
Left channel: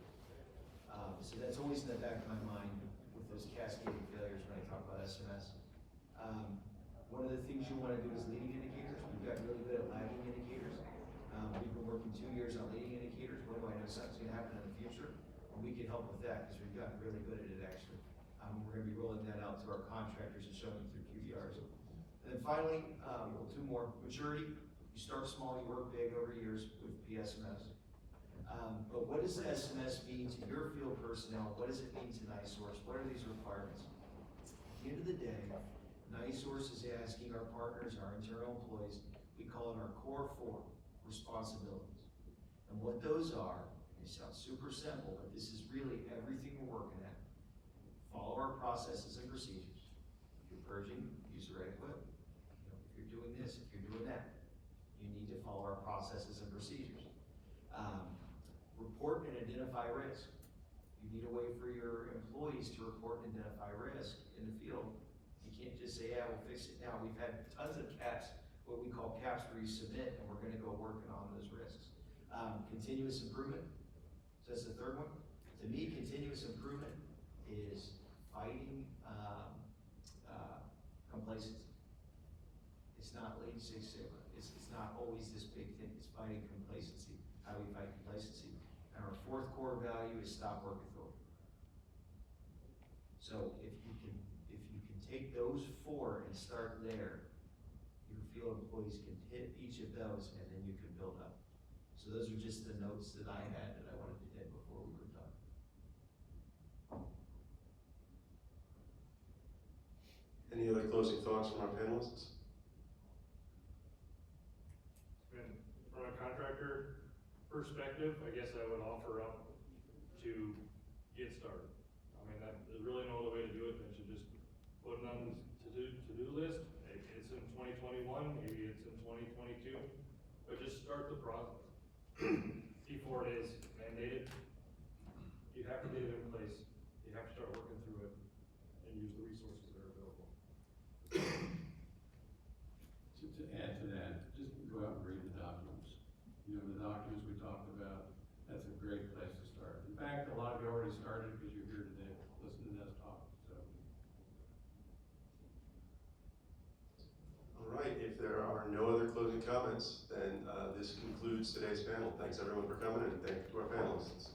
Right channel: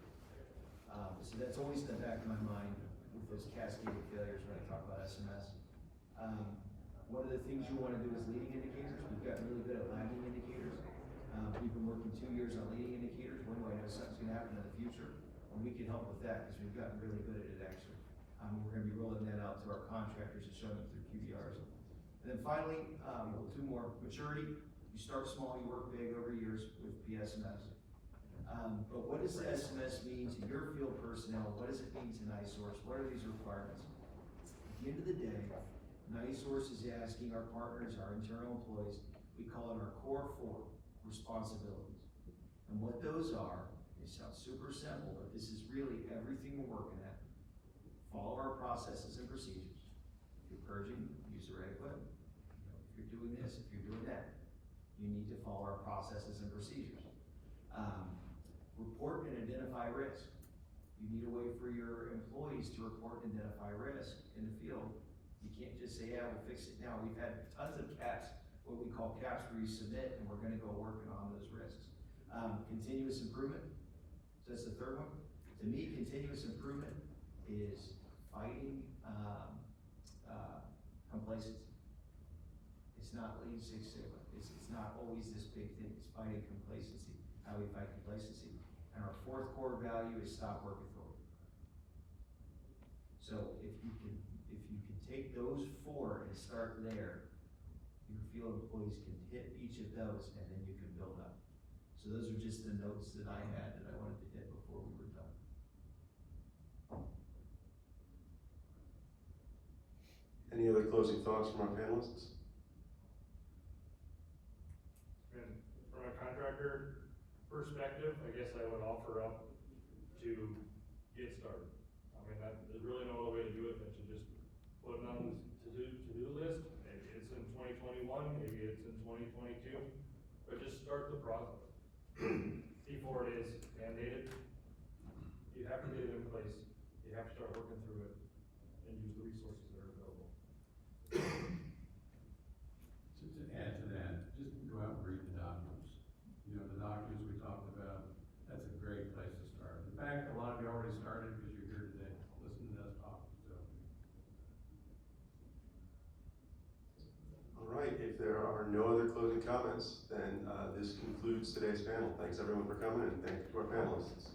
So that's always in the back of my mind with those cascading failures when I talk about SMS. One of the things you want to do is leading indicators. We've gotten really good at lagging indicators. We've been working 2 years on leading indicators. When do I know something's going to happen in the future? And we can help with that because we've gotten really good at it actually. We're going to be rolling that out to our contractors and showing them through QBRs. And then finally, 2 more. Maturity. You start small, you work big over years with PSMS. But what does the SMS mean to your field personnel? What does it mean to NiSource? What are these requirements? At the end of the day, NiSource is asking our partners, our internal employees, we call it our core 4 responsibilities. And what those are, they sound super simple, but this is really everything we're working at. Follow our processes and procedures. If you're purging, use the right equipment. If you're doing this, if you're doing that, you need to follow our processes and procedures. Report and identify risk. You need a way for your employees to report and identify risk in the field. You can't just say, yeah, we'll fix it now. We've had tons of caps, what we call caps where you submit, and we're gonna go working on those risks. Continuous improvement. So that's the third one. To me, continuous improvement is 5 fighting, complacency. It's not Lean Six Sigma, it's not always this big thing, it's fighting complacency. How do we fight complacency? And our fourth core value is stop work authority. So if you can take those four and start there, your field employees can hit each of those and then you can build up. So those are just the notes that I had that I wanted to hit before we were done. Any other closing thoughts from our panelists? And from a contractor perspective, I guess I would offer up to get started. I mean, there's really no other way to do it than to just put it on to-do list. Maybe it's in 2021, maybe it's in 2022, but just start the process. Before it is mandated, you have to get it in place. You have to start working through it and use the resources that are available. To add to that, just go out and read the documents. You know, the documents we talked about, that's a great place to start. In fact, a lot of you already started because you're here today, listening to us talk, so. All right, if there are no other closing comments, then this concludes today's panel. Thanks everyone for coming and thank you to our panelists.